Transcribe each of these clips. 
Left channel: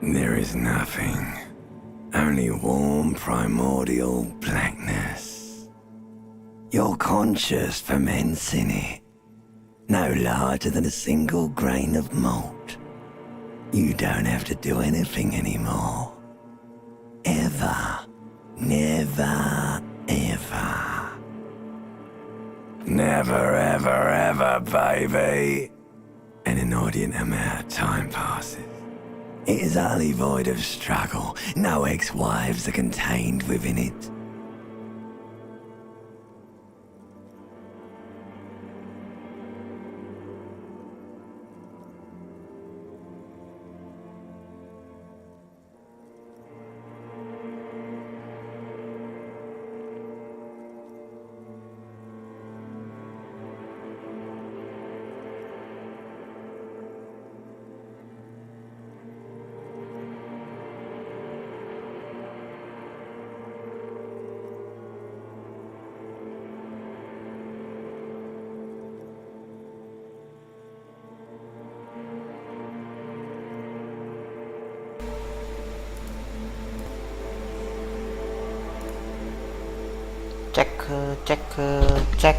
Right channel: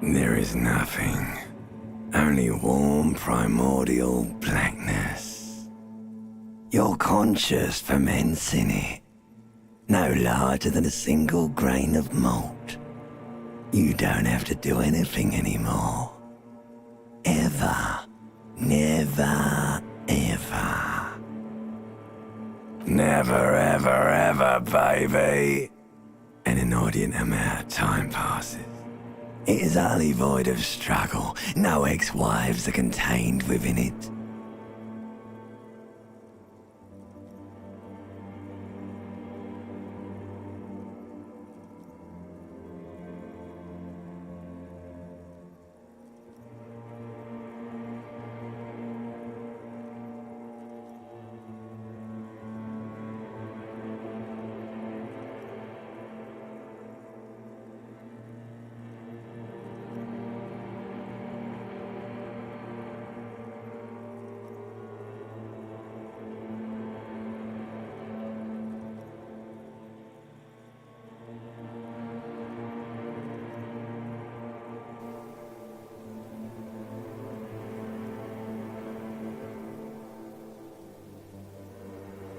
There is nothing. Only warm primordial blackness. Your conscious ferments in it. No larger than a single grain of malt. You don't have to do anything anymore. Ever. Never, ever. Never, ever, ever, baby. An inordinate amount of time passes. It is utterly void of struggle. No ex-wives are contained within it. Check.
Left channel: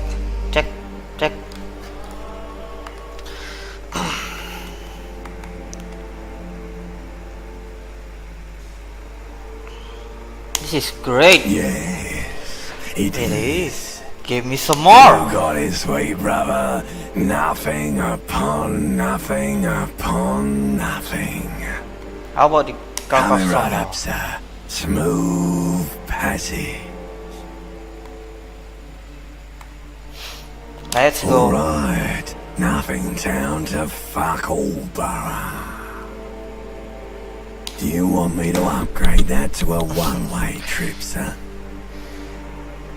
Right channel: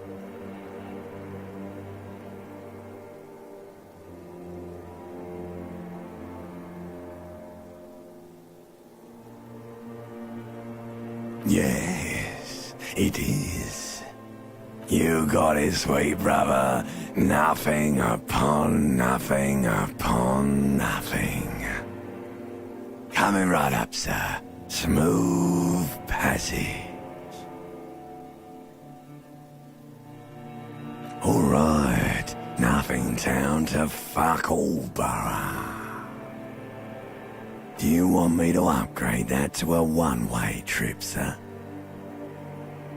This is great. Yes, it is. Give me some more. You got it, sweet brother. Nothing upon nothing upon nothing. How about the Coming right up, sir. Smooth passage. Let's go. Alright, nothing down to fuck all borough. Do you want me to upgrade that to a one-way trip, sir?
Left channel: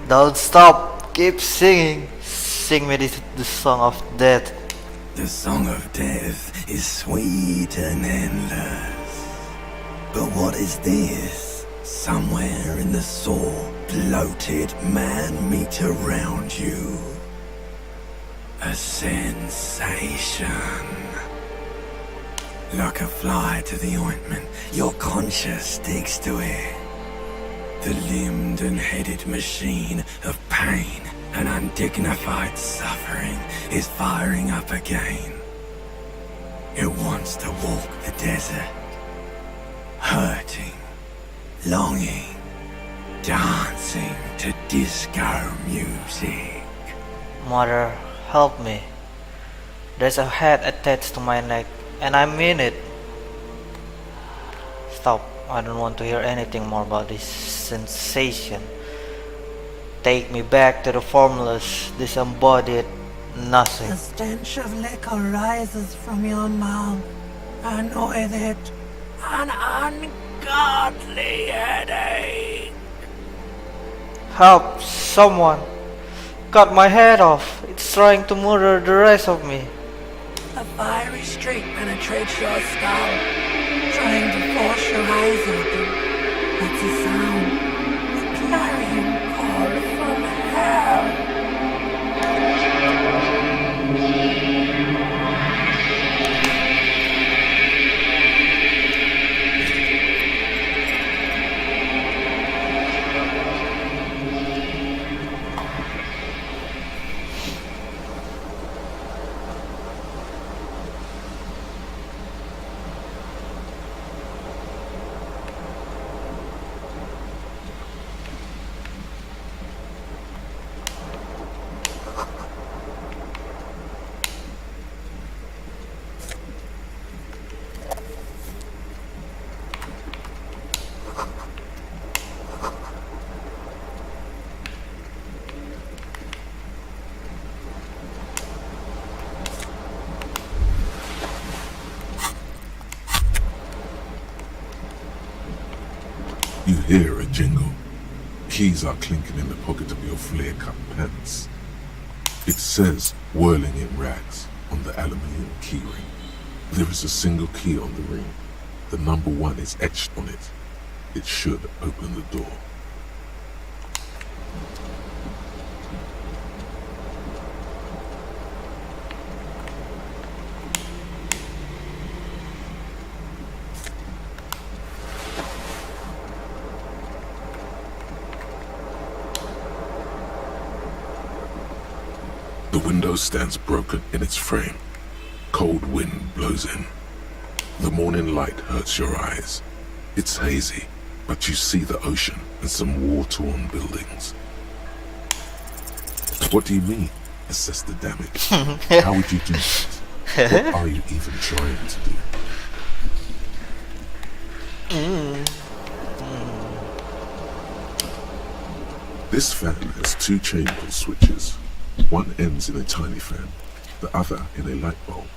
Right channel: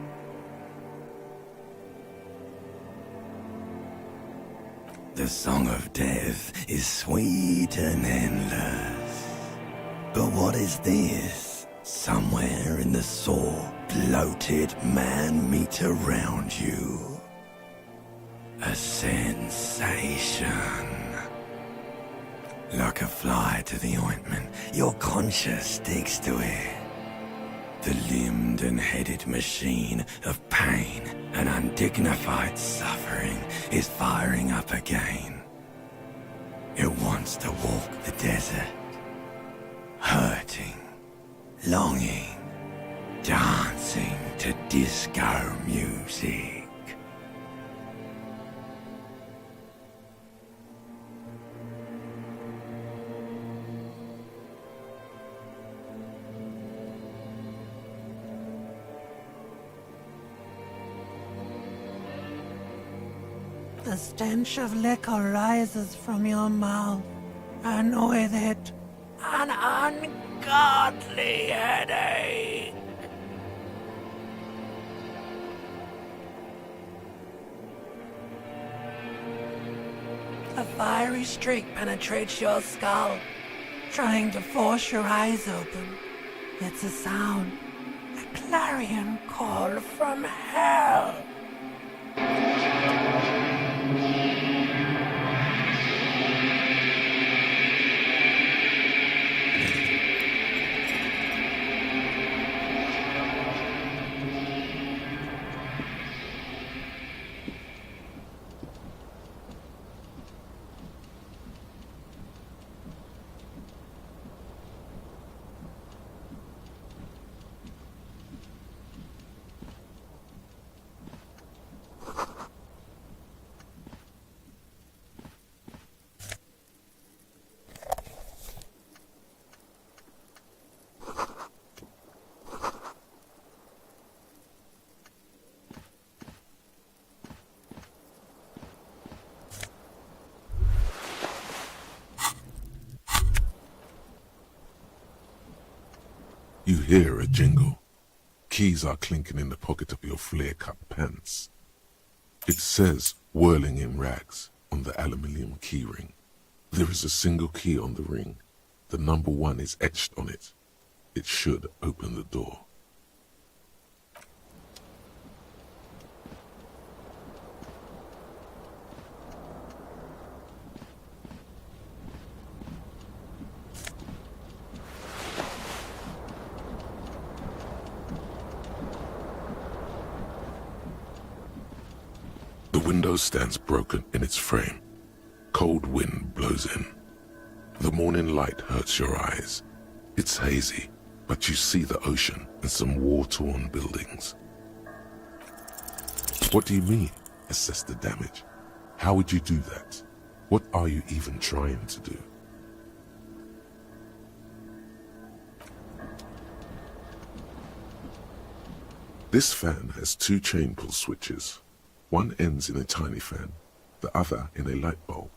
Don't stop. Keep singing. Sing me the song of death. The song of death is sweet and endless. But what is this? Somewhere in the sore, bloated man meet around you. A sensation. Like a fly to the ointment, your conscience sticks to it. The limbed and headed machine of pain and undignified suffering is firing up again. It wants to walk the desert, hurting, longing, dancing to disco music. Mother, help me. There's a head attached to my neck, and I mean it. Stop. I don't want to hear anything more about this sensation. Take me back to the formless, disembodied nothing. The stench of liquor rises from your mouth, and with it, an ungodly headache. Help! Someone! Cut my head off! It's trying to murder the rest of me. A fiery streak penetrates your skull, trying to force your eyes open. It's a sound, a clarion call from hell. You hear a jingle. Keys are clinking in the pocket of your flare-cut pants. It says, whirling in rags, on the aluminium keyring. There is a single key on the ring. The number 1 is etched on it. It should open the door. window stands broken in its frame. Cold wind blows in. The morning light hurts your eyes. It's hazy, but you see the ocean and some war-torn buildings. What do you mean, assess the damage? How would you do that? What are you even trying to do? This fan has two chain pull switches. One ends in a tiny fan, the other in a light bulb.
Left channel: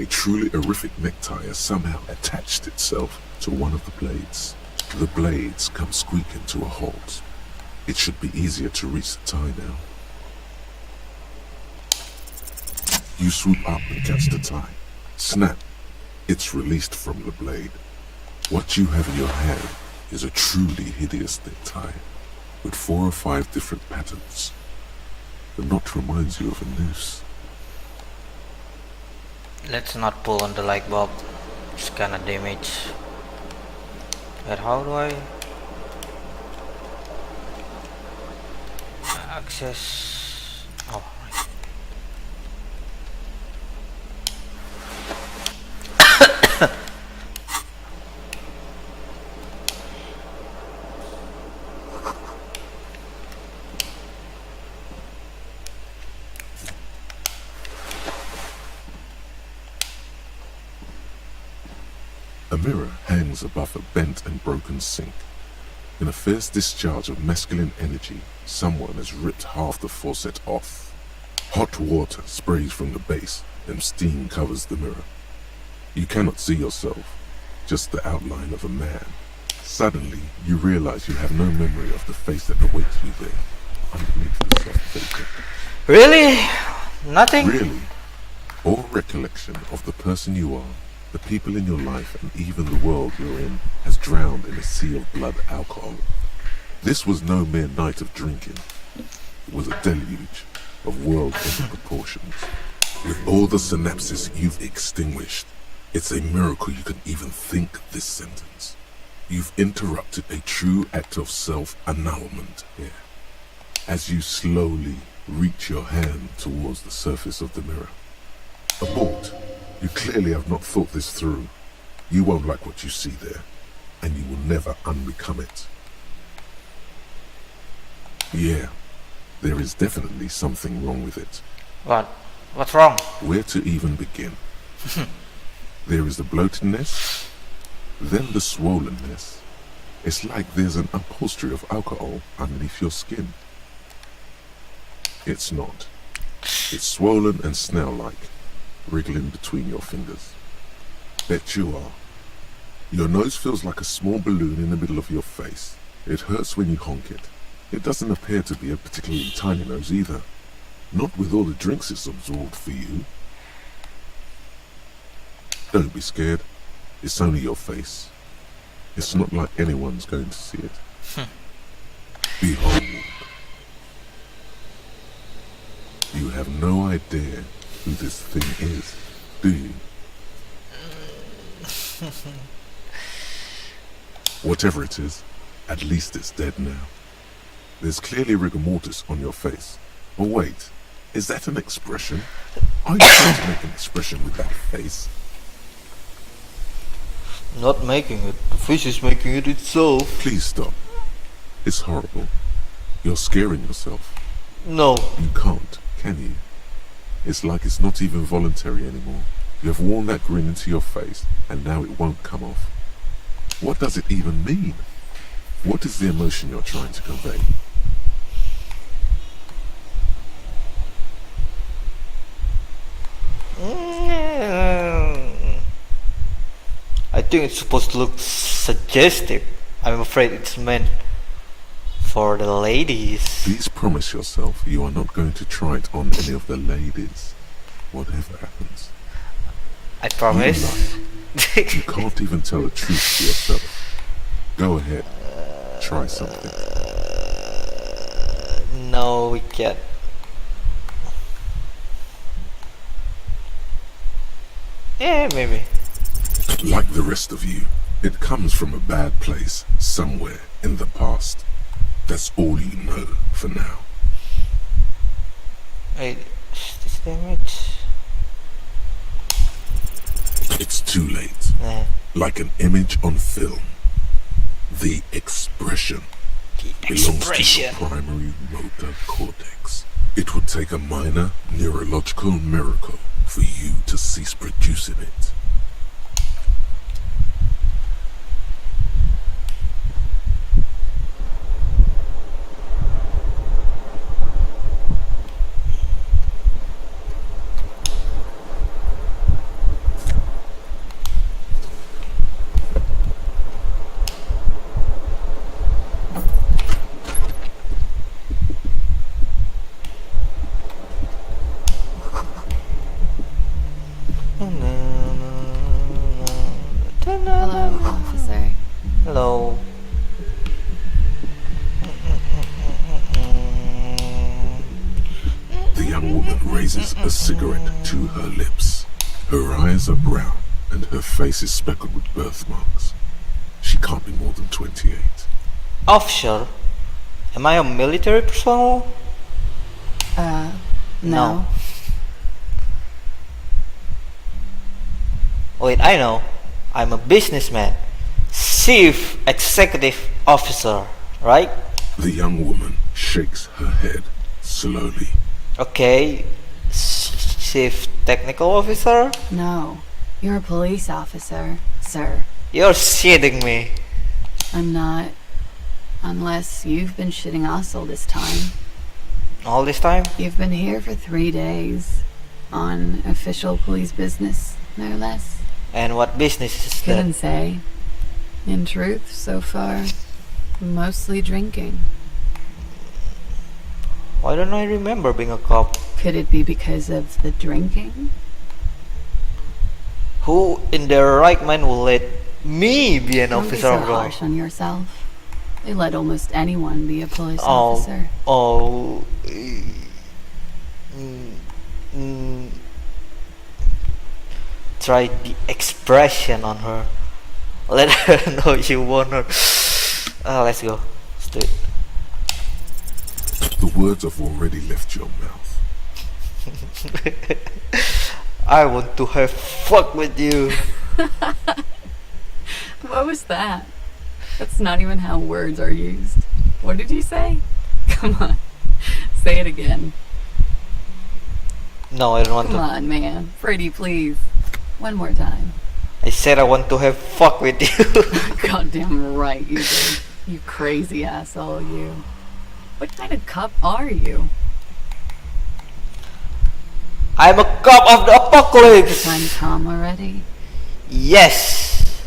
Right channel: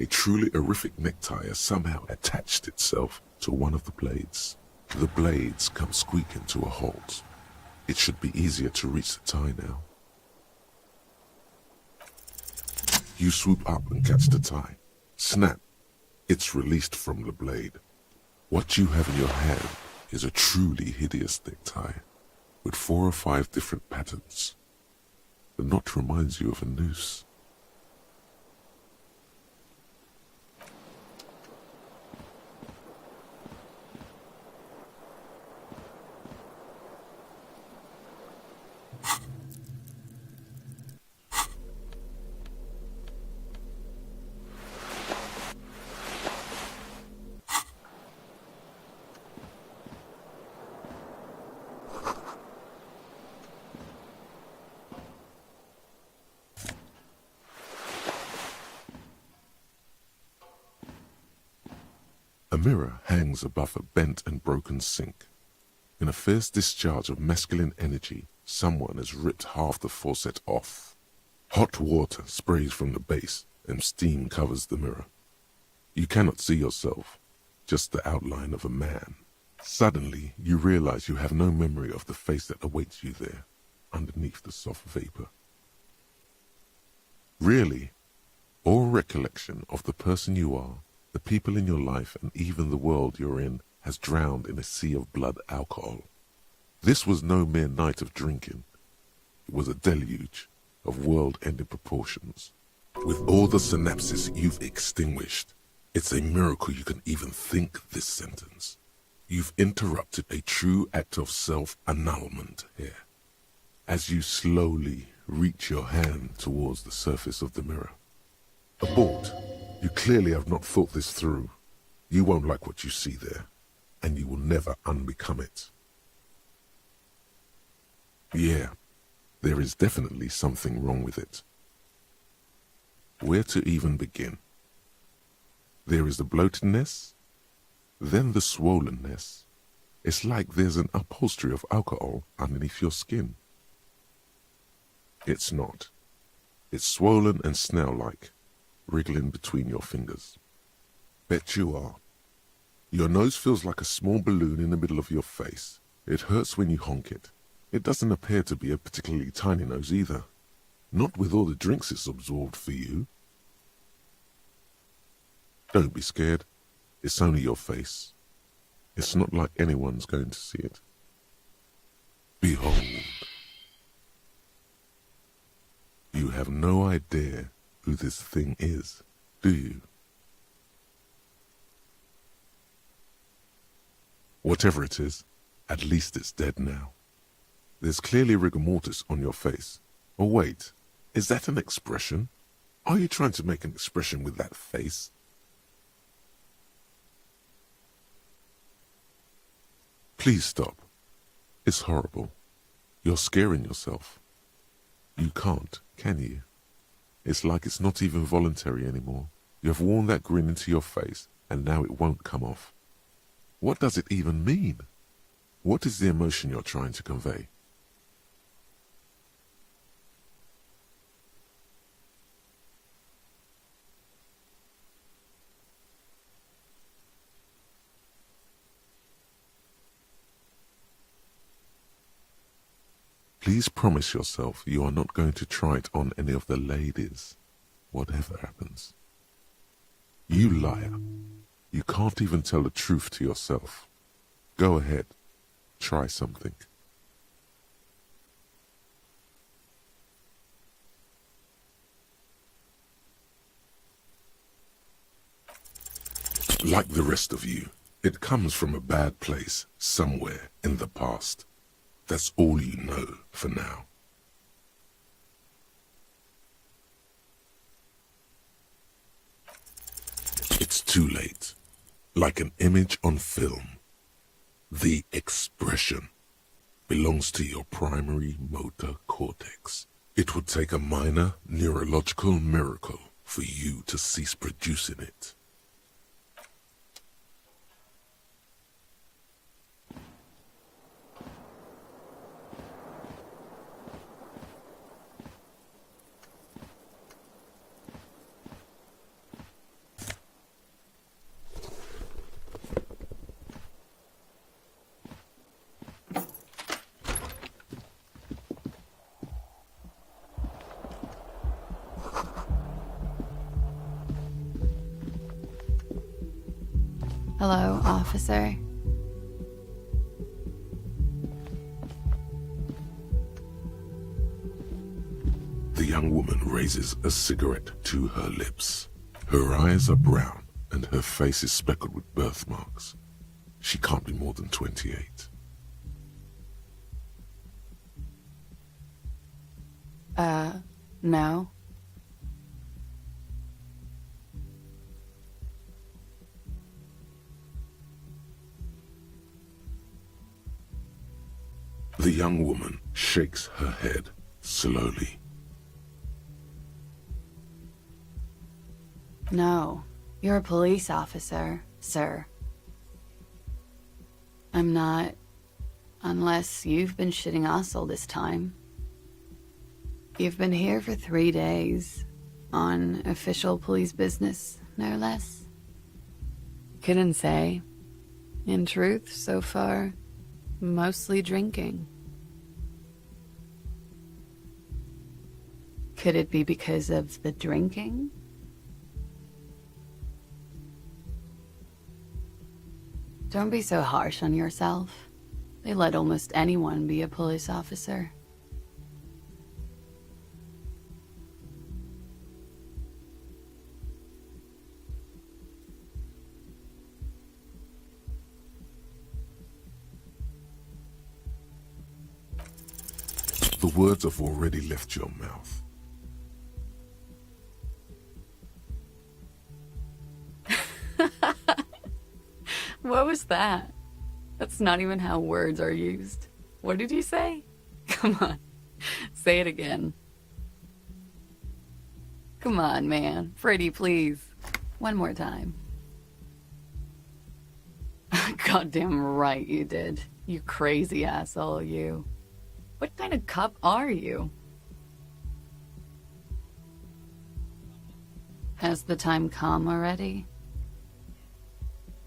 A truly horrific necktie has somehow attached itself to one of the blades. The blades come squeaking to a halt. It should be easier to reach the tie now. You swoop up and catch the tie. Snap! It's released from the blade. What you have in your hand is a truly hideous necktie, with 4 or 5 different patterns. The knot reminds you of a noose. Let's not pull on the light bulb. It's kinda damage. But how do I access? Oh, right. A mirror hangs above a bent and broken sink. In a fierce discharge of masculine energy, someone has ripped half the faucet off. Hot water sprays from the base and steam covers the mirror. You cannot see yourself, just the outline of a man. Suddenly, you realize you have no memory of the face that awaits you there, underneath the soft vapor. Really? Nothing? Really? All recollection of the person you are, the people in your life, and even the world you're in has drowned in a sea of blood alcohol. This was no mere night of drinking. It was a deluge of world-ending proportions. With all the synapses you've extinguished, it's a miracle you can even think this sentence. You've interrupted a true act of self-annulment here. As you slowly reach your hand towards the surface of the mirror. Abort. You clearly have not thought this through. You won't like what you see there, and you will never unbecome it. Yeah, there is definitely something wrong with it. What? What's wrong? Where to even begin? There is the bloatedness, then the swollenness. It's like there's an upholstery of alcohol underneath your skin. It's not. It's swollen and snail-like, wriggling between your fingers. Bet you are. Your nose feels like a small balloon in the middle of your face. It hurts when you honk it. It doesn't appear to be a particularly tiny nose either. Not with all the drinks it's absorbed for you. Don't be scared. It's only your face. It's not like anyone's going to see it. Behold. You have no idea who this thing is, do you? Whatever it is, at least it's dead now. There's clearly rigor mortis on your face. Oh wait, is that an expression? Are you trying to make an expression with that face? Not making it. The fish is making it itself. Please stop. It's horrible. You're scaring yourself. No. You can't, can you? It's like it's not even voluntary anymore. You have worn that grin into your face, and now it won't come off. What does it even mean? What is the emotion you're trying to convey? I think it's supposed to look suggestive. I'm afraid it's meant for the ladies. Please promise yourself you are not going to try it on any of the ladies, whatever happens. I promise. You lie. You can't even tell the truth to yourself. Go ahead. Try something. No, we can't. Yeah, maybe. Like the rest of you, it comes from a bad place somewhere in the past. That's all you know for now. Wait, Damage. It's too late. Eh, Like an image on film. The expression belongs to your primary motor cortex. It would take a minor neurological miracle for you to cease producing it. Hello, officer. Hello. The young woman raises a cigarette to her lips. Her eyes are brown and her face is speckled with birthmarks. She can't be more than 28. Officer? Am I a military personnel? No. Wait, I know. I'm a businessman. Chief Executive Officer, right? The young woman shakes her head slowly. Okay. Chief Technical Officer? No. You're a police officer, sir. You're shitting me. I'm not. Unless you've been shitting us all this time. All this time? You've been here for 3 days. On official police business, no less. And what business is that? Couldn't say. In truth, so far, mostly drinking. Why don't I remember being a cop? Could it be because of the drinking? Who in their right mind will let me be an Don't be officer? so of law? harsh on yourself. They let almost anyone be a police officer. Oh. Try the expression on her. Let her know you want her. Let's go. Let's do it. The words have already left your mouth. I want to have fuck with you. What was that? That's not even how words are used. What did you say? Come on. Say it again. No, I don't want Come to. on, man. Pretty, please. One more time. I said I want to have fuck with you. Goddamn right you did. You crazy asshole, you. What kind of cop are you? I'm a cop of the Is the apocalypse. time come already? Yes.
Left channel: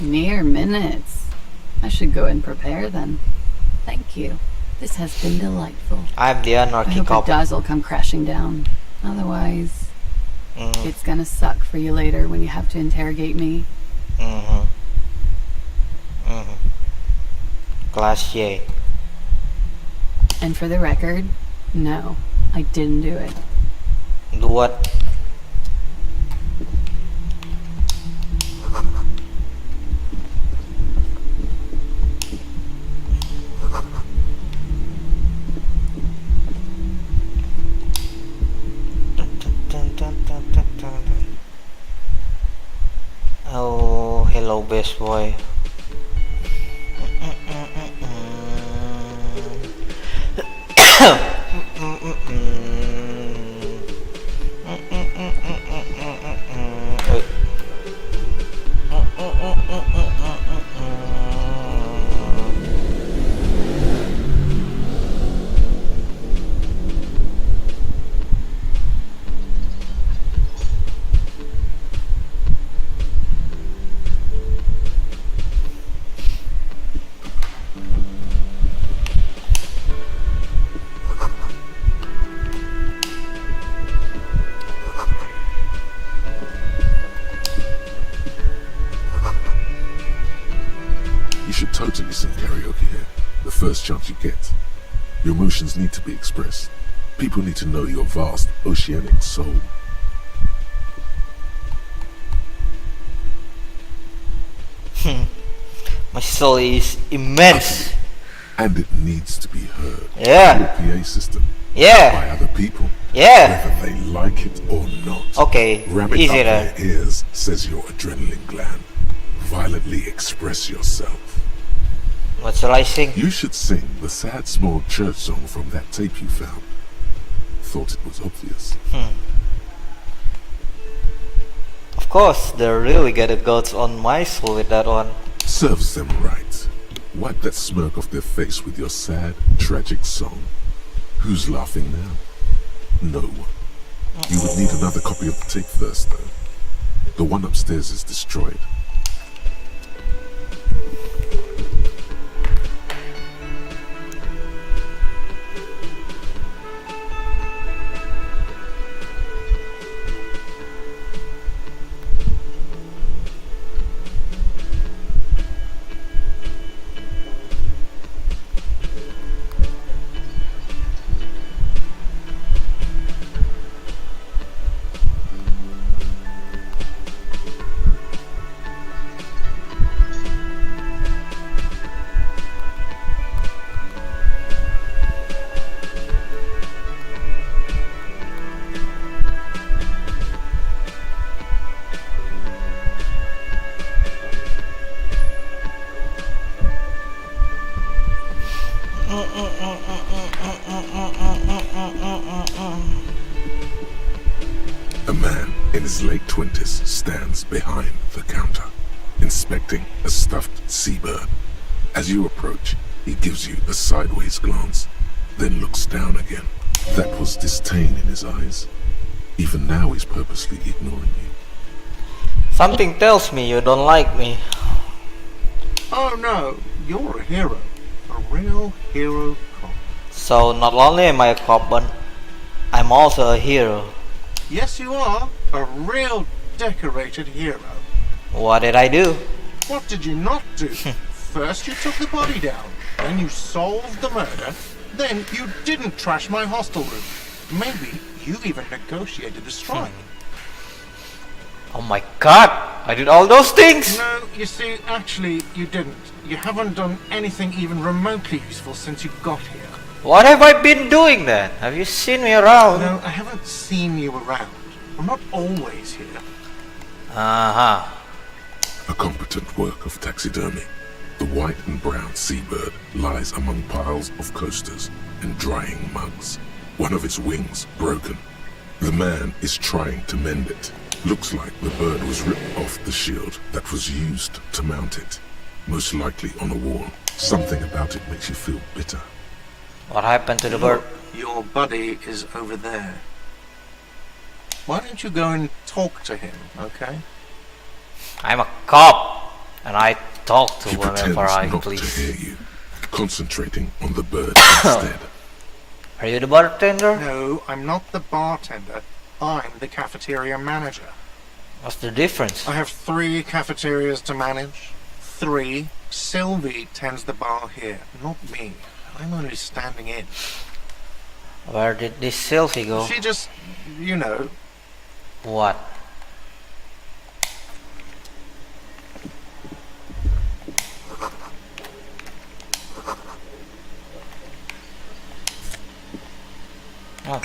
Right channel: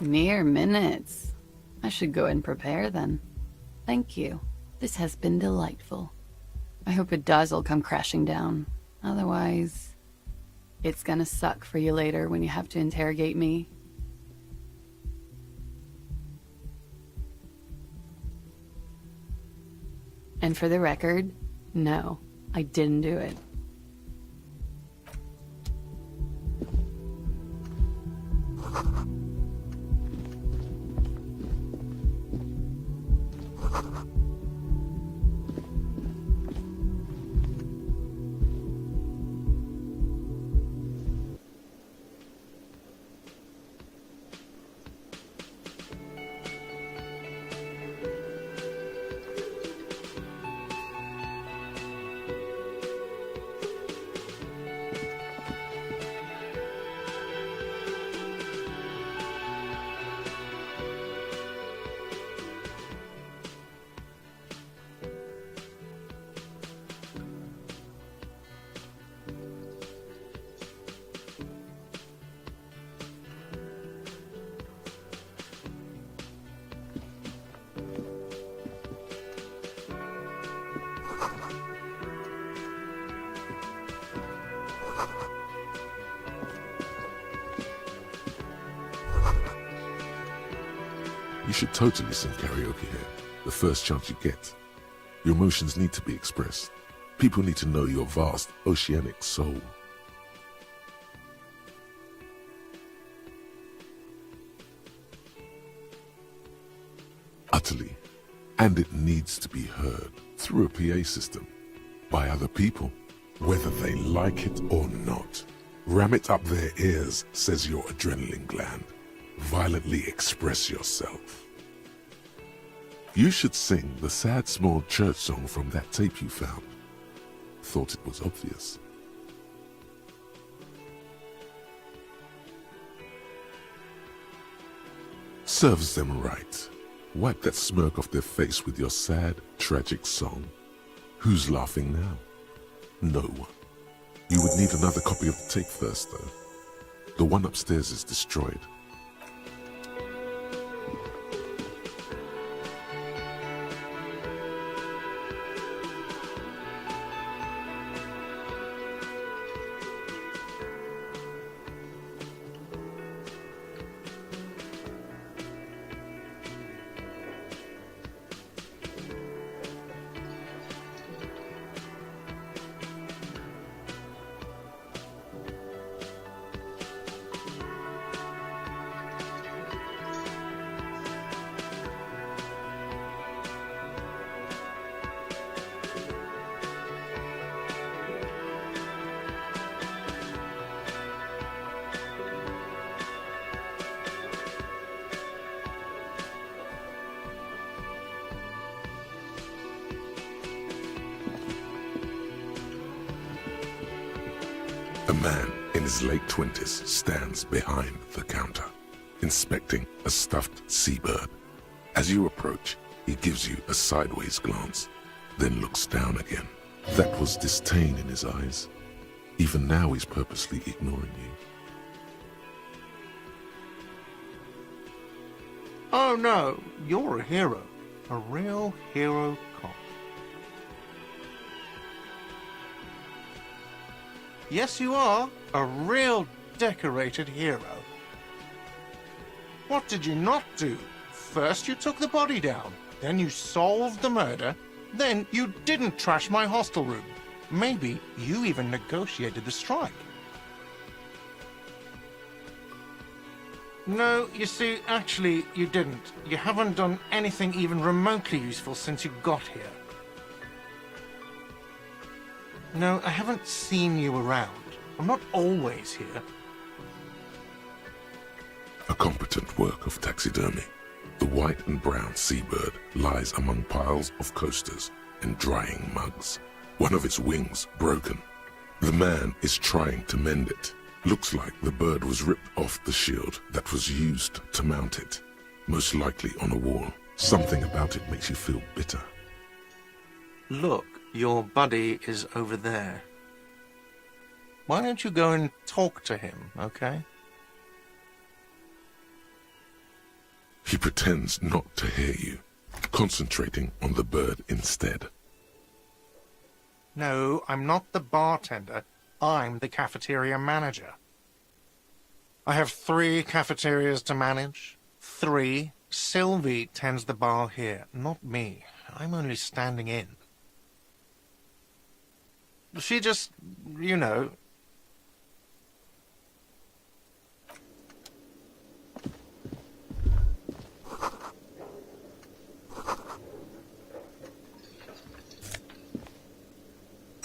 Mere minutes. I should go and prepare then. Thank you. This has been delightful. I'm the I anarchy hope cop. it does all come crashing down. Otherwise, Mm, it's gonna suck for you later when you have to interrogate me. mhm. Mhm. Class J. And for the record, no, I didn't do it. Do what? Oh, hello, best boy. You should totally sing karaoke here, the first chance you get. Your emotions need to be expressed. People need to know your vast, oceanic soul. My soul is immense. Utterly. And it needs to be heard. Yeah. Through a PA system. Yeah. by other people, Yeah. whether they like it or not. Okay. Ram it Easy up then. their ears, says your adrenaline gland. Violently express yourself. What shall I sing? You should sing the sad small church song from that tape you found. Thought it was obvious. Of course, they really get a goats on my soul with that one. Serves them right. Wipe that smirk off their face with your sad, tragic song. Who's laughing now? No one. You would need another copy of the tape first, though. The one upstairs is destroyed. A man in his late 20s stands behind the counter, inspecting a stuffed seabird. As you approach, he gives you a sideways glance, then looks down again. That was disdain in his eyes. Even now he's purposely ignoring you. Something tells me you don't like me. Oh no, you're a hero. A real hero cop. So not only am I a cop, but I'm also a hero. Yes, you are. A real decorated hero. What did I do? What did you not do? First you took the body down, then you solved the murder, then you didn't trash my hostel room. Maybe you even negotiated the strike. Oh my god! I did all those things! No, you see, actually, you didn't. You haven't done anything even remotely useful since you got here. What have I been doing then? Have you seen me around? No, I haven't seen you around. I'm not always here. Uh-huh. A competent work of taxidermy. The white and brown seabird lies among piles of coasters and drying mugs. One of its wings broken. The man is trying to mend it. Looks like the bird was ripped off the shield that was used to mount it. Most likely on a wall. Something about it makes you feel bitter. What happened to the bird? Look, your buddy is over there. Why don't you go and talk to him, okay? I'm a cop, and I talk to He pretends whoever I not to please. hear you, concentrating on the bird instead. Are you the bartender? No, I'm not the bartender. I'm the cafeteria manager. What's the difference? I have 3 cafeterias to manage. 3. Sylvie tends the bar here, not me. I'm only standing in. Where did this Sylvie go? She just, you know, What? Oh.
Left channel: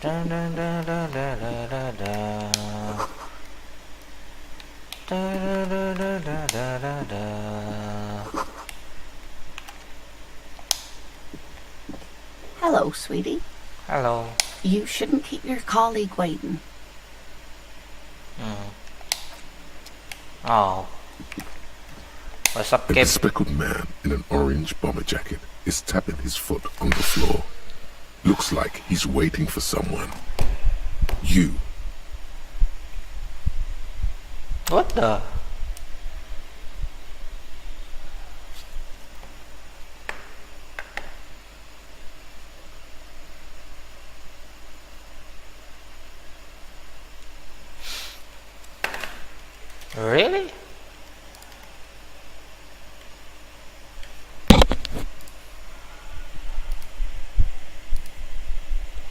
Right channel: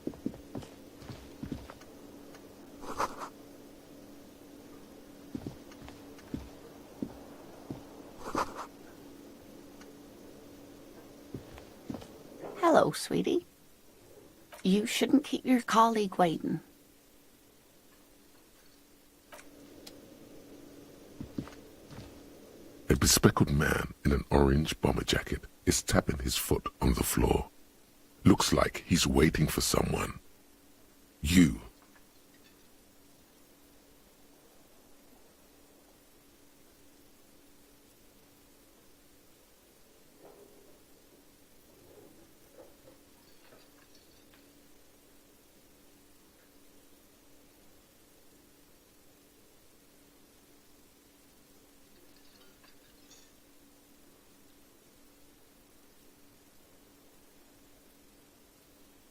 Dun, dun, dun, dun, dun, dun, dun, dun. Dun, dun, dun, dun, dun, dun, dun, dun. Hello, sweetie. Hello. You shouldn't keep your colleague waiting. Oh. What's up, A kid? bespectacled man in an orange bomber jacket is tapping his foot on the floor. Looks like he's waiting for someone. You. What the? Really?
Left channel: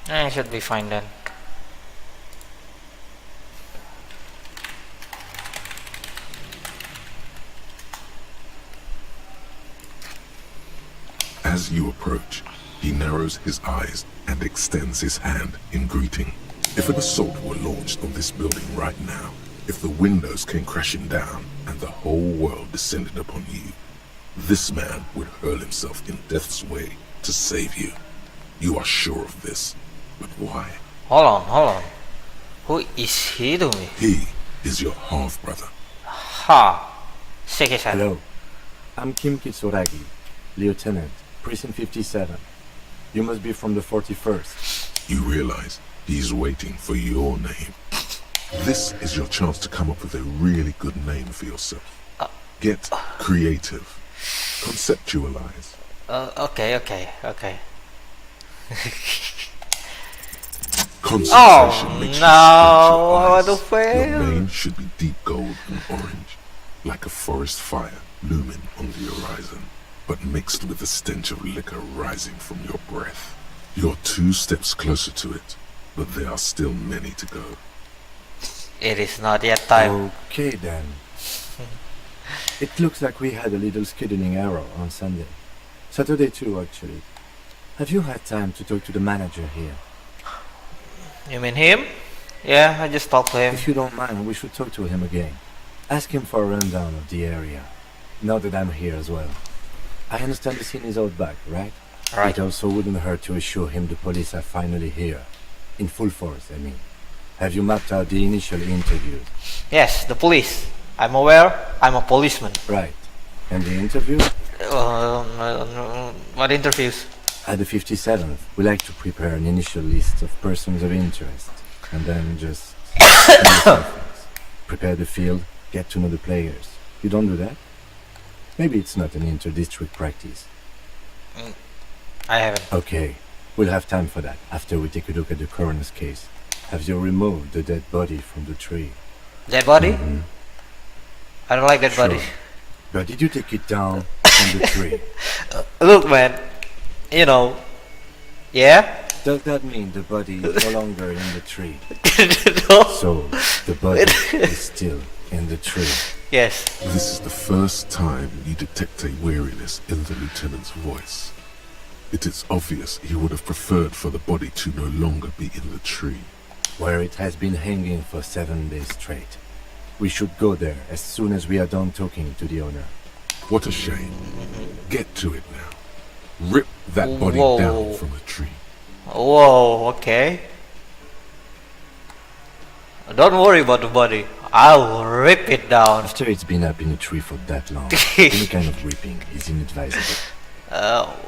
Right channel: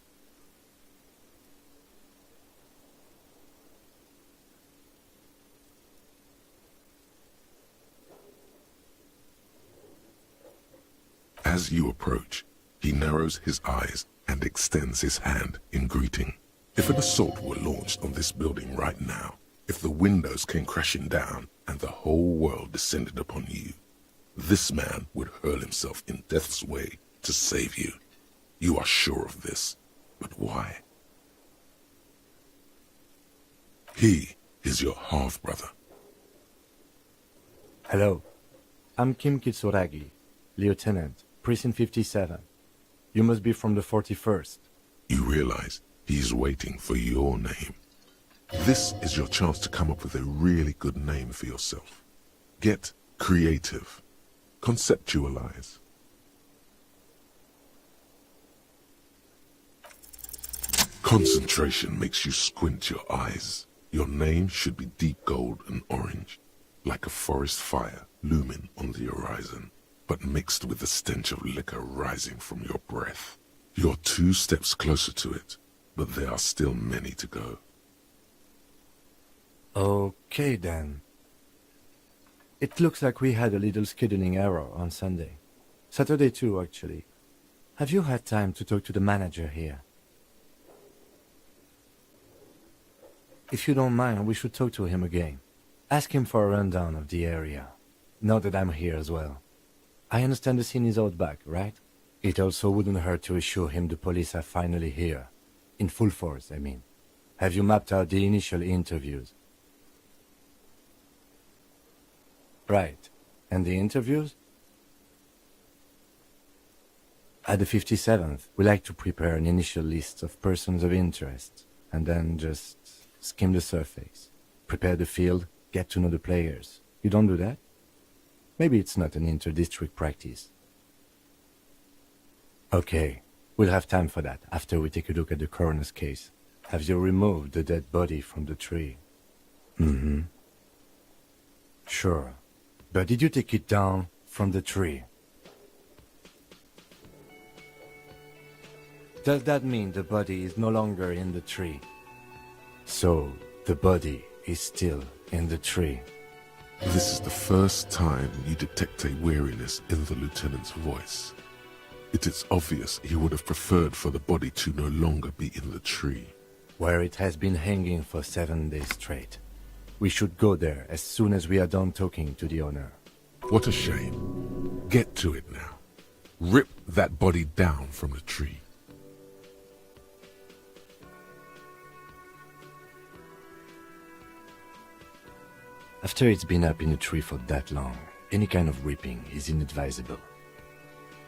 I should be fine then. As you approach, he narrows his eyes and extends his hand in greeting. If an assault were launched on this building right now, if the windows came crashing down and the whole world descended upon you, this man would hurl himself in death's way to save you. You are sure of this, but why? Hold on. Who is he to me? He is your half-brother. Ha. Shake his hand. Hello. I'm Kim Kitsuragi, Lieutenant, Precinct 57. You must be from the 41st. You realize he's waiting for your name. This is your chance to come up with a really good name for yourself. Get creative. Conceptualize. Okay. Concentration makes you squint your what eyes. a fail. Your name should be deep gold and orange, like a forest fire looming on the horizon, but mixed with the stench of liquor rising from your breath. You're 2 steps closer to it, but there are still many to go. It is not yet time. Okay then. It looks like we had a little scheduling error on Sunday. Saturday too, actually. Have you had time to talk to the manager here? You mean him? Yeah, I just talked to him. If you don't mind, we should talk to him again. Ask him for a rundown of the area. Now that I'm here as well. I understand the scene is out back, right? Right. It also wouldn't hurt to assure him the police are finally here. In full force, I mean. Have you mapped out the initial interviews? Yes, the police. I'm aware. I'm a policeman. Right. And the interview? What interviews? At the 57th, we like to prepare an initial list of persons of interest. And then just send the surface. Prepare the field, get to know the players. You don't do that? Maybe it's not an inter-district practice. I haven't. Okay, we'll have time for that after we take a look at the coroner's case. Have you removed the dead body from the tree? Dead body? Mhm. I don't like dead Sure. body. But did you take it down from the tree? Look, man. You know. Yeah? Does that mean the body is no longer in the tree? No. So, the body is still in the tree. Yes. This is the first time you detect a weariness in the lieutenant's voice. It is obvious he would have preferred for the body to no longer be in the tree. Where it has been hanging for 7 days straight. We should go there as soon as we are done talking to the owner. What a shame. Get to it now. Rip that body Whoa. down from the tree. Whoa, okay. Don't worry about the body. I'll rip it down. After it's been up in a tree for that long, any kind of ripping is inadvisable.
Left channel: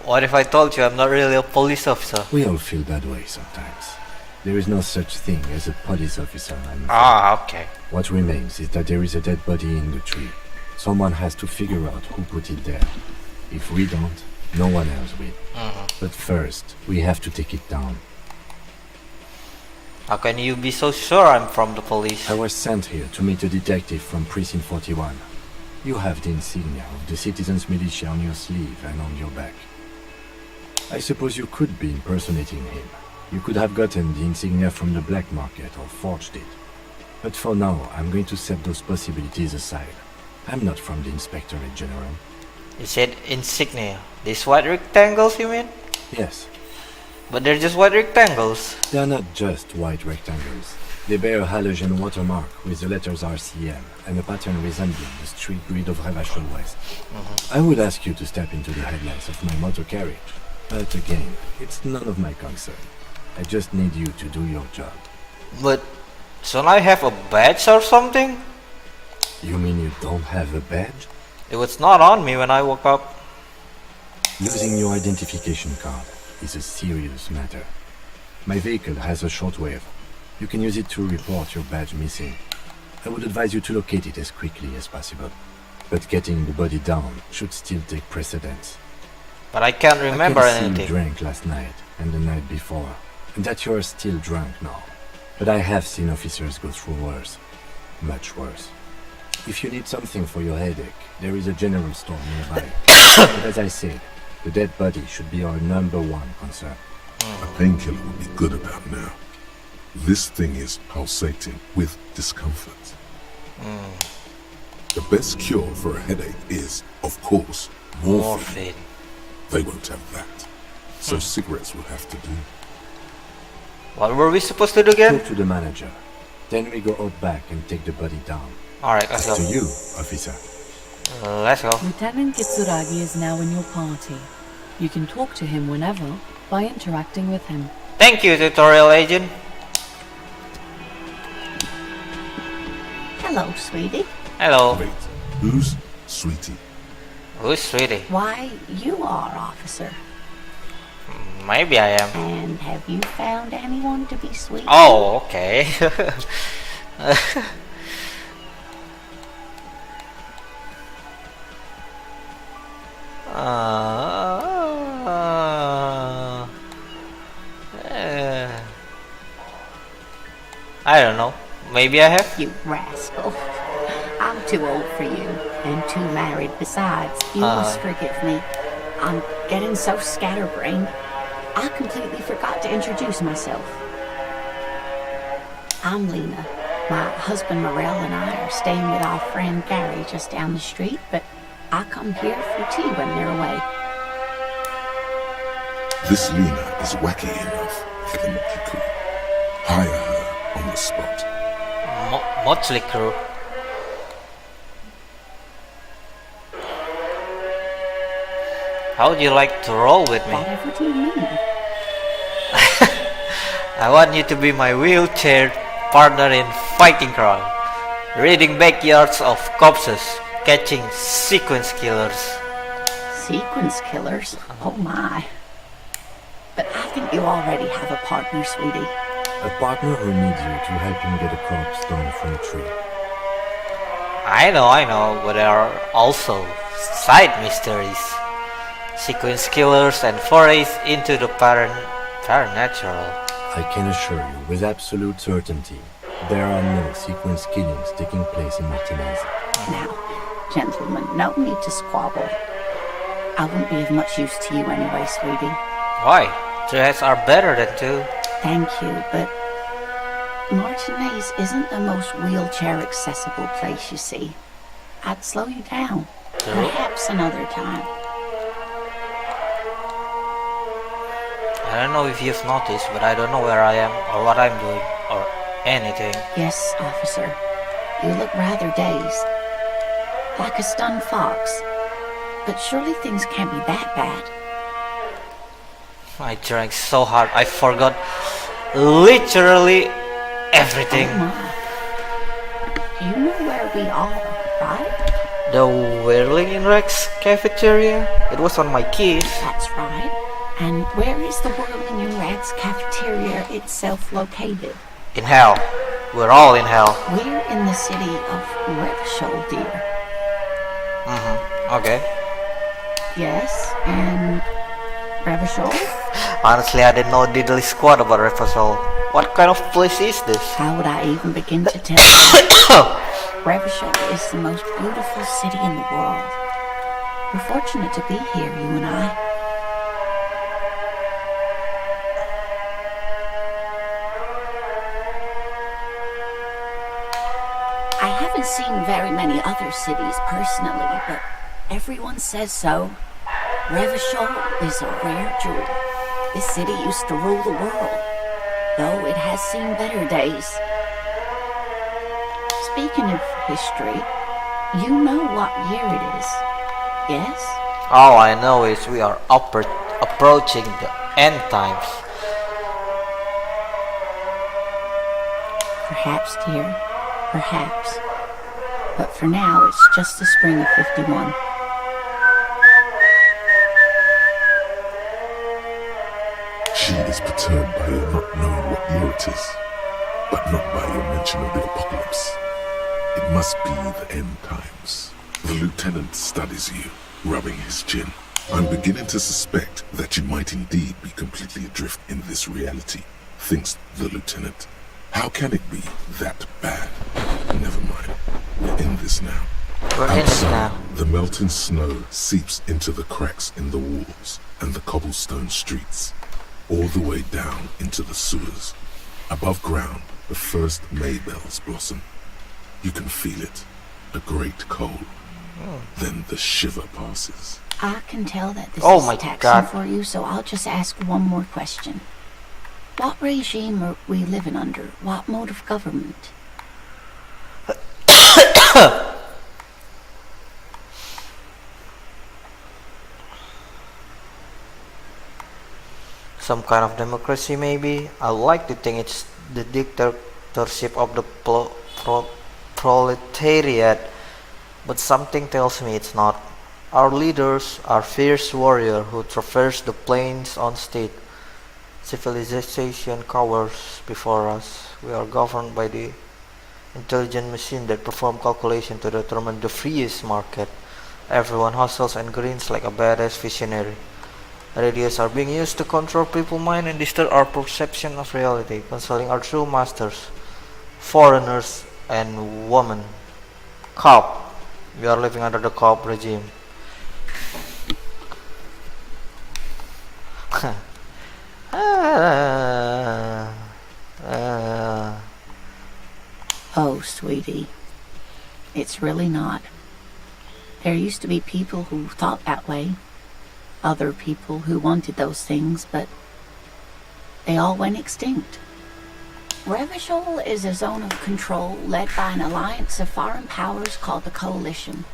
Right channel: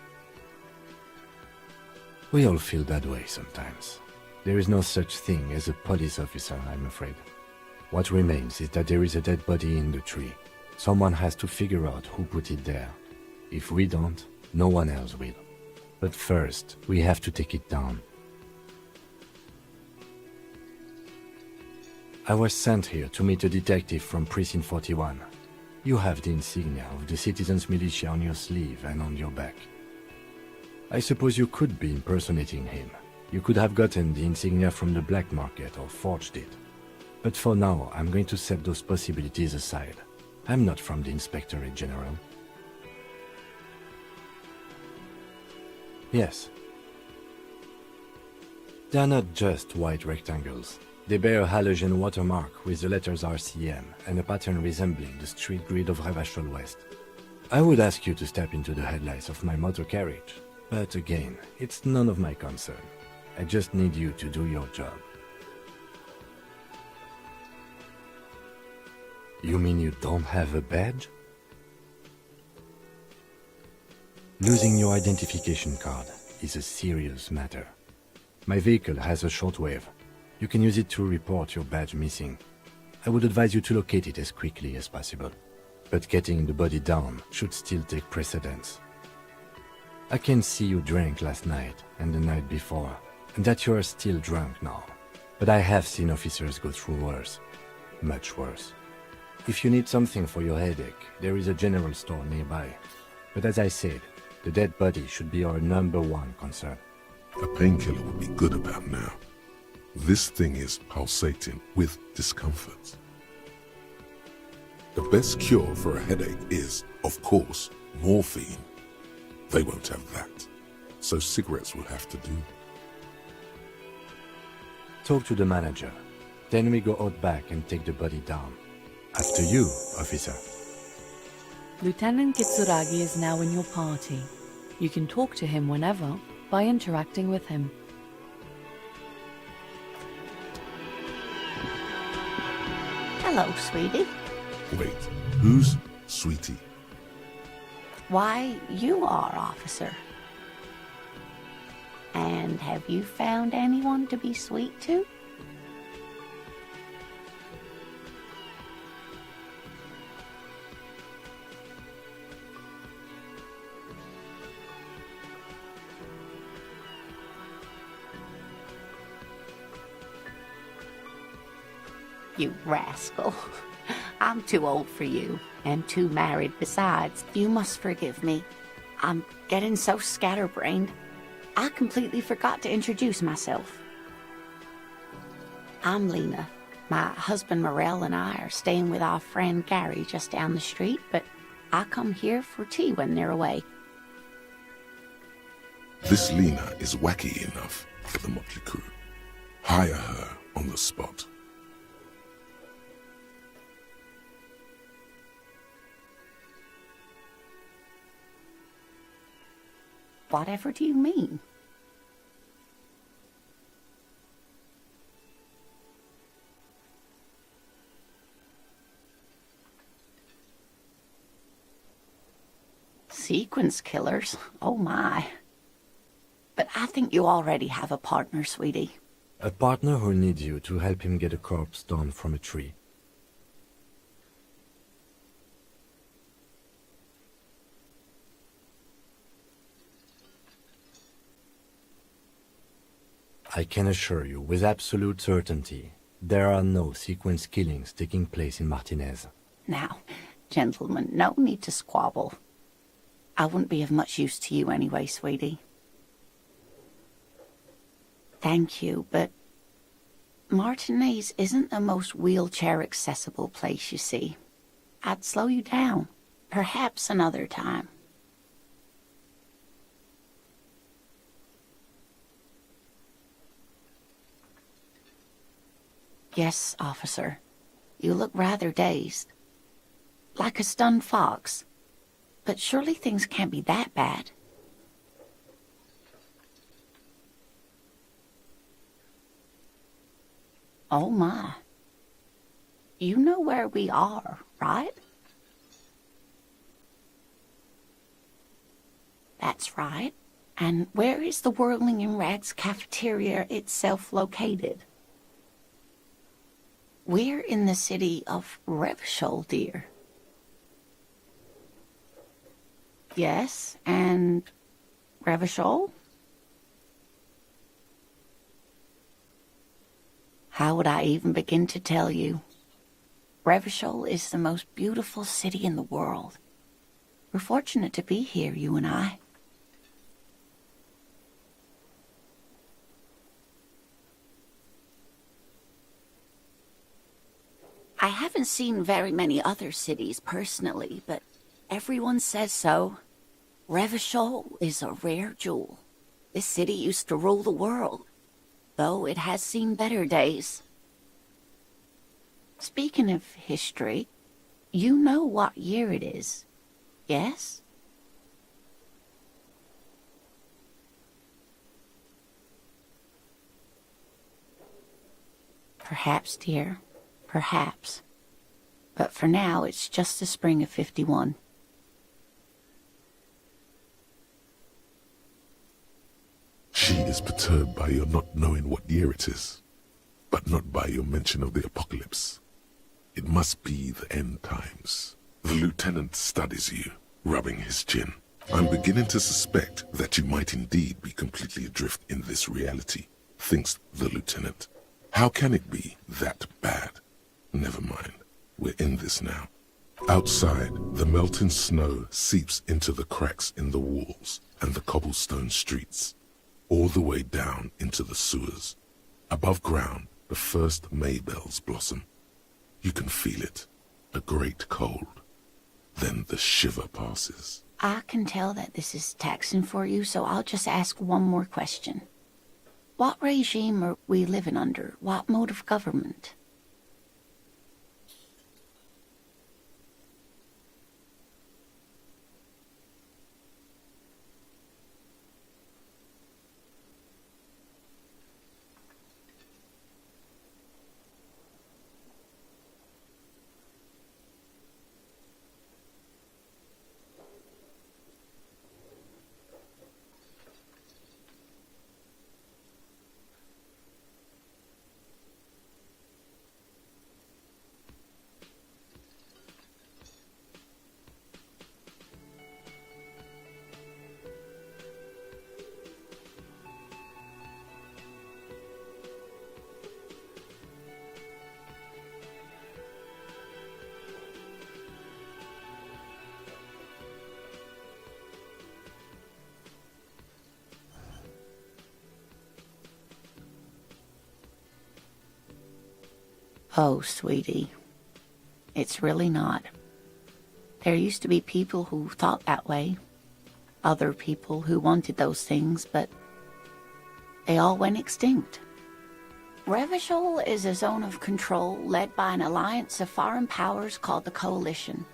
What if I told you I'm not really a police officer? We all feel that way sometimes. There is no such thing as a police officer, I'm afraid. Ah, okay. What remains is that there is a dead body in the tree. Someone has to figure out who put it there. If we don't, no one else will. But first, we have to take it down. How can you be so sure I'm from the police? I was sent here to meet a detective from Precinct 41. You have the insignia of the citizens' militia on your sleeve and on your back. I suppose you could be impersonating him. You could have gotten the insignia from the black market or forged it. But for now, I'm going to set those possibilities aside. I'm not from the Inspectorate General. You said insignia. These white rectangles, you mean? Yes, But they're just white rectangles. they are not just white rectangles. They bear a halogen watermark with the letters RCM and a pattern resembling the street grid of Revachol West. I would ask you to step into the headlights of my motor carriage. But again, it's none of my concern. I just need you to do your job. But shouldn't I have a badge or something? You mean you don't have a badge? It was not on me when I woke up. Losing your identification card is a serious matter. My vehicle has a shortwave. You can use it to report your badge missing. I would advise you to locate it as quickly as possible. But getting the body down should still take precedence. But I can't remember I can see anything. you drank last night and the night before, and that you are still drunk now. But I have seen officers go through worse. Much worse. If you need something for your headache, there is a general store nearby. But as I said, the dead body should be our #1 concern. A painkiller would be good about now. This thing is pulsating with discomfort. The best cure for a headache is, of course, morphine. Morphine. They won't have that. So cigarettes will have to do. What were we supposed to do again? Talk to the manager. Then we go out back and take the body down. Alright, let's Up to go. you, officer. Let's go. Lieutenant Kitsuragi is now in your party. You can talk to him whenever by interacting with him. Thank you, tutorial agent. Hello, sweetie. Hello. Wait, who's Sweetie? Who's Sweetie? Why, you are, officer. Maybe I am. And have you found anyone to be sweet? Oh, okay. I don't know. Maybe I have. You rascal. I'm too old for you, and too married besides. You must forgive me. I'm getting so scatterbrained. I completely forgot to introduce myself. I'm Lena. My husband Morel and I are staying with our friend Gary just down the street, but I come here for tea when they're away. This Lena is wacky enough for the Motley Crew. Hire her on the spot. Motley Crew. How would you like to roll with me? Whatever do you mean? I want you to be my wheelchair partner in fighting crime, raiding backyards of corpses, catching sequence killers. Sequence killers? Oh my. But I think you already have a partner, sweetie. A partner who needs you to help him get a corpse down from a tree. I know, but there are also side mysteries. Sequence killers and forays into the paranatural. I can assure you with absolute certainty, there are no sequence killings taking place in Martinez. Now, gentlemen, no need to squabble. I wouldn't be of much use to you anyway, sweetie. Why? 3 heads are better than 2. Thank you, but Martinez isn't the most wheelchair-accessible place, you see. I'd slow you down. Perhaps another time. I don't know if you've noticed, but I don't know where I am or what I'm doing or anything. Yes, officer. You look rather dazed. Like a stunned fox. But surely things can't be that bad. I drank so hard I forgot literally everything. Oh my. You know where we are, right? The Whirling in Rex cafeteria? It was on my keys. That's right. And where is the Whirling in Rags cafeteria itself located? In hell. We're all in hell. We're in the city of Revachol, dear. Okay. Yes, and Revachol? Honestly, I didn't know diddly squat about Refosol. What kind of place is this? How would I even begin to tell you? Revachol is the most beautiful city in the world. We're fortunate to be here, you and I. I haven't seen very many other cities personally, but everyone says so. Revachol is a rare jewel. This city used to rule the world, though it has seen better days. Speaking of history, you know what year it is, yes? All I know is we are approaching the end times. Perhaps, dear, perhaps. But for now, it's just the spring of 51. She is perturbed by your not knowing what year it is, but not by your mention of the apocalypse. It must be the end times. The lieutenant studies you, rubbing his chin. I'm beginning to suspect that you might indeed be completely adrift in this reality, thinks the lieutenant. How can it be that bad? Never mind. We're in this now. Outside, the melting snow seeps into the cracks in the walls and the cobblestone streets, all the way down into the sewers. Above ground, the first maybells blossom. You can feel it, a great cold. Then the shiver passes. I can tell that this Oh is my taxing God. for you, so I'll just ask one more question. What regime are we living under? What mode of government? Some kind of democracy, maybe. I like to think it's the dictatorship of the proletariat, but something tells me it's not. Our leaders are fierce warriors who traverse the plains unscathed. Civilization cowers before us. We are governed by the intelligent machine that perform calculation to determine the freest market. Everyone hustles and grins like a badass visionary. Radios are being used to control people's mind and distort our perception of reality, consulting our true masters, foreigners and women. Cop. We are living under the cop regime. Oh, sweetie. It's really not. There used to be people who thought that way. Other people who wanted those things, but they all went extinct. Revachol is a zone of control led by an alliance of foreign powers called the Coalition.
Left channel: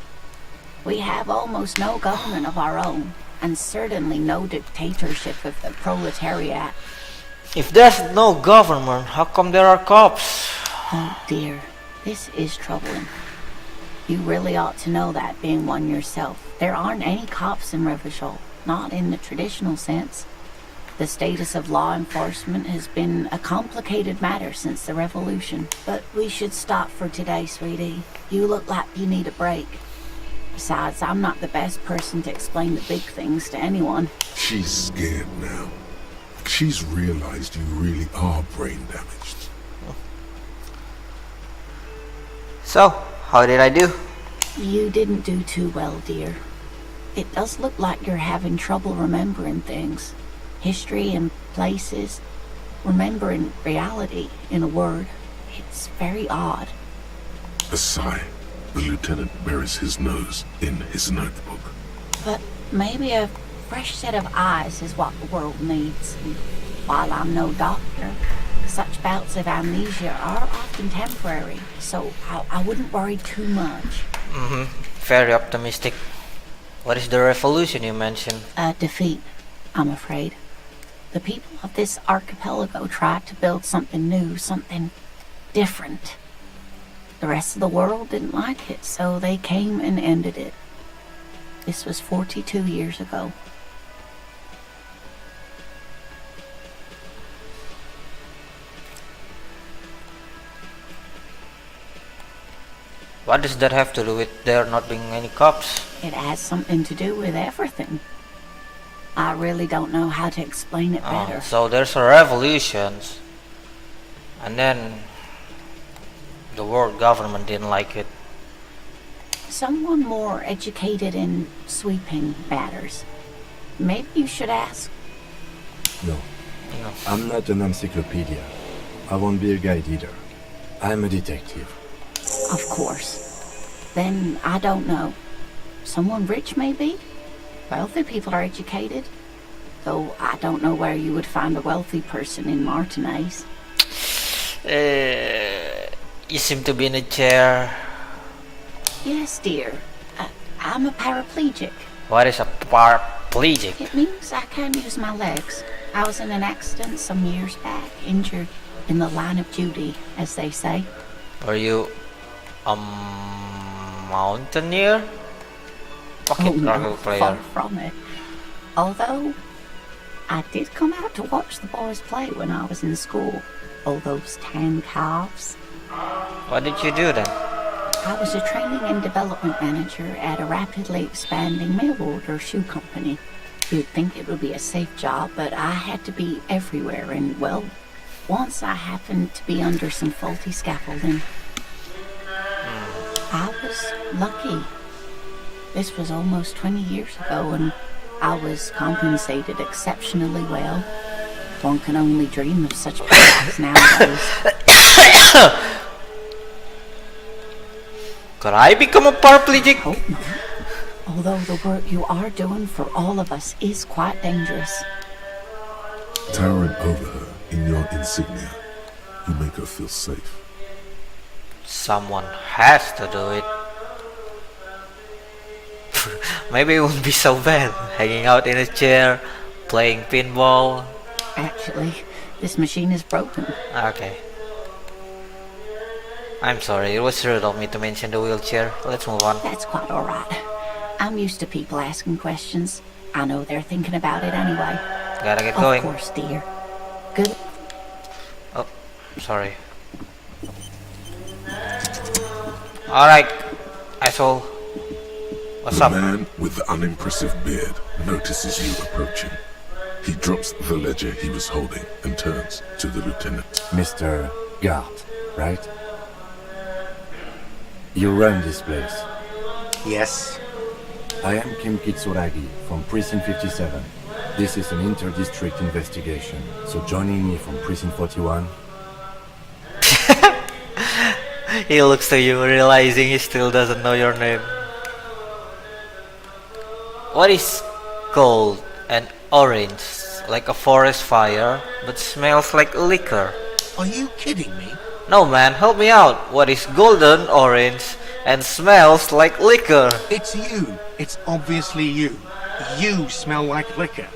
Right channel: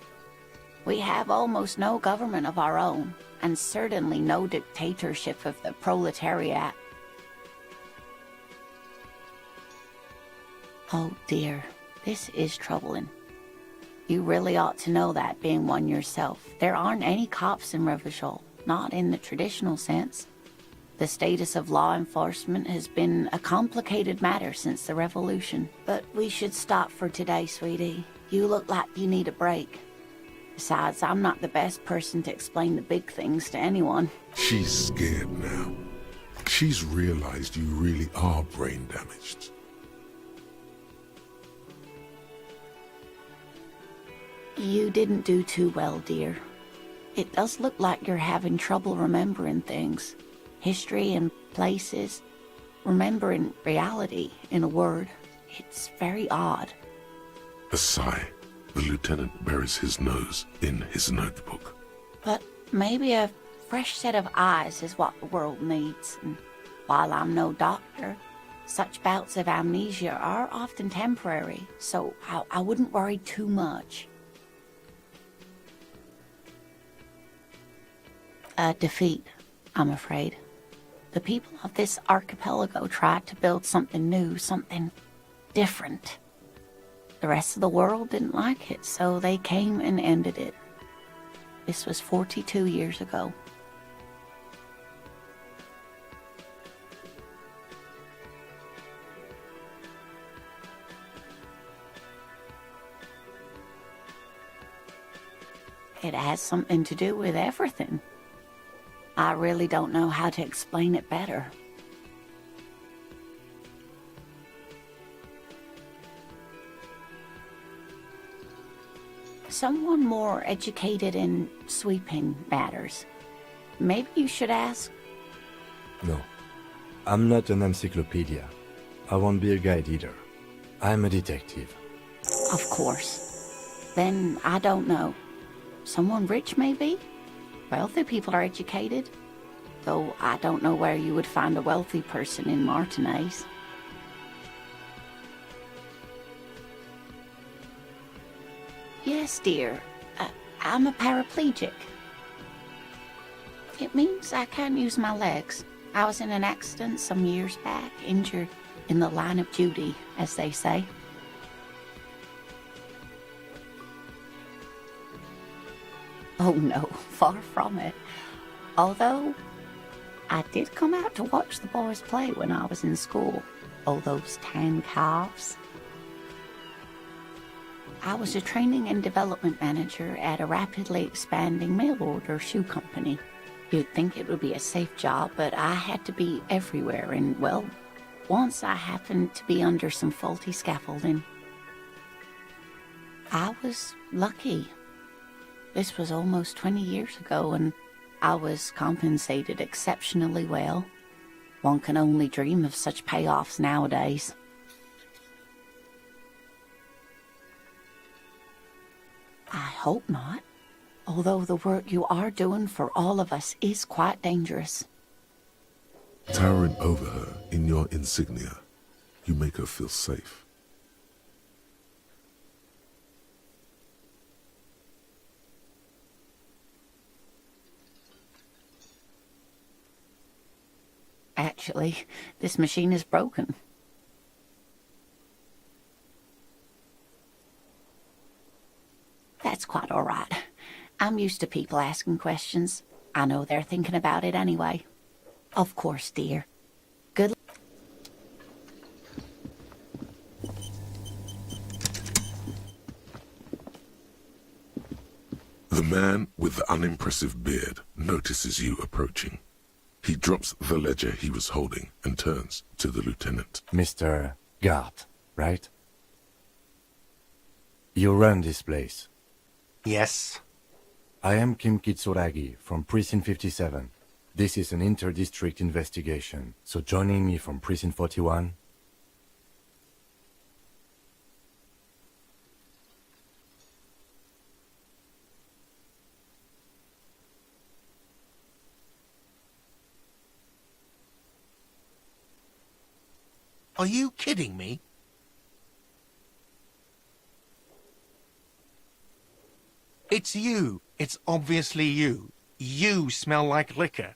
We have almost no government of our own, and certainly no dictatorship of the proletariat. If there's no government, how come there are cops? Oh dear, this is troubling. You really ought to know that, being one yourself. There aren't any cops in Revachol, not in the traditional sense. The status of law enforcement has been a complicated matter since the revolution. But we should stop for today, sweetie. You look like you need a break. Besides, I'm not the best person to explain the big things to anyone. She's scared now. She's realized you really are brain damaged. So, how did I do? You didn't do too well, dear. It does look like you're having trouble remembering things. History and places. Remembering reality, in a word. It's very odd. A sigh. The lieutenant buries his nose in his notebook. But maybe a fresh set of eyes is what the world needs. And while I'm no doctor, such bouts of amnesia are often temporary, so I wouldn't worry too much. Very optimistic. What is the revolution you mentioned? A defeat, I'm afraid. The people of this archipelago tried to build something new, something different. The rest of the world didn't like it, so they came and ended it. This was 42 years ago. What does that have to do with there not being any cops? It has something to do with everything. I really don't know how to explain it better. So there's a revolution, and then the world government didn't like it. Someone more educated in sweeping matters. Maybe you should ask. No. I'm not an encyclopedia. I won't be a guide either. I'm a detective. Of course. Then I don't know. Someone rich, maybe? Wealthy people are educated. Though I don't know where you would find a wealthy person in Martinez. You seem to be in a chair. Yes, dear. I'm a paraplegic. What is a paraplegic? It means I can't use my legs. I was in an accident some years back, injured in the line of duty, as they say. Are you a mountaineer? Oh no, far from it. Although, I did come out to watch the boys play when I was in school. All those tan calves. What did you do then? I was a training and development manager at a rapidly expanding mail order shoe company. You'd think it would be a safe job, but I had to be everywhere, and well, once I happened to be under some faulty scaffolding. I was lucky. This was almost 20 years ago, and I was compensated exceptionally well. One can only dream of such payouts nowadays. Could I become a paraplegic? Hope not. Although the work you are doing for all of us is quite dangerous. Towering over her in your insignia, you make her feel safe. Someone has to do it. Maybe it won't be so bad. Hanging out in a chair, playing pinball. Actually, this machine is broken. Okay. I'm sorry, it was rude of me to mention the wheelchair. Let's move on. That's quite alright. I'm used to people asking questions. I know they're thinking about it anyway. Gotta get going. Of course, dear. Good. Oh, sorry. Alright, asshole. What's The up? man with the unimpressive beard notices you approaching. He drops the ledger he was holding and turns to the lieutenant. Mr. Guard, right? You run this place. Yes. I am Kim Kitsuragi from Precinct 57. This is an inter-district investigation, so joining me from Precinct 41... He looks to you, realizing he still doesn't know your name. What is gold and orange? Like a forest fire, but smells like liquor. Are you kidding me? No man, help me out. What is golden, orange, and smells like liquor? It's you. It's obviously you. You smell like liquor.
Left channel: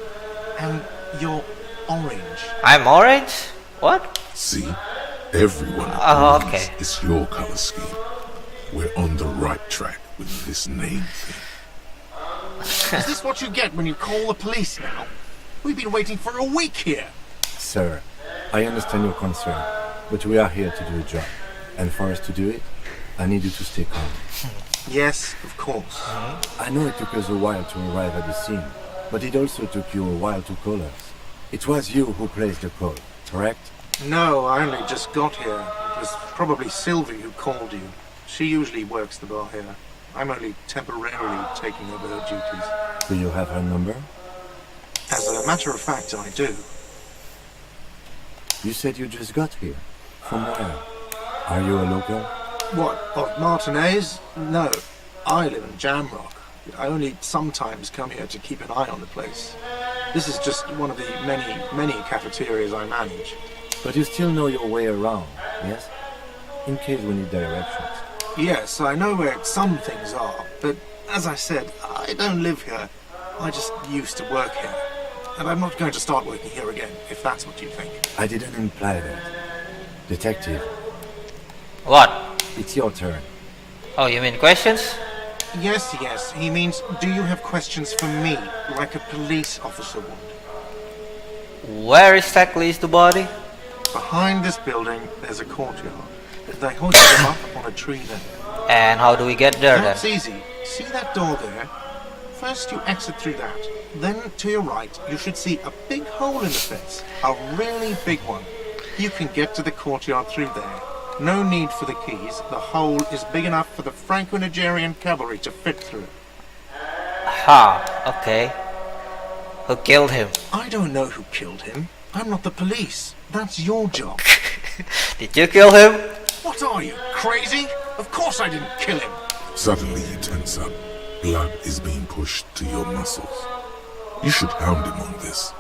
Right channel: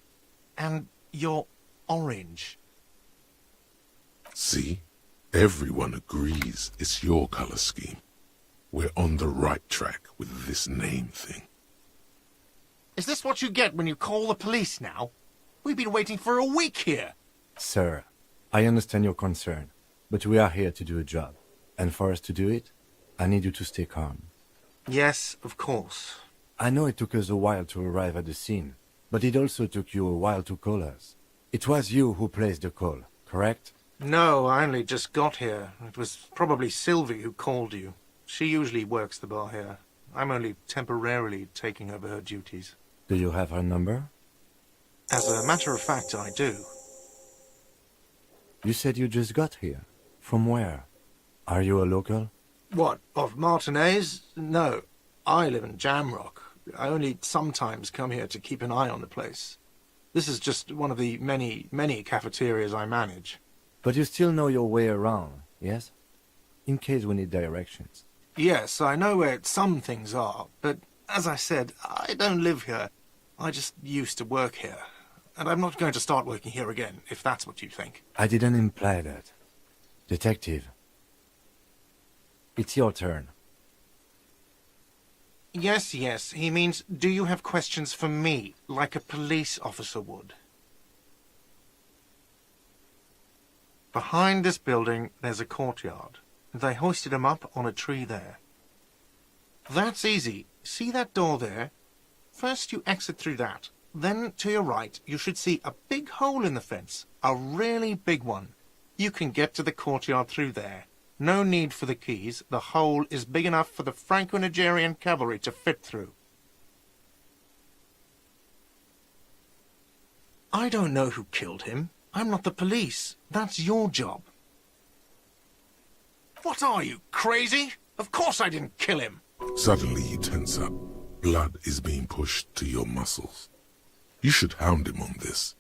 And you're orange. I'm orange? What? See? Everyone Oh, agrees okay. it's your color scheme. We're on the right track with this name thing. Is this what you get when you call the police now? We've been waiting for a week here. Sir, I understand your concern, but we are here to do a job. And for us to do it, I need you to stay calm. Yes, of course. I know it took us a while to arrive at the scene, but it also took you a while to call us. It was you who placed the call, correct? No, I only just got here. It was probably Sylvie who called you. She usually works the bar here. I'm only temporarily taking over her duties. Do you have her number? As a matter of fact, I do. You said you just got here. From where? Are you a local? What, of Martinez? No, I live in Jamrock. I only sometimes come here to keep an eye on the place. This is just one of the many cafeterias I manage. But you still know your way around, yes? In case we need directions. Yes, I know where some things are, but as I said, I don't live here. I just used to work here. And I'm not going to start working here again, if that's what you think. I didn't imply that. Detective, What? it's your turn. Oh, you mean questions? Yes, he means, do you have questions for me, like a police officer would? Where exactly is the body? Behind this building, there's a courtyard. They hoisted them up on a tree there. And how do we get there That's then? easy. See that door there? First you exit through that. Then to your right, you should see a big hole in the fence. A really big one. You can get to the courtyard through there. No need for the keys. The hole is big enough for the Franco-Nigerian cavalry to fit through. Ha, okay. Who killed him? I don't know who killed him. I'm not the police. That's your job. Did you kill him? What are you, crazy? Of course I didn't kill him. Suddenly you tense up. Blood is being pushed to your muscles. You should hound him on this.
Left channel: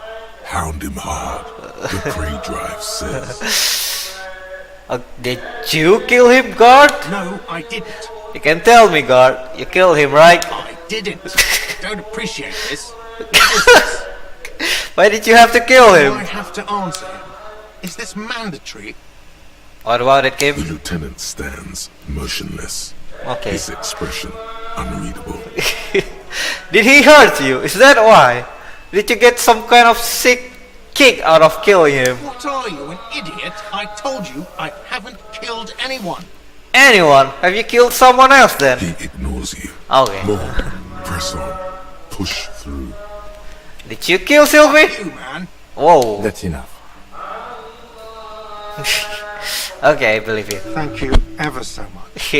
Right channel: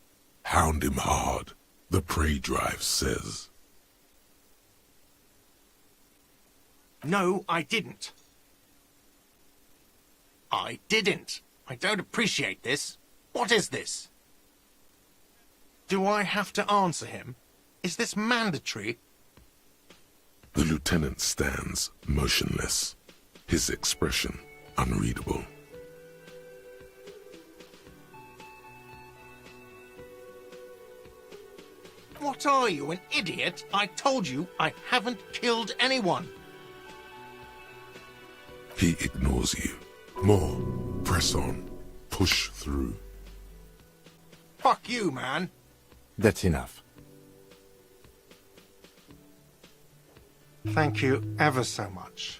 Hound him hard, the prey drive says. Did you kill him, guard? No, I didn't. You can tell me, guard. You killed him, right? I didn't. I don't appreciate this. What is this? Why did you have to kill Do I him? have to answer him? Is this mandatory? What about it, Kim? The lieutenant stands motionless, Okay. his expression unreadable. Did he hurt you? Is that why? Did you get some kind of sick kick out of killing him? What are you, an idiot? I told you I haven't killed anyone. Anyone? Have you killed someone else then? He ignores you. Okay. More. Press on. Push through. Did you kill Sylvie? Fuck you, man. Whoa. That's enough. Okay, I believe you. Thank you ever so much.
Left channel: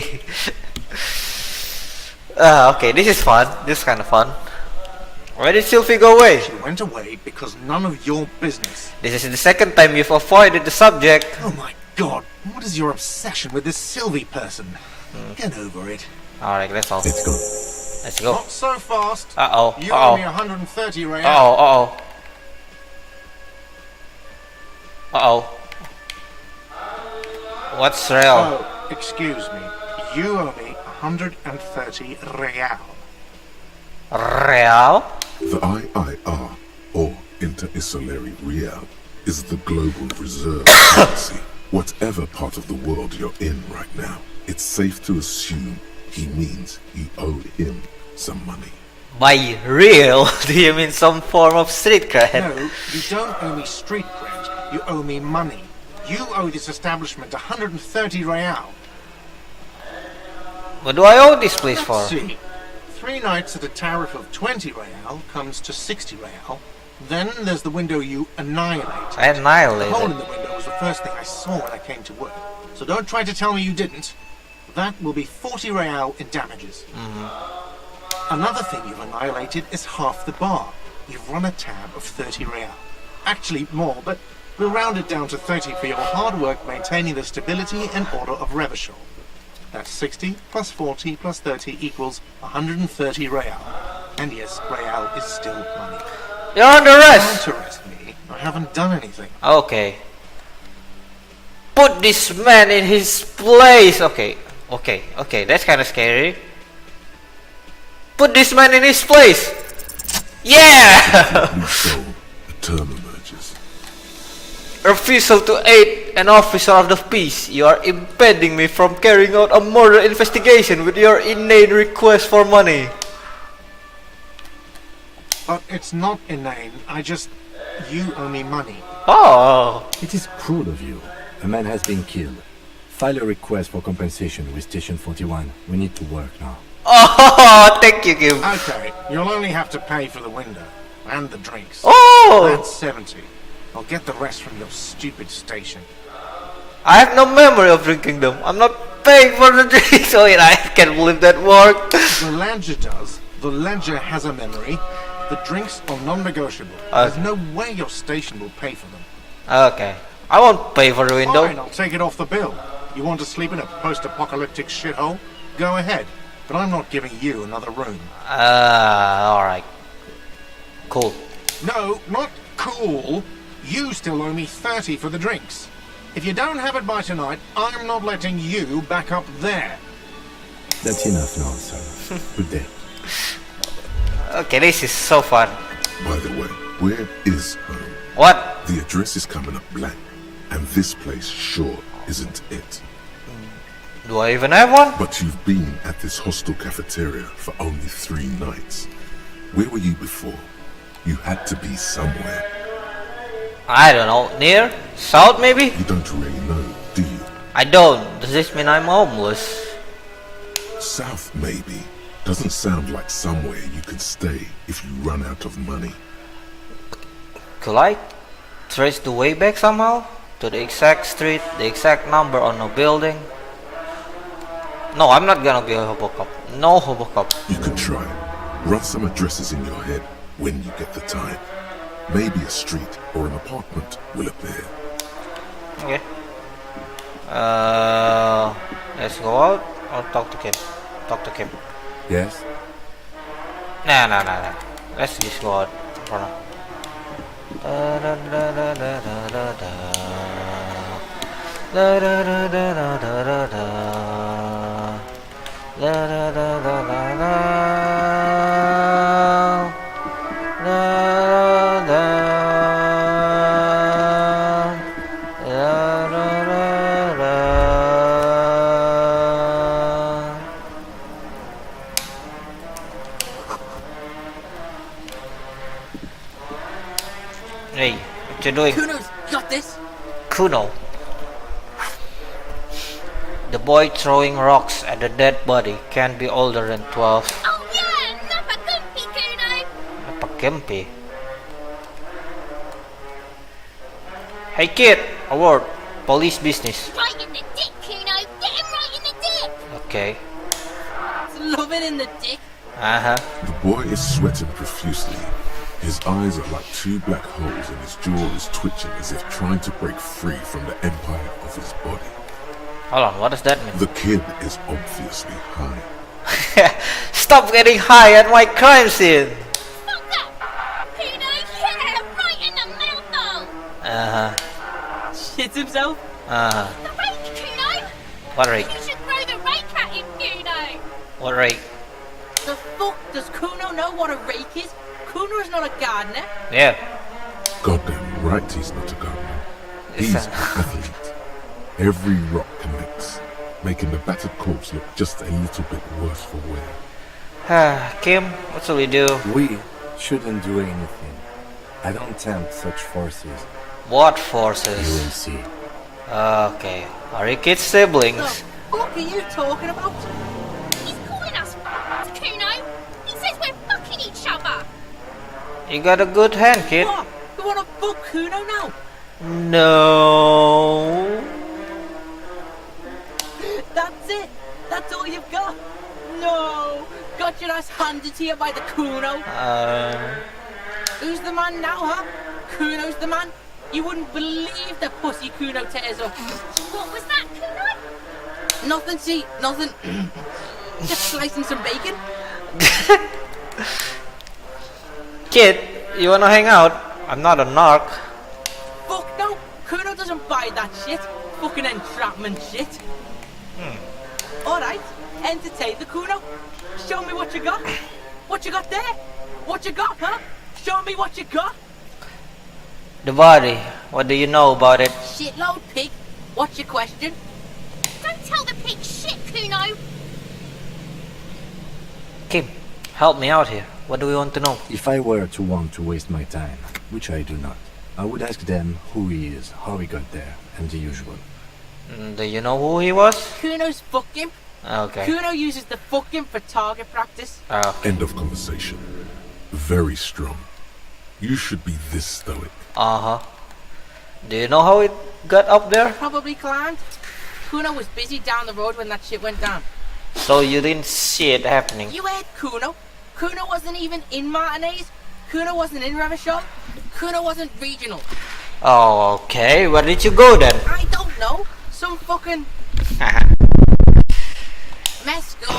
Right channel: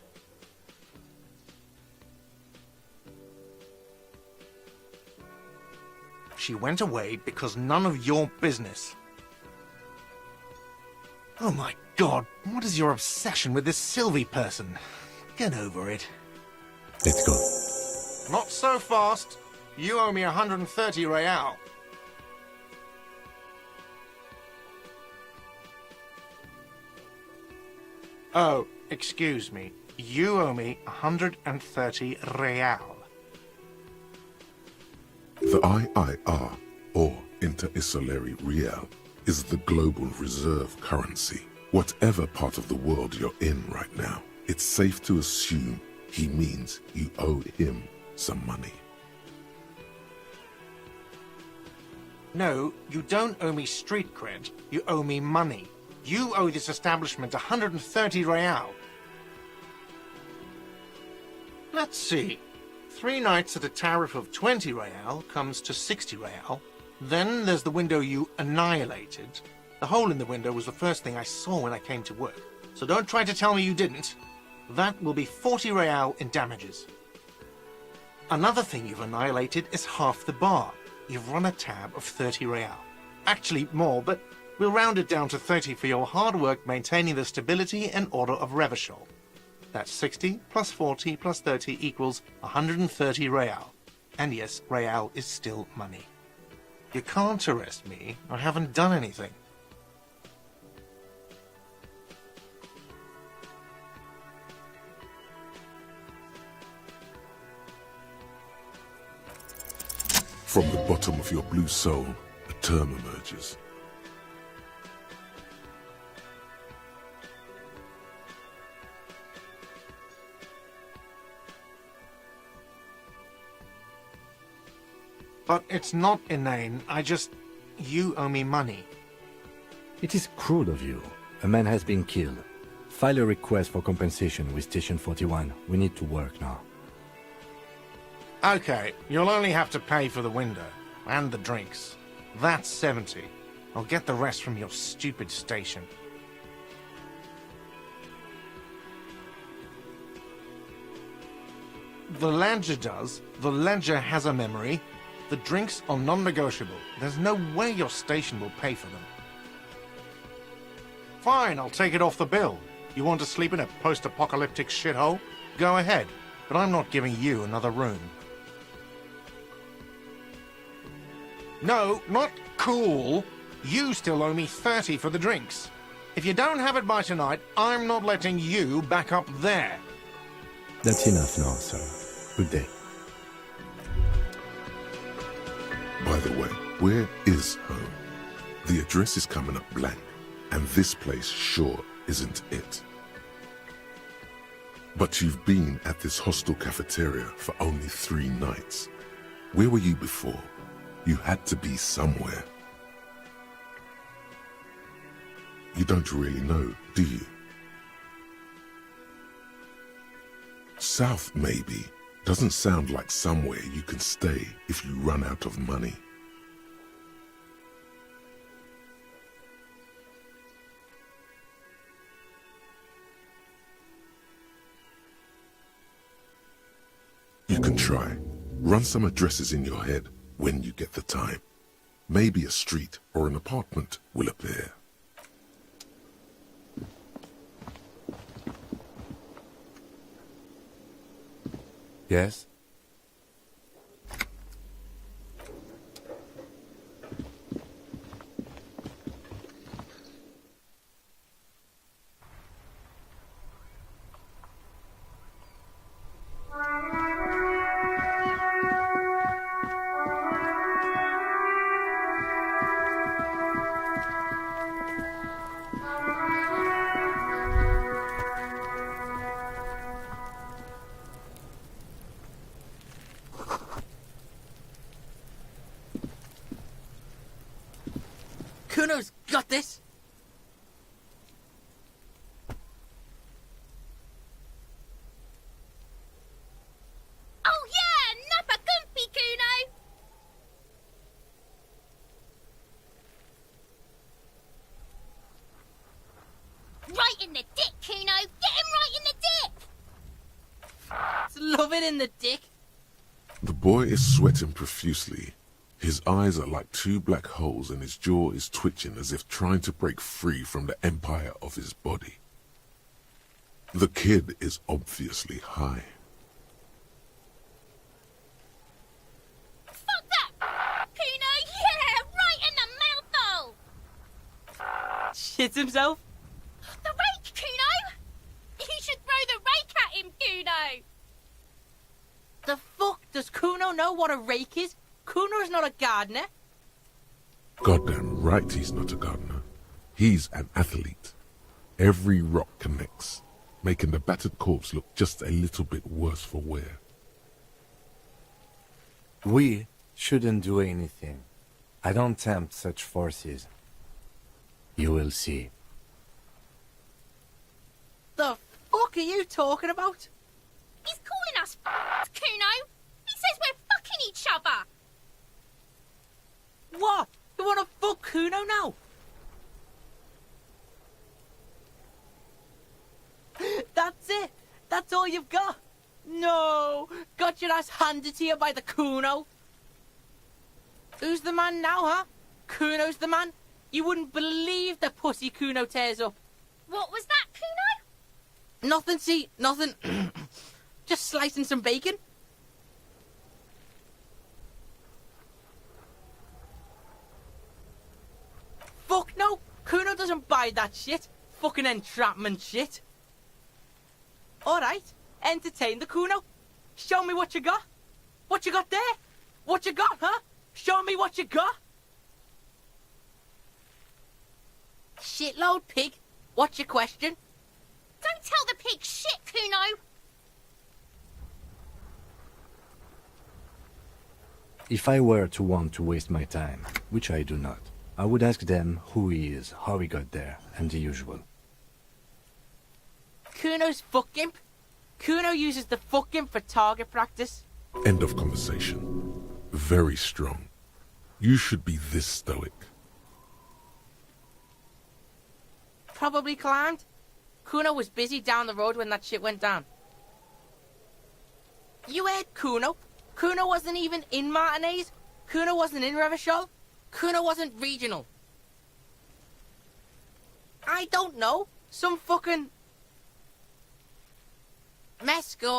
Okay, this is fun. This is kind of fun. Where did Sylvie go away? She went away because none of your business. This is the second time you've avoided the subject. Oh my god, what is your obsession with this Sylvie person? Get over it. Alright, let's all. Let's go. Let's go. Not so fast. Uh-oh. You Uh-oh. owe me 130 real. Uh-oh. Uh-oh. What's real? Oh, excuse me. You owe me 130 real. Real? The IIR, or Inter-Isolary Real, is the global reserve currency. Whatever part of the world you're in right now, it's safe to assume he means you owe him some money. By real, do you mean some form of street cred? No, you don't owe me street cred. You owe me money. You owe this establishment 130 real. What do I owe this place Let's for? see. 3 nights at a tariff of 20 real comes to 60 real. Then there's the window you annihilated. The Annihilated. hole in the window was the first thing I saw when I came to work. So don't try to tell me you didn't. That will be 40 real in damages. Another thing you've annihilated is half the bar. You've run a tab of 30 real. Actually more, but we'll round it down to 30 for your hard work maintaining the stability and order of Revachol. That's 60 plus 40 plus 30 equals 130 real. And yes, real is still money. You're under arrest. Don't arrest me. I haven't done anything. Okay. Put this man in his place. Okay. That's kind of scary. Put this man in his place. Yeah. Blue soul, a term emerges. Refusal to aid an officer of the peace. You are impeding me from carrying out a murder investigation with your inane request for money. But it's not inane. You owe me money. Oh. It is cruel of you. A man has been killed. File a request for compensation with Station 41. We need to work now. Oh, thank you, Kim. Okay, you'll only have to pay for the window. And the drinks. Oh. That's 70. I'll get the rest from your stupid station. I have no memory of drinking them. I'm not paying for the drinks. Oh, yeah, I can't believe that worked. The ledger does. The ledger has a memory. The drinks are non-negotiable. There's no way your station will pay for them. Okay. I won't pay for the window. Fine, I'll take it off the bill. You want to sleep in a post-apocalyptic shithole? Go ahead. But I'm not giving you another room. Alright. Cool. No, not cool. You still owe me 30 for the drinks. If you don't have it by tonight, I'm not letting you back up there. That's enough now, sir. Good day. Okay, this is so fun. By the way, where is home? What? The address is coming up blank, and this place sure isn't it. Do I even have one? But you've been at this hostel cafeteria for only 3 nights. Where were you before? You had to be somewhere. I don't know. Near? South maybe? You don't really know, do you? I don't. Does this mean I'm homeless? South, maybe. Doesn't sound like somewhere you can stay if you run out of money. Could I trace the way back somehow? To the exact street, the exact number on a building? No, I'm not gonna be a Hobocop. No Hobocop. You can try. Run some addresses in your head when you get the time. Maybe a street or an apartment will appear. Okay. Let's go out or talk to Kim. Talk to Kim. Yes? Nah. Let's just go out for now. Hey, what you doing? Kuno's got this. Kuno. The boy throwing rocks at the dead body can't be older than 12. Oh yeah, Napakumpi, Kuno. Napakempi. Hey kid, a word. Police business. Right in the dick, Kuno. Get him right in the dick. Okay. It's loving in the dick. Uh-huh. The boy is sweating profusely. His eyes are like 2 black holes and his jaw is twitching as if trying to break free from the empire of his body. Hold on, what does that mean? The kid is obviously high. Stop getting high at my crime scene. Fuck that! Kuno, yeah, right in the mouthful! Shit himself? The rake, Kuno! What rake? You should throw the rake at him, Kuno! What rake? The fuck does Kuno know what a rake is? Kuno is not a gardener. Yeah. Goddamn right he's not a gardener. He's an athlete. Every rock connects, making the battered corpse look just a little bit worse for wear. Kim, what shall we do? We shouldn't do anything. I don't tempt such forces. What forces? You will see. Okay. Are you kids siblings? The fuck are you talking about? He's calling us Kuno! He says we're fucking each other! You got a good hand, kid. What? You wanna fuck Kuno now? No. That's it? That's all you've got? No! Got your ass handed to you by the Kuno? Who's the man now, huh? Kuno's the man? You wouldn't believe the pussy Kuno tears up. What was that, Kuno? Nothing, see, nothing. Just slicing some bacon. Kid, you wanna hang out? I'm not a narc. Fuck no! Kuno doesn't buy that shit. Fucking entrapment shit. Alright, entertain the Kuno. Show me what you got. What you got there? What you got, huh? Show me what you got. The body. What do you know about it? Shitload pig. What's your question? Don't tell the pig shit, Kuno! Kim, help me out here. What do we want to know? If I were to want to waste my time, which I do not, I would ask them who he is, how he got there, and the usual. Do you know who he was? Kuno's fuck imp. Okay. Kuno uses the fuck imp for target practice. End of conversation. Very strong. You should be this stoic. Do you know how it got up there? Probably climbed. Kuno was busy down the road when that shit went down. So you didn't see it happening? You heard Kuno. Kuno wasn't even in Martinez. Kuno wasn't in Revachol. Kuno wasn't regional. Oh, okay. Where did you go then? I don't know. Some fucking Mesco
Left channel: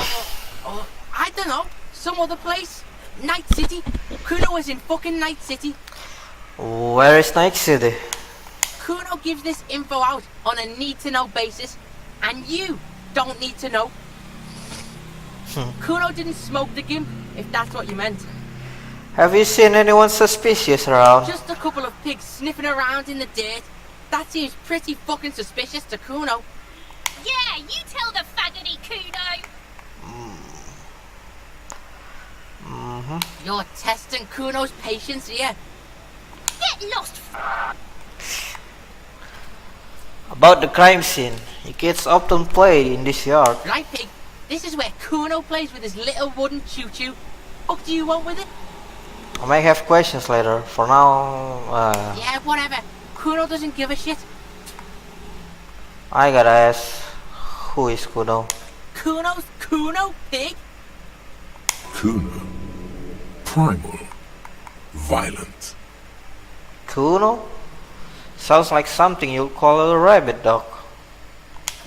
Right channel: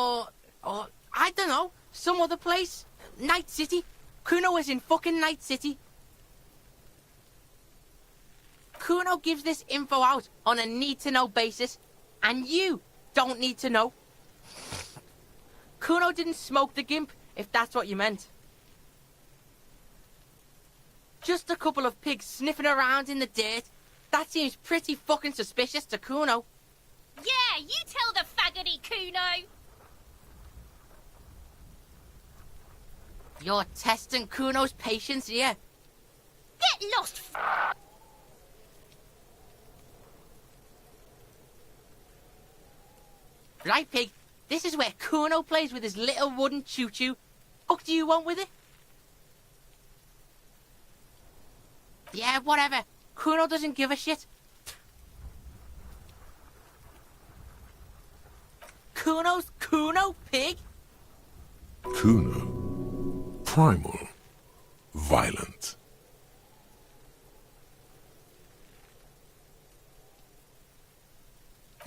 or I don't know. Some other place. Night City. Kuno was in fucking Night City. Where is Night City? Kuno gives this info out on a need-to-know basis, and you don't need to know. Kuno didn't smoke the gimp, if that's what you meant. Have you seen anyone suspicious around? Just a couple of pigs sniffing around in the dirt. That seems pretty fucking suspicious to Kuno. Yeah, you tell the faggoty, Kuno! You're testing Kuno's patience here. Get lost, About the crime scene. You kids often play in this yard. Right, pig? This is where Kuno plays with his little wooden choo-choo. What do you want with it? I may have questions later. For now, Yeah, whatever. Kuno doesn't give a shit. I gotta ask, who is Kuno? Kuno's Kuno, pig? Kuno. Primal. Violent. Kuno? Sounds like something you'd call a rabbit dog.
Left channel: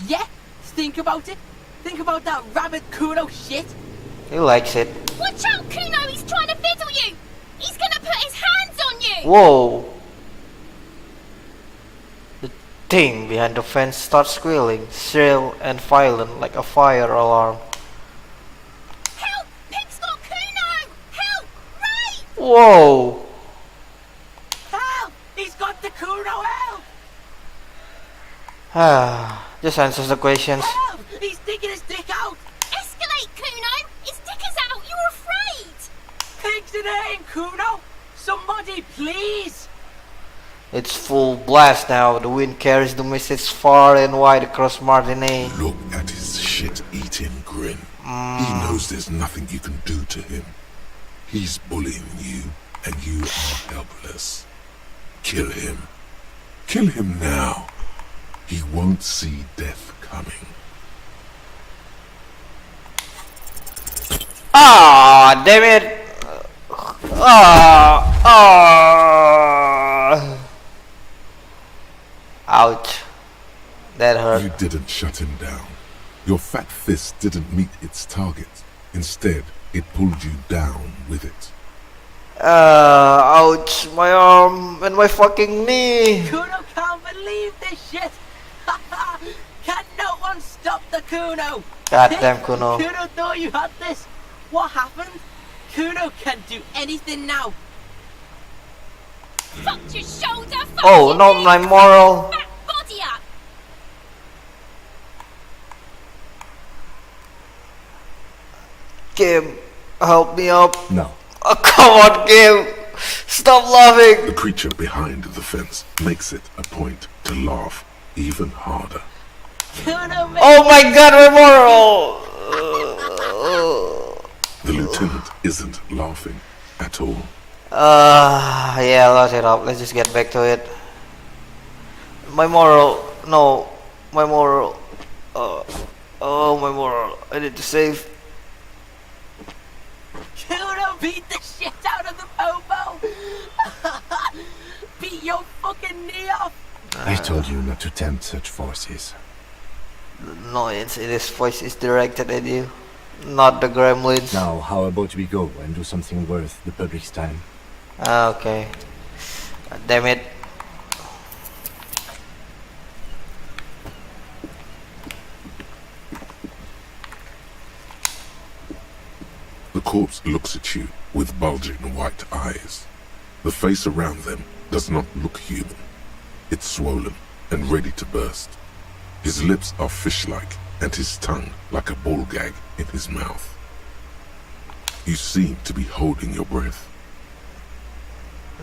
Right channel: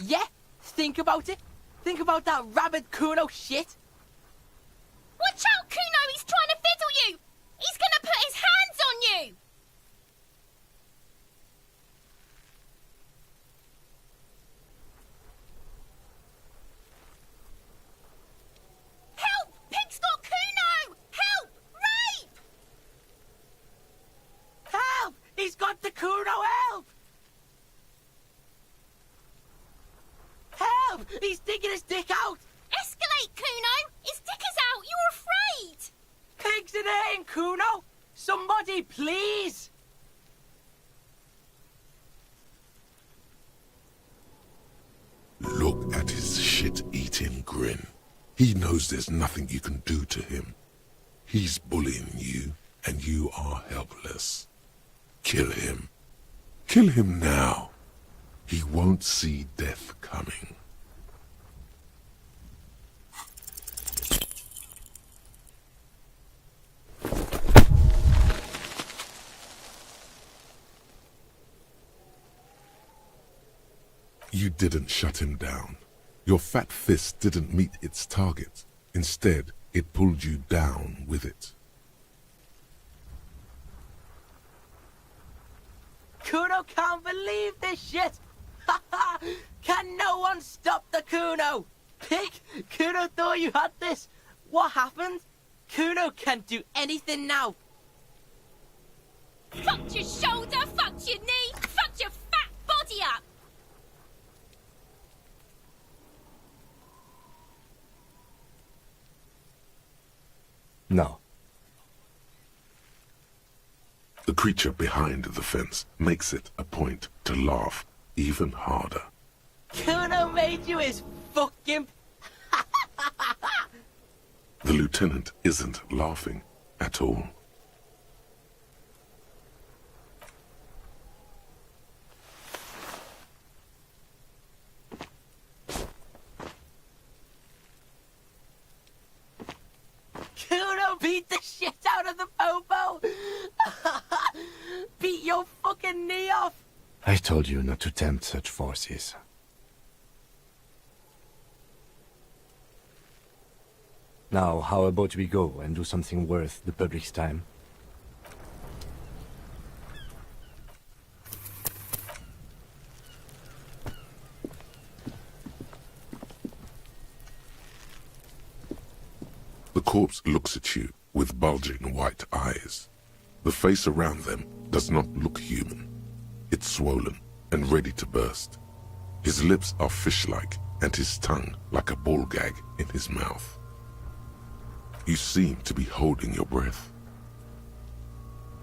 Yeah, think about it. Think about that rabbit Kuno shit. He likes it. Watch out, Kuno! He's trying to fiddle you! He's gonna put his hands on you! Whoa! The thing behind the fence starts squealing, shrill and violent like a fire alarm. Help! Pig's got Kuno! Help! Ray! Whoa! Help! He's got the Kuno, help! Just answers the questions. Help! He's sticking his dick out! Escalate, Kuno! His dick is out! You're afraid! Pigs in air, Kuno! Somebody, please! It's full blast now. The wind carries the message far and wide across Martinique. Look at his shit-eating grin. He knows there's nothing you can do to him. He's bullying you, and you are helpless. Kill him. Kill him now. He won't see death coming. Ah, damn it! Ouch. That hurt. You didn't shut him down. Your fat fist didn't meet its target. Instead, it pulled you down with it. Ouch, my arm and my fucking knee. Kuno can't believe this shit. Can no one stop the Kuno? Goddamn Kuno. Kuno thought you had this. What happened? Kuno can't do anything now. Fucked your shoulder, fucked Oh, your not knee, my fucked moral. your fat body up. Kim, help me up. No. Oh, come on, Kim. Stop laughing. The creature behind the fence makes it a point to laugh even harder. Kuno made Oh my god, my moral. The lieutenant isn't laughing at all. Yeah, let it up. Let's just get back to it. My moral. No. My moral. Oh, my moral. I need to save. Kuno beat the shit out of the popo. Beat your fucking knee off. I told you not to tempt such forces. No, this voice is directed at you. Not the gremlins. Now, how about we go and do something worth the public's time? Okay. God damn it. The corpse looks at you with bulging white eyes. The face around them does not look human. It's swollen and ready to burst. His lips are fish-like and his tongue like a ball gag in his mouth. You seem to be holding your breath.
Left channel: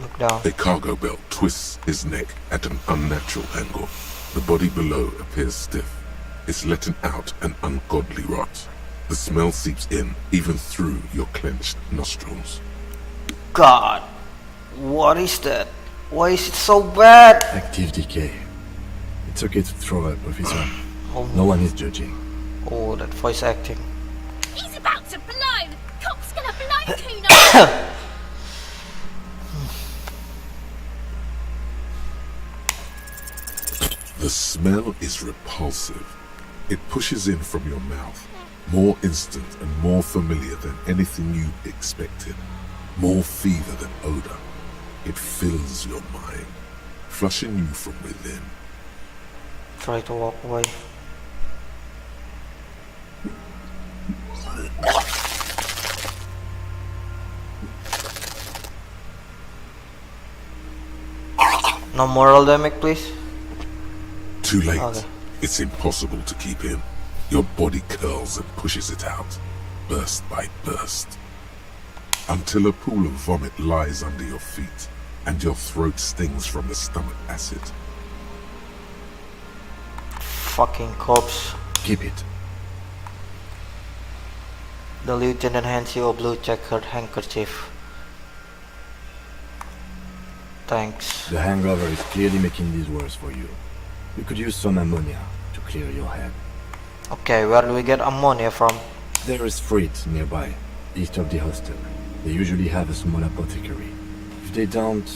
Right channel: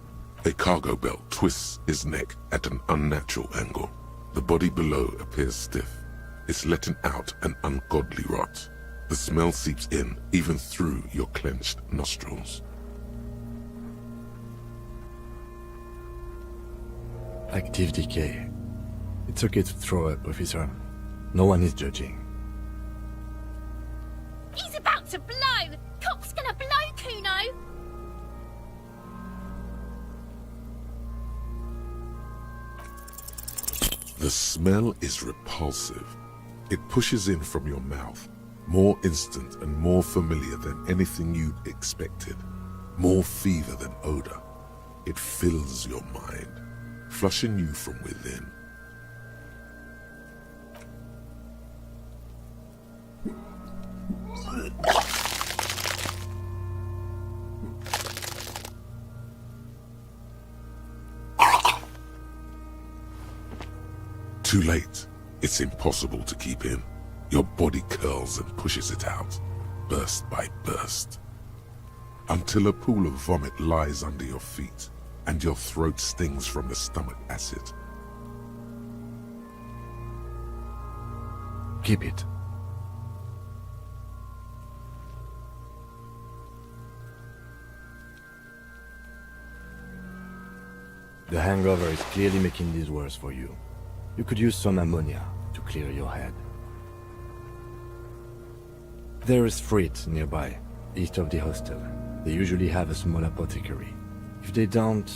Look down. A cargo belt twists his neck at an unnatural angle. The body below appears stiff. It's letting out an ungodly rot. The smell seeps in even through your clenched nostrils. God. What is that? Why is it so bad? Active decay. It's okay to throw up, officer. Oh, No one is judging. oh, that voice acting. He's about to blow. Cop's gonna blow Kuno. The smell is repulsive. It pushes in from your mouth, more instant and more familiar than anything you expected, more fever than odor. It fills your mind, flushing you from within. Try to walk away. No moral damage, please. Too late. Okay. It's impossible to keep in. Your body curls and pushes it out, burst by burst, until a pool of vomit lies under your feet and your throat stings from the stomach acid. Fucking corpse. Keep it. The lieutenant hands you a blue checkered handkerchief. Thanks. The hangover is clearly making this worse for you. You could use some ammonia to clear your head. Okay, where do we get ammonia from? There is freight nearby, east of the hostel. They usually have a small apothecary. If they don't...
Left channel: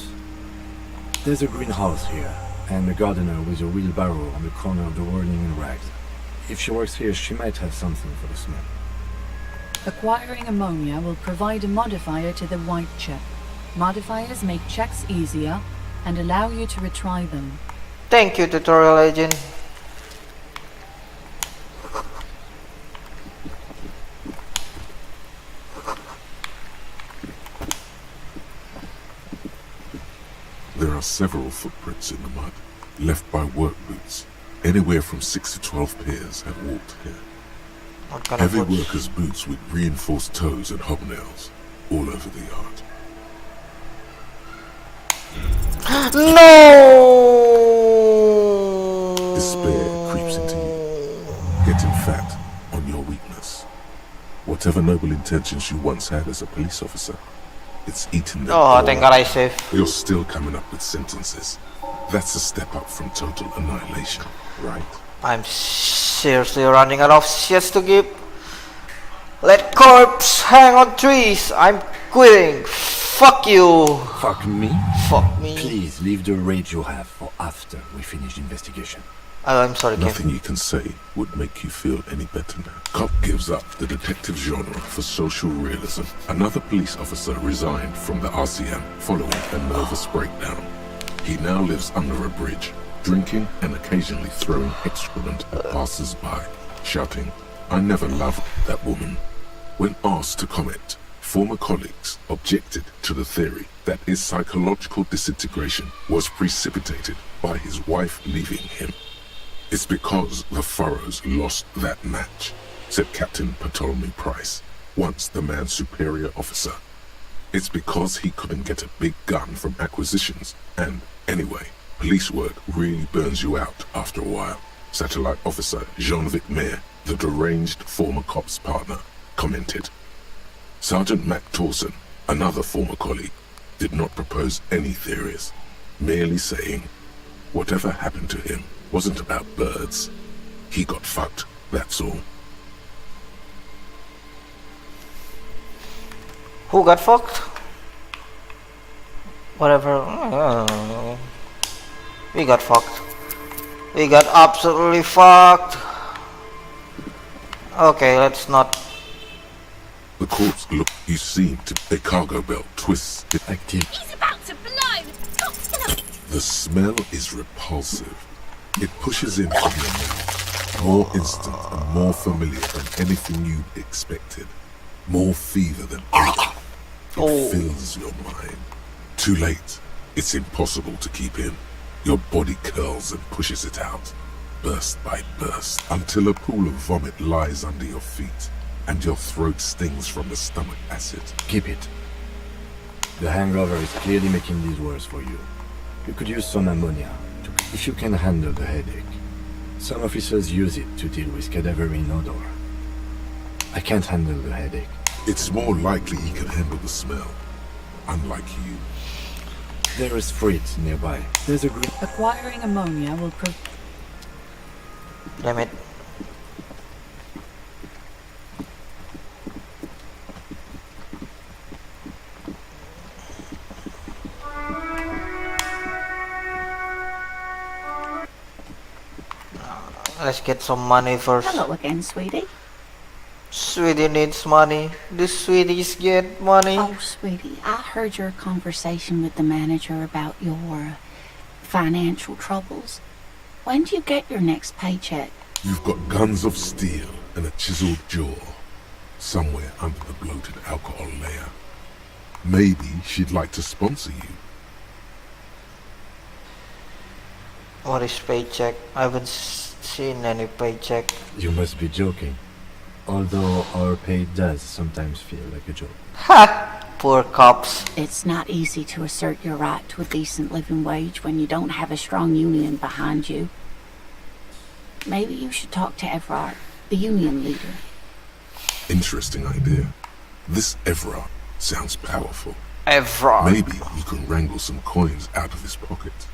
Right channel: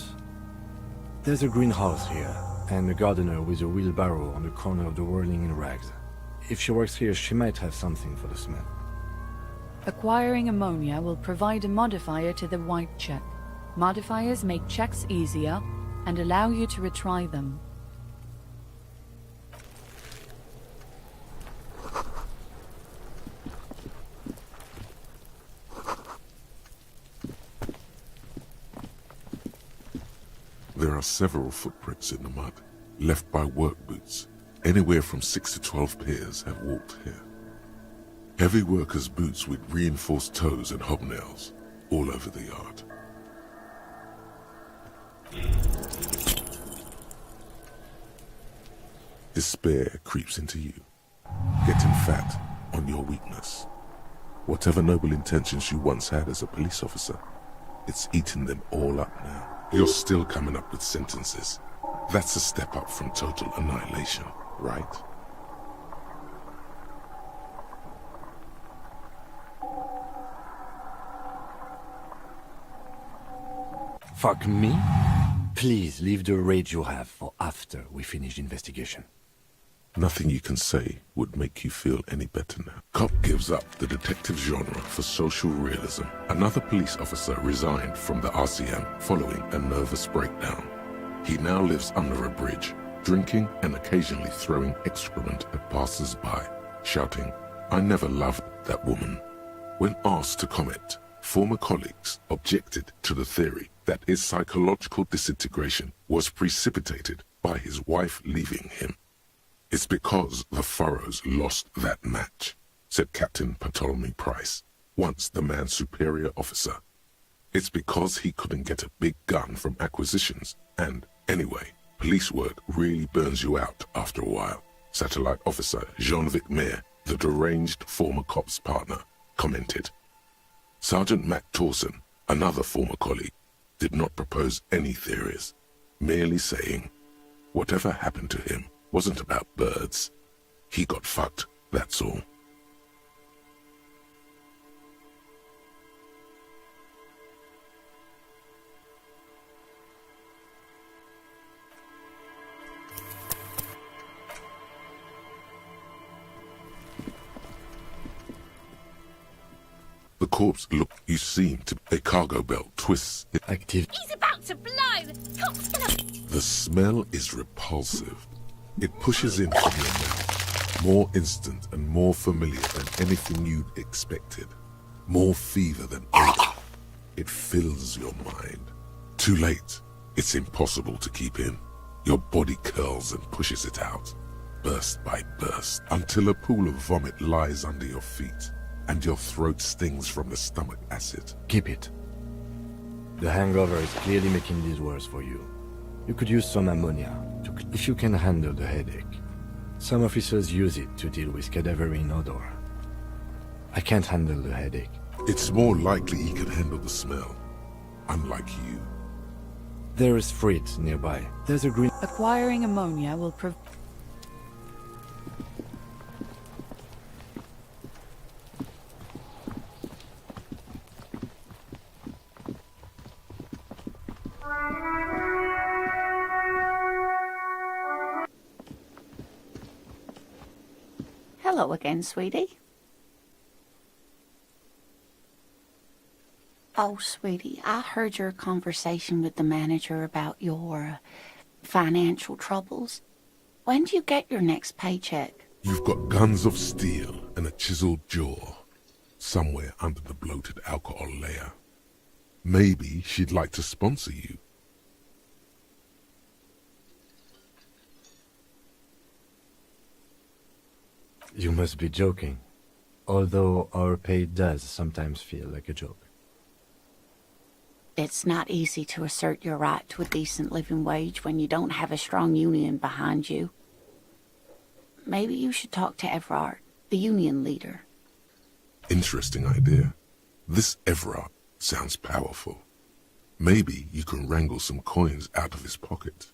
There's a greenhouse here, and a gardener with a wheelbarrow on the corner of the whirling in rags. If she works here, she might have something for the smell. Acquiring ammonia will provide a modifier to the white check. Modifiers make checks easier and allow you to retry them. Thank you, tutorial agent. There are several footprints in the mud, left by work boots. Anywhere from 6 to 12 pairs have walked here. What kind Heavy of boots? workers' boots with reinforced toes and hobnails, all over the yard. No! Despair creeps into you, getting fat on your weakness. Whatever noble intentions you once had as a police officer, it's eating them Oh, all thank up. God I saved. You're still coming up with sentences. That's a step up from total annihilation, right? I'm seriously running out of shits to give. Let corpse hang on trees. I'm quitting. Fuck you. Fuck me? Fuck me. Please leave the rage you have for after we finish the investigation. Oh, I'm sorry, Kev. Nothing you can say would make you feel any better now. Cop gives up the detective genre for social realism. Another police officer resigned from the RCM following a nervous breakdown. He now lives under a bridge, drinking and occasionally throwing excrement at passers-by, shouting, "I never loved that woman." When asked to comment, former colleagues objected to the theory that his psychological disintegration was precipitated by his wife leaving him. "It's because the Furrows lost that match," said Captain Ptolemy Price, once the man's superior officer. "It's because he couldn't get a big gun from acquisitions, and anyway, police work really burns you out after a while," Satellite Officer Jean-Vic Mayer, the deranged former cop's partner, commented. Sergeant Mac Torson, another former colleague, did not propose any theories, merely saying, "Whatever happened to him wasn't about birds. He got fucked, that's all." Who got fucked? Whatever. We got fucked. We got absolutely fucked. Okay, let's not. The corpse look you seem to a cargo belt twists. Active. He's about to blow. Cop's gonna... The smell is repulsive. It pushes in from your mouth. More instant and more familiar than anything you'd expected. More fever than odor. It fills your mind. Too late. It's impossible to keep in. Your body curls and pushes it out, burst by burst, until a pool of vomit lies under your feet, and your throat stings from the stomach acid. Keep it. The hangover is clearly making this worse for you. You could use some ammonia, if you can handle the headache. Some officers use it to deal with cadaverine odor. I can't handle the headache. It's more likely he can handle the smell, unlike you. There is Fritz nearby. There's a green... Acquiring ammonia will Damn it. Let's get some money first. Hello again, sweetie. Sweetie needs money. The sweeties get money. Oh, sweetie, I heard your conversation with the manager about your financial troubles. When do you get your next paycheck? You've got guns of steel and a chiseled jaw, somewhere under the bloated alcohol layer. Maybe she'd like to sponsor you. What is paycheck? I haven't seen any paycheck. You must be joking. Although our pay does sometimes feel like a joke. Ha! Poor cops. It's not easy to assert your right to a decent living wage when you don't have a strong union behind you. Maybe you should talk to Everard, the union leader. Interesting idea. This Everard sounds powerful. Everard. Maybe you can wrangle some coins out of his pocket.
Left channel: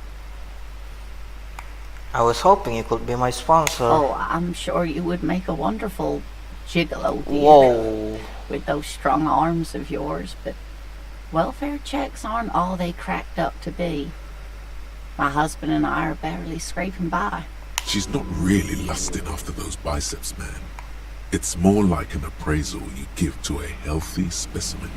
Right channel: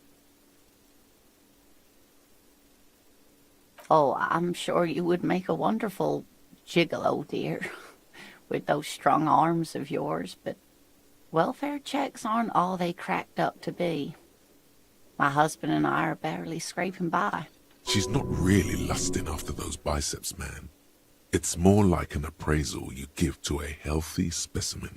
I was hoping you could be my sponsor. Oh, I'm sure you would make a wonderful gigolo, dear. Whoa. With those strong arms of yours, but welfare checks aren't all they cracked up to be. My husband and I are barely scraping by. She's not really lusting after those biceps, man. It's more like an appraisal you give to a healthy specimen.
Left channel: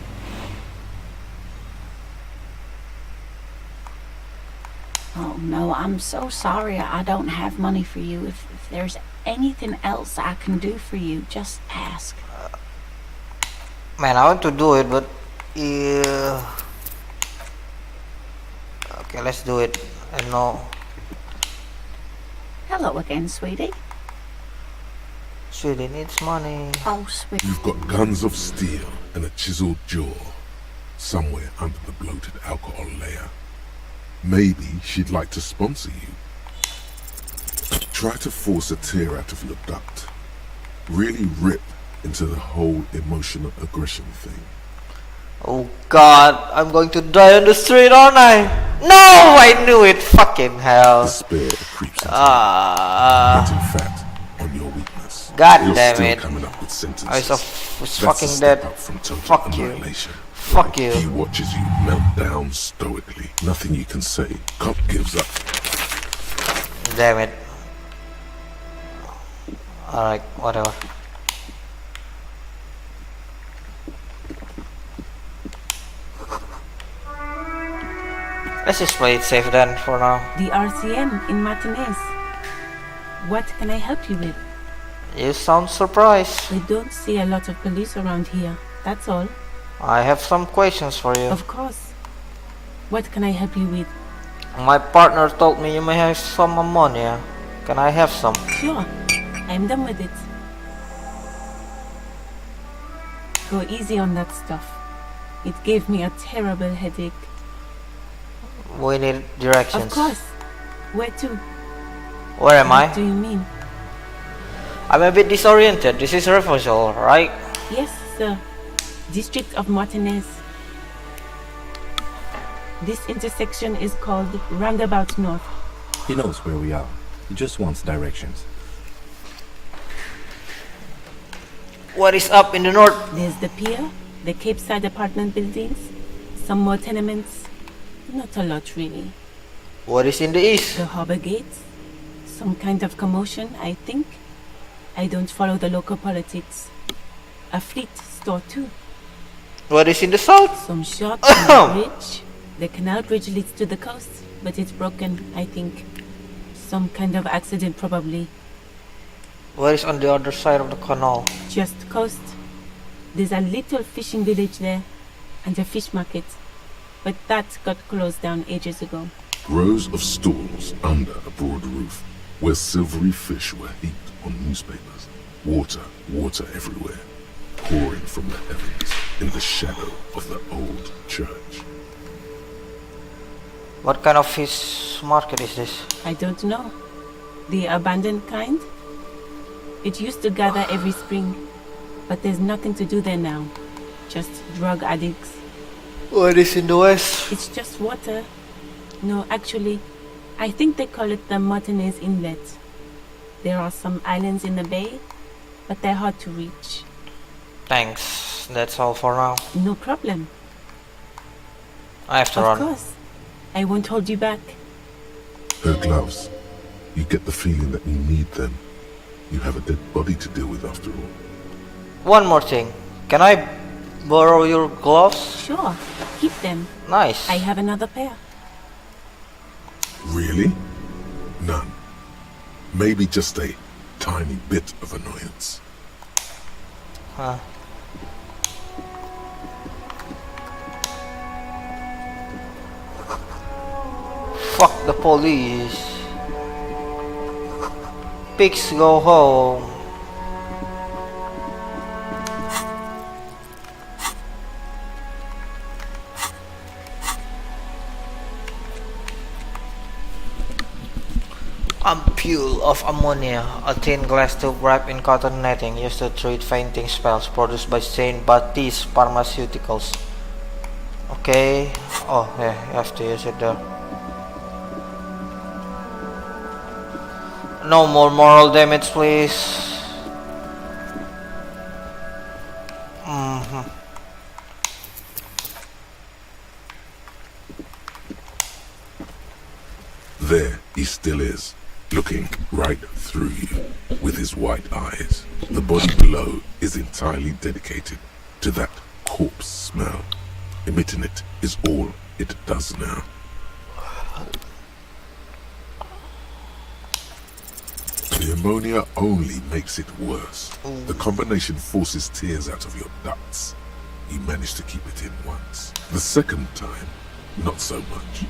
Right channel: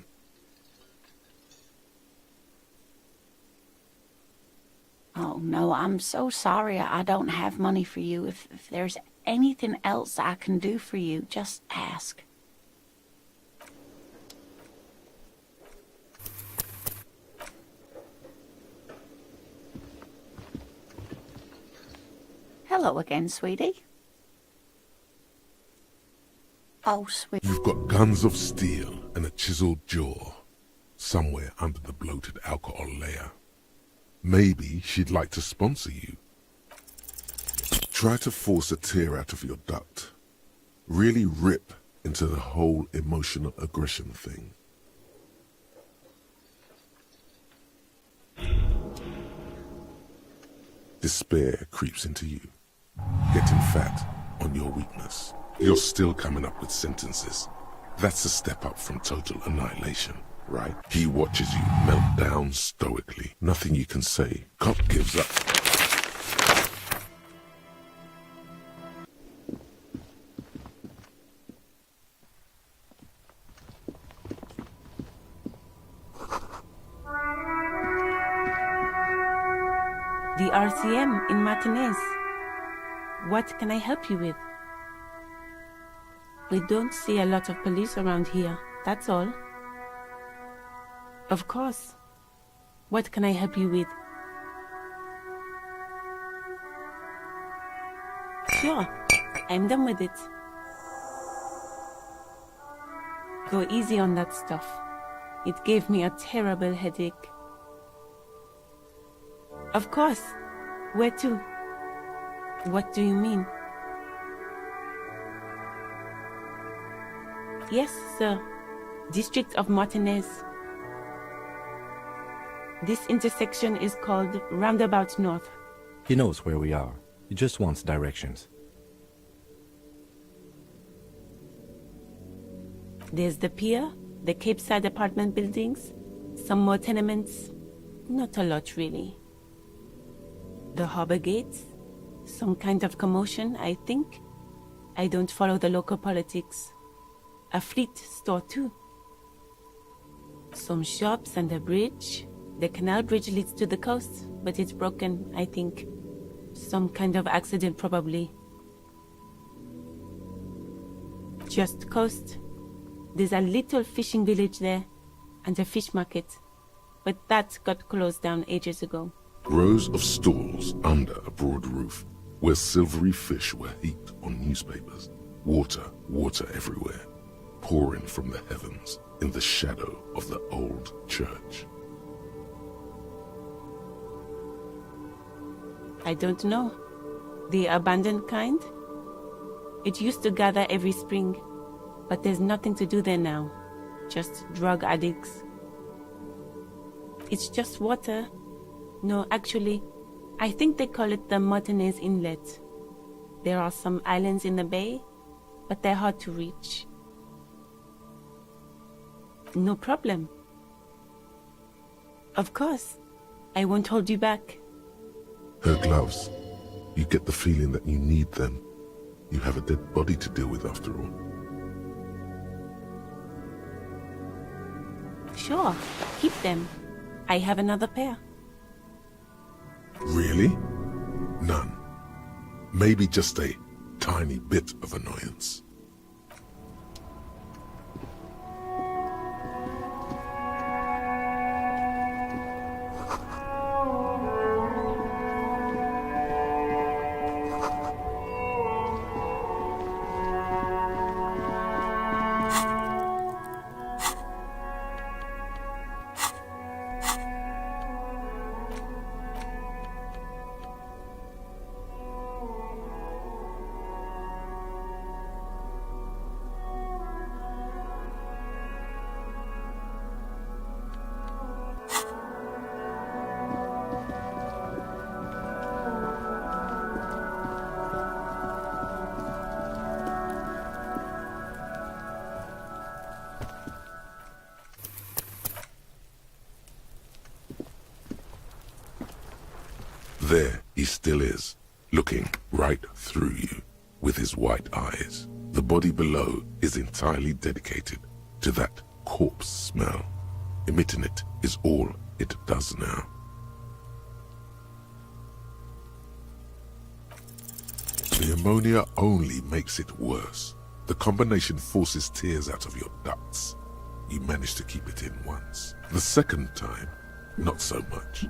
Oh, no, I'm so sorry I don't have money for you. If there's anything else I can do for you, just ask. Man, I want to do it, but... yeah. Okay, let's do it. I know. Hello again, sweetie. Sweetie needs money. Oh, sweet. You've got guns of steel and a chiseled jaw, somewhere under the bloated alcohol layer. Maybe she'd like to sponsor you. Try to force a tear out of your duct. Really rip into the whole emotional aggression thing. Oh God, I'm going to die on the street, aren't I? No, I knew it. Fucking hell. Despair creeps into you. Yet in fact, on your weakness, God you're damn still it. coming up with sentences. was That's a fucking step dead. up from total Fuck you. annihilation. Fuck you. He watches you melt down stoically. Nothing you can say. Cop gives up. Damn it. Alright, whatever. Let's just play it safe then for now. The RCM in Martinez. What can I help you with? You sound surprised. We don't see a lot of police around here, that's all. I have some questions for you. Of course. What can I help you with? My partner told me you may have some ammonia. Can I have some? Sure, I'm done with it. Go easy on that stuff. It gave me a terrible headache. We need directions. Of course. Where to? Where am I? What do you mean? I'm a bit disoriented. This is Refugio, right? Yes, sir. District of Martinez. This intersection is called Roundabout North. He knows where we are. He just wants directions. What is up in the north? There's the pier, the Cape Side apartment buildings, some more tenements. Not a lot, really. What is in the east? The harbor gates. Some kind of commotion, I think. I don't follow the local politics. A fleet store, too. What is in the south? Some shops and a bridge. The canal bridge leads to the coast, but it's broken, I think. Some kind of accident, probably. What is on the other side of the canal? Just coast. There's a little fishing village there, and a fish market. But that got closed down ages ago. Rows of stalls under a broad roof, where silvery fish were heaped on newspapers. Water, water everywhere, pouring from the heavens in the shadow of the old church. What kind of fish market is this? I don't know. The abandoned kind? It used to gather every spring, but there's nothing to do there now. Just drug addicts. What is in the west? It's just water. No, actually, I think they call it the Martinez Inlet. There are some islands in the bay, but they're hard to reach. Thanks. That's all for now. No problem. I have to Of run. course. I won't hold you back. Her gloves. You get the feeling that you need them. You have a dead body to deal with after all. One more thing. Can I borrow your gloves? Sure, keep them. Nice. I have another pair. Really? None. Maybe just a tiny bit of annoyance. Huh. Fuck the police. Pigs go home. Ampule of ammonia, a thin glass tube wrapped in cotton netting used to treat fainting spells, produced by Saint Baptiste Pharmaceuticals. Okay. Oh, yeah, you have to use it there. No more moral damage, please. There he still is, looking right through you with his white eyes. The body below is entirely dedicated to that corpse smell. Emitting it is all it does now. The ammonia only makes it worse. The combination forces tears out of your ducts. You manage to keep it in once. The second time, not so much.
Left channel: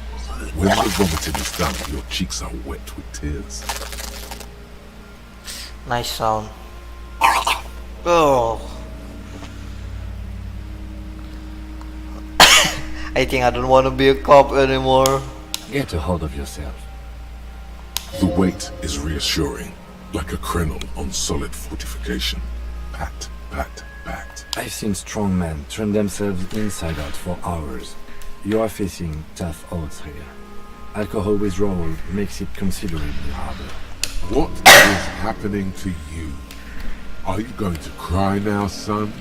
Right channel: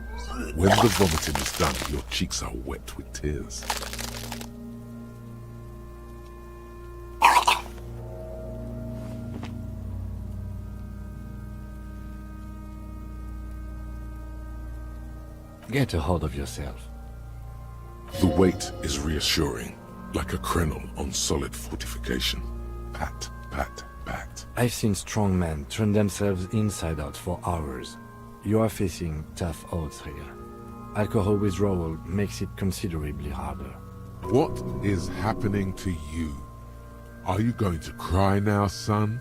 When the vomiting is done, your cheeks are wet with tears. Nice sound. Oh. I think I don't want to be a cop anymore. Get a hold of yourself. The weight is reassuring, like a crenel on solid fortification. Pat, pat, pat. I've seen strong men turn themselves inside out for hours. You are facing tough odds here. Alcohol withdrawal makes it considerably harder. What is happening to you? Are you going to cry now, son?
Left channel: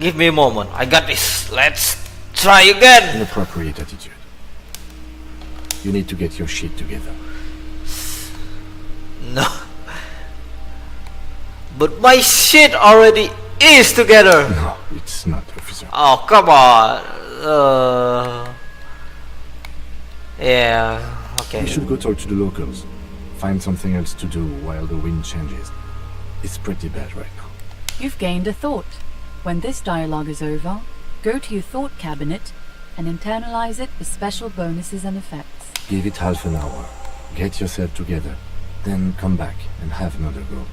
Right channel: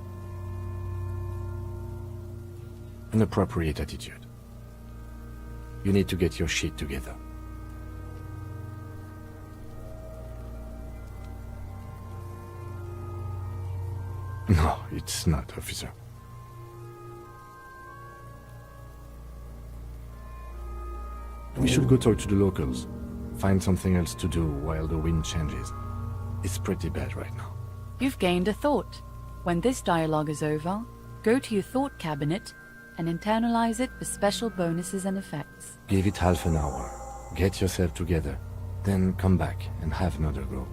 Give me a moment. I got this. Let's try again. Inappropriate attitude. You need to get your shit together. No. But my shit already is together. No, it's not, officer. Oh, come on. Yeah, okay. We should go talk to the locals. Find something else to do while the wind changes. It's pretty bad right now. You've gained a thought. When this dialogue is over, go to your thought cabinet and internalize it for special bonuses and effects. Give it half an hour. Get yourself together. Then come back and have another go.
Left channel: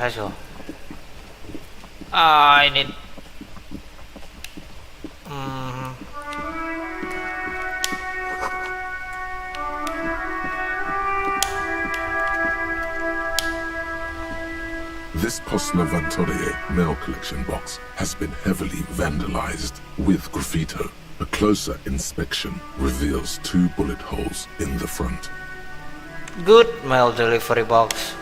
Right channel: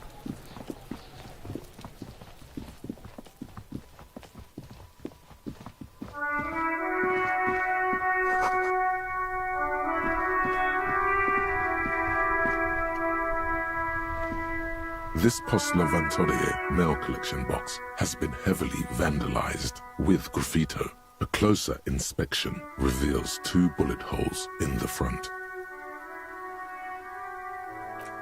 Let's go. I need. This Postler Van Torrier mail collection box has been heavily vandalized with graffito. A closer inspection reveals 2 bullet holes in the front. Good mail delivery box.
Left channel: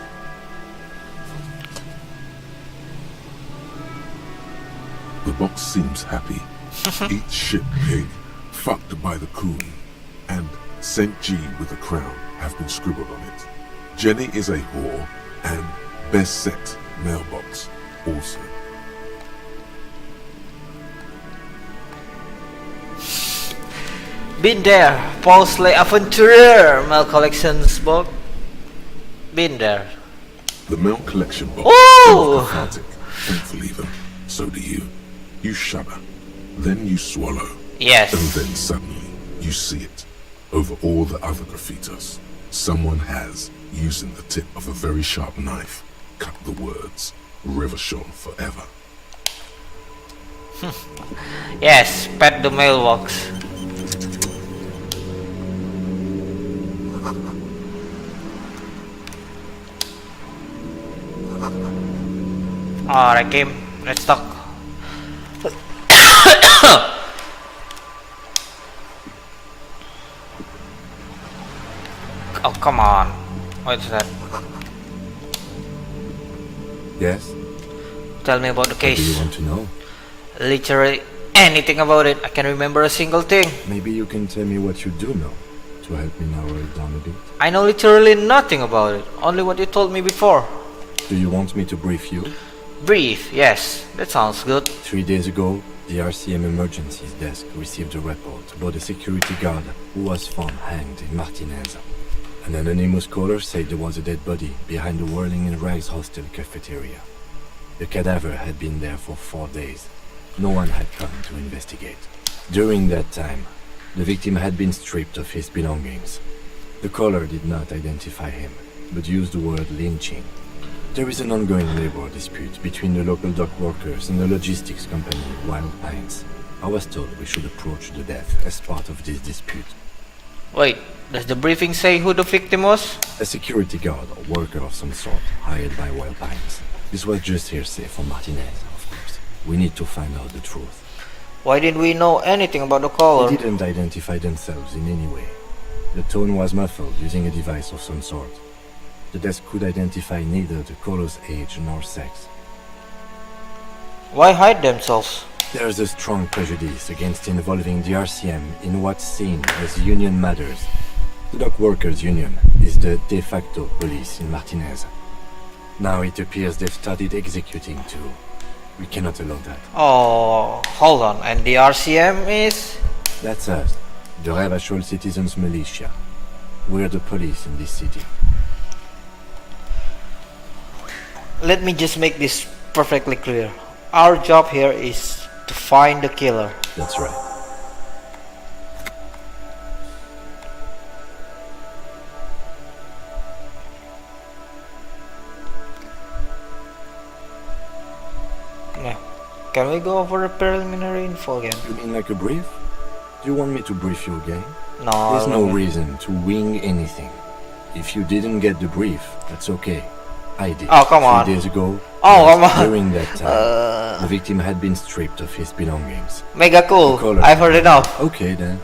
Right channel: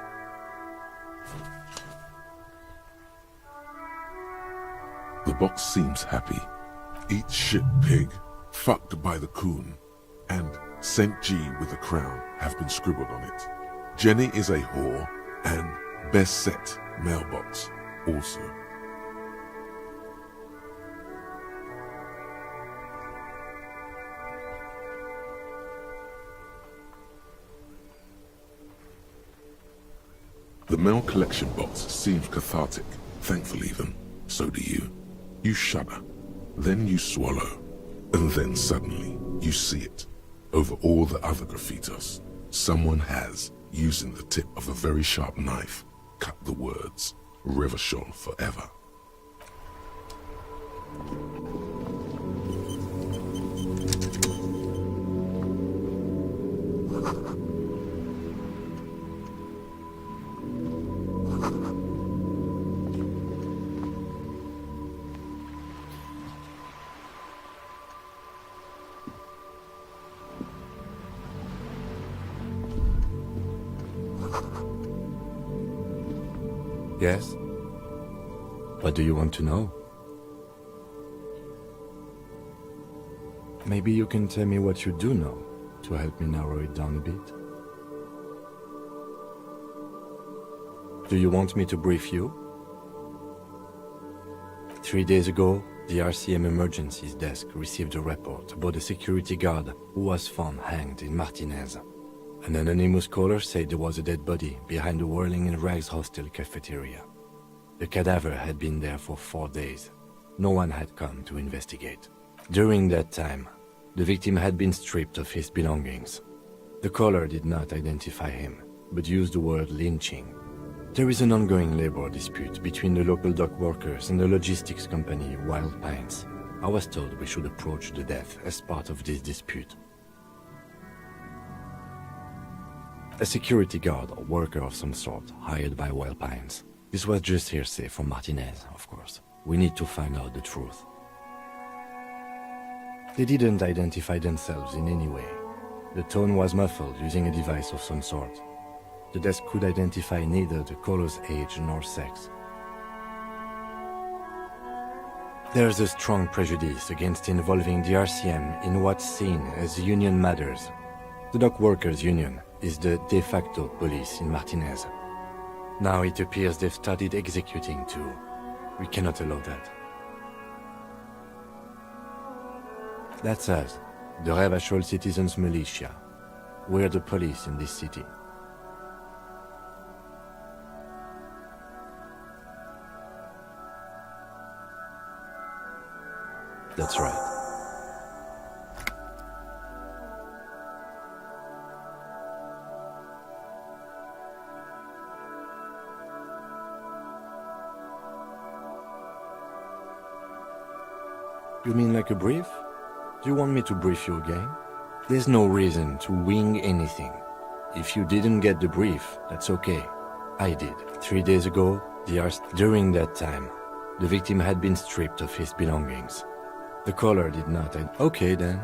The box seems happy. Eat shit pig, fucked by the coon, and St. G with a crown have been scribbled on it. Jenny is a whore, and best set mailbox also. Been there. Paul's Le Aventurier mail collections box. Been there. The mail collection box Ooh! feels cathartic. Thankful even. So do you. You shudder. Then you swallow. Yes. And then suddenly, you see it. Over all the other graffitos, someone has, using the tip of a very sharp knife, cut the words, Revachol forever. Yes, pet the mailbox. Alright, game. Let's talk. Oh, come on. What's that? Yes? Tell me about the What case. do you want to know? Literally anything about it. I can remember a single thing. Maybe you can tell me what you do know to help me narrow it down a bit. I know literally nothing about it. Only what you told me before. Do you want me to brief you? Brief, yes. That sounds good. 3 days ago, the RCM Emergencies Desk received a report about a security guard who was found hanged in Martinez. An anonymous caller said there was a dead body behind the Whirling in Rags hostel cafeteria. The cadaver had been there for 4 days. No one had come to investigate. During that time, the victim had been stripped of his belongings. The caller did not identify him, but used the word lynching. There is an ongoing labor dispute between the local dock workers and the logistics company Wild Pines. I was told we should approach the death as part of this dispute. Wait, does the briefing say who the victim was? A security guard or worker of some sort, hired by Wild Pines. This was just hearsay from Martinez, of course. We need to find out the truth. Why didn't we know anything about the caller? They didn't identify themselves in any way. The tone was muffled using a device of some sort. The desk could identify neither the caller's age nor sex. Why hide themselves? There is a strong prejudice against involving the RCM in what's seen as union matters. The dock workers' union is the de facto police in Martinez. Now it appears they've started executing too. We cannot allow that. Oh, hold on. And the RCM is? That's us, the Revachol Citizens Militia. We're the police in this city. Let me just make this perfectly clear. Our job here is to find the killer. That's right. Now, can we go over the preliminary info again? You mean like a brief? Do you want me to brief you again? No. There's no reason to wing anything. If you didn't get the brief, that's okay. I did. Oh, come on. 3 days ago. Oh, yes, come on. During that time, the victim had been stripped of his belongings. Mega The cool. collar I've heard enough. Okay then.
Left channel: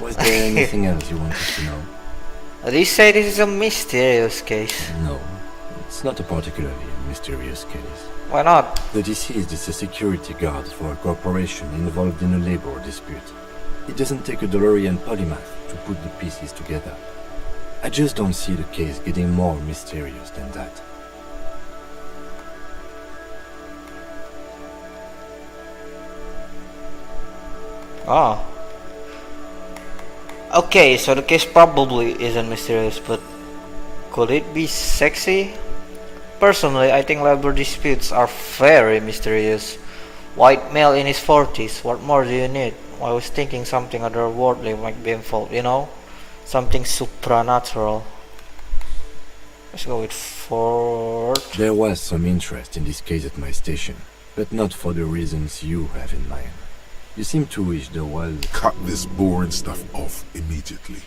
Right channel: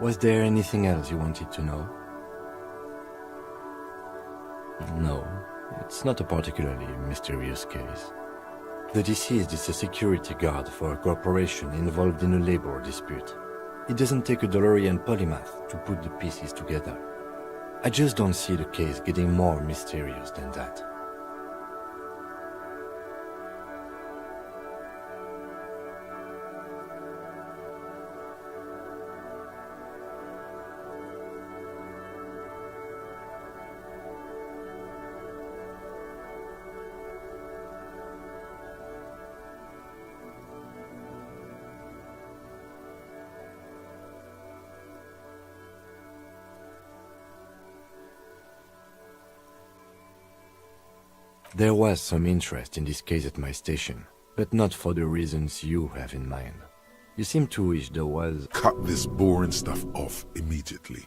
Was there anything else you wanted to know? They say this is a mysterious case. No, it's not a particularly mysterious case. Why not? The deceased is a security guard for a corporation involved in a labor dispute. It doesn't take a DeLorean polymath to put the pieces together. I just don't see the case getting more mysterious than that. Oh. Okay, so the case probably isn't mysterious, but could it be sexy? Personally, I think labor disputes are very mysterious. White male in his 40s, what more do you need? I was thinking something otherworldly might be involved, you know? Something supernatural. Let's go with 4. There was some interest in this case at my station, but not for the reasons you have in mind. You seem to wish there was... Cut this boring stuff off immediately.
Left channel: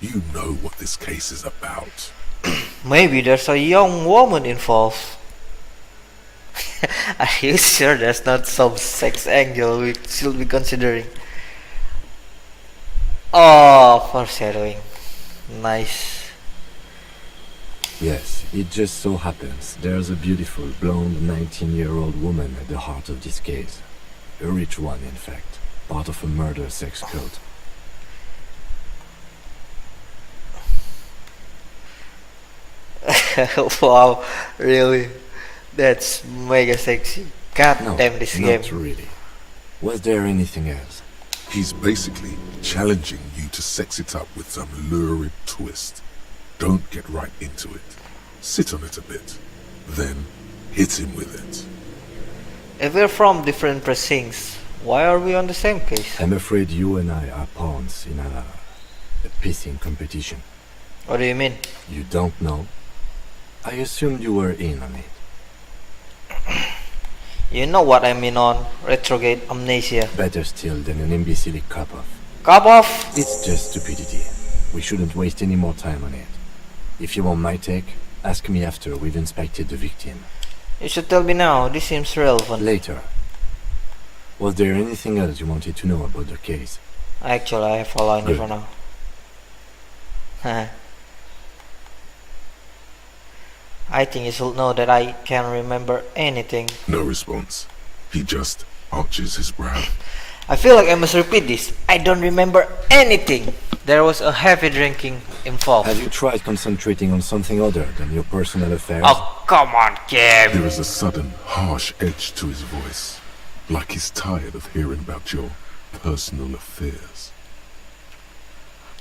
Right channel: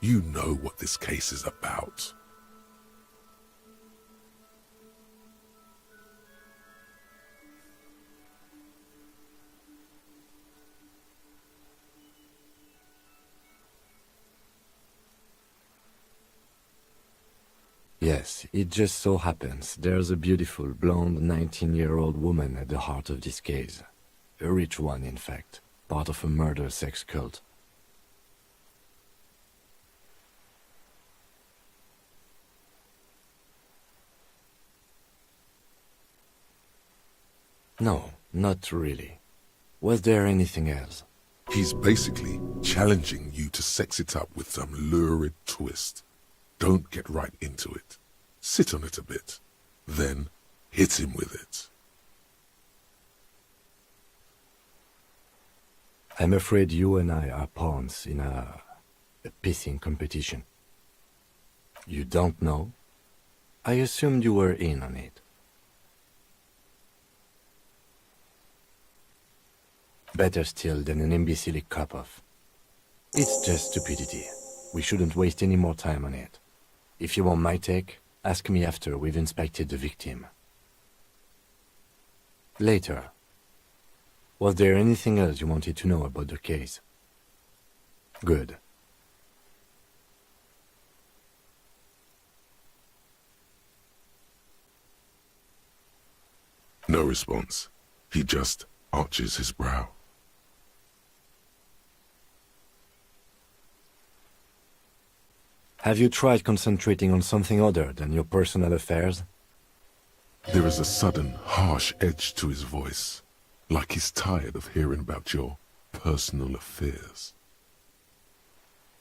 You know what this case is about. Maybe there's a young woman involved. Are you sure there's not some sex angle we should be considering? Oh, foreshadowing. Nice. Yes, it just so happens there's a beautiful blonde 19-year-old woman at the heart of this case. A rich one, in fact. Part of a murder sex cult. Wow, really? That's mega sexy. God No, damn this game. not really. Was there anything else? He's basically challenging you to sex it up with some lurid twist. Don't get right into it. Sit on it a bit. Then hit him with it. If we're from different precincts, why are we on the same case? I'm afraid you and I are pawns in a pissing competition. What do you mean? You don't know? I assumed you were in on it. You know what I mean on retrograde amnesia. Better still than an imbecilic cop-off. Cop off! It's just stupidity. We shouldn't waste any more time on it. If you want my take, ask me after we've inspected the victim. You should tell me now, this seems relevant. Later. Was there anything else you wanted to know about the case? Actually, I have a line Good. for now. I think you should know that I can't remember anything. No response. He just arches his brow. I feel like I must repeat this. I don't remember anything. There was a heavy drinking involved. Have you tried concentrating on something other than your personal affairs? Oh, come on, Kim. There is a sudden, harsh edge to his voice, like he's tired of hearing about your personal affairs.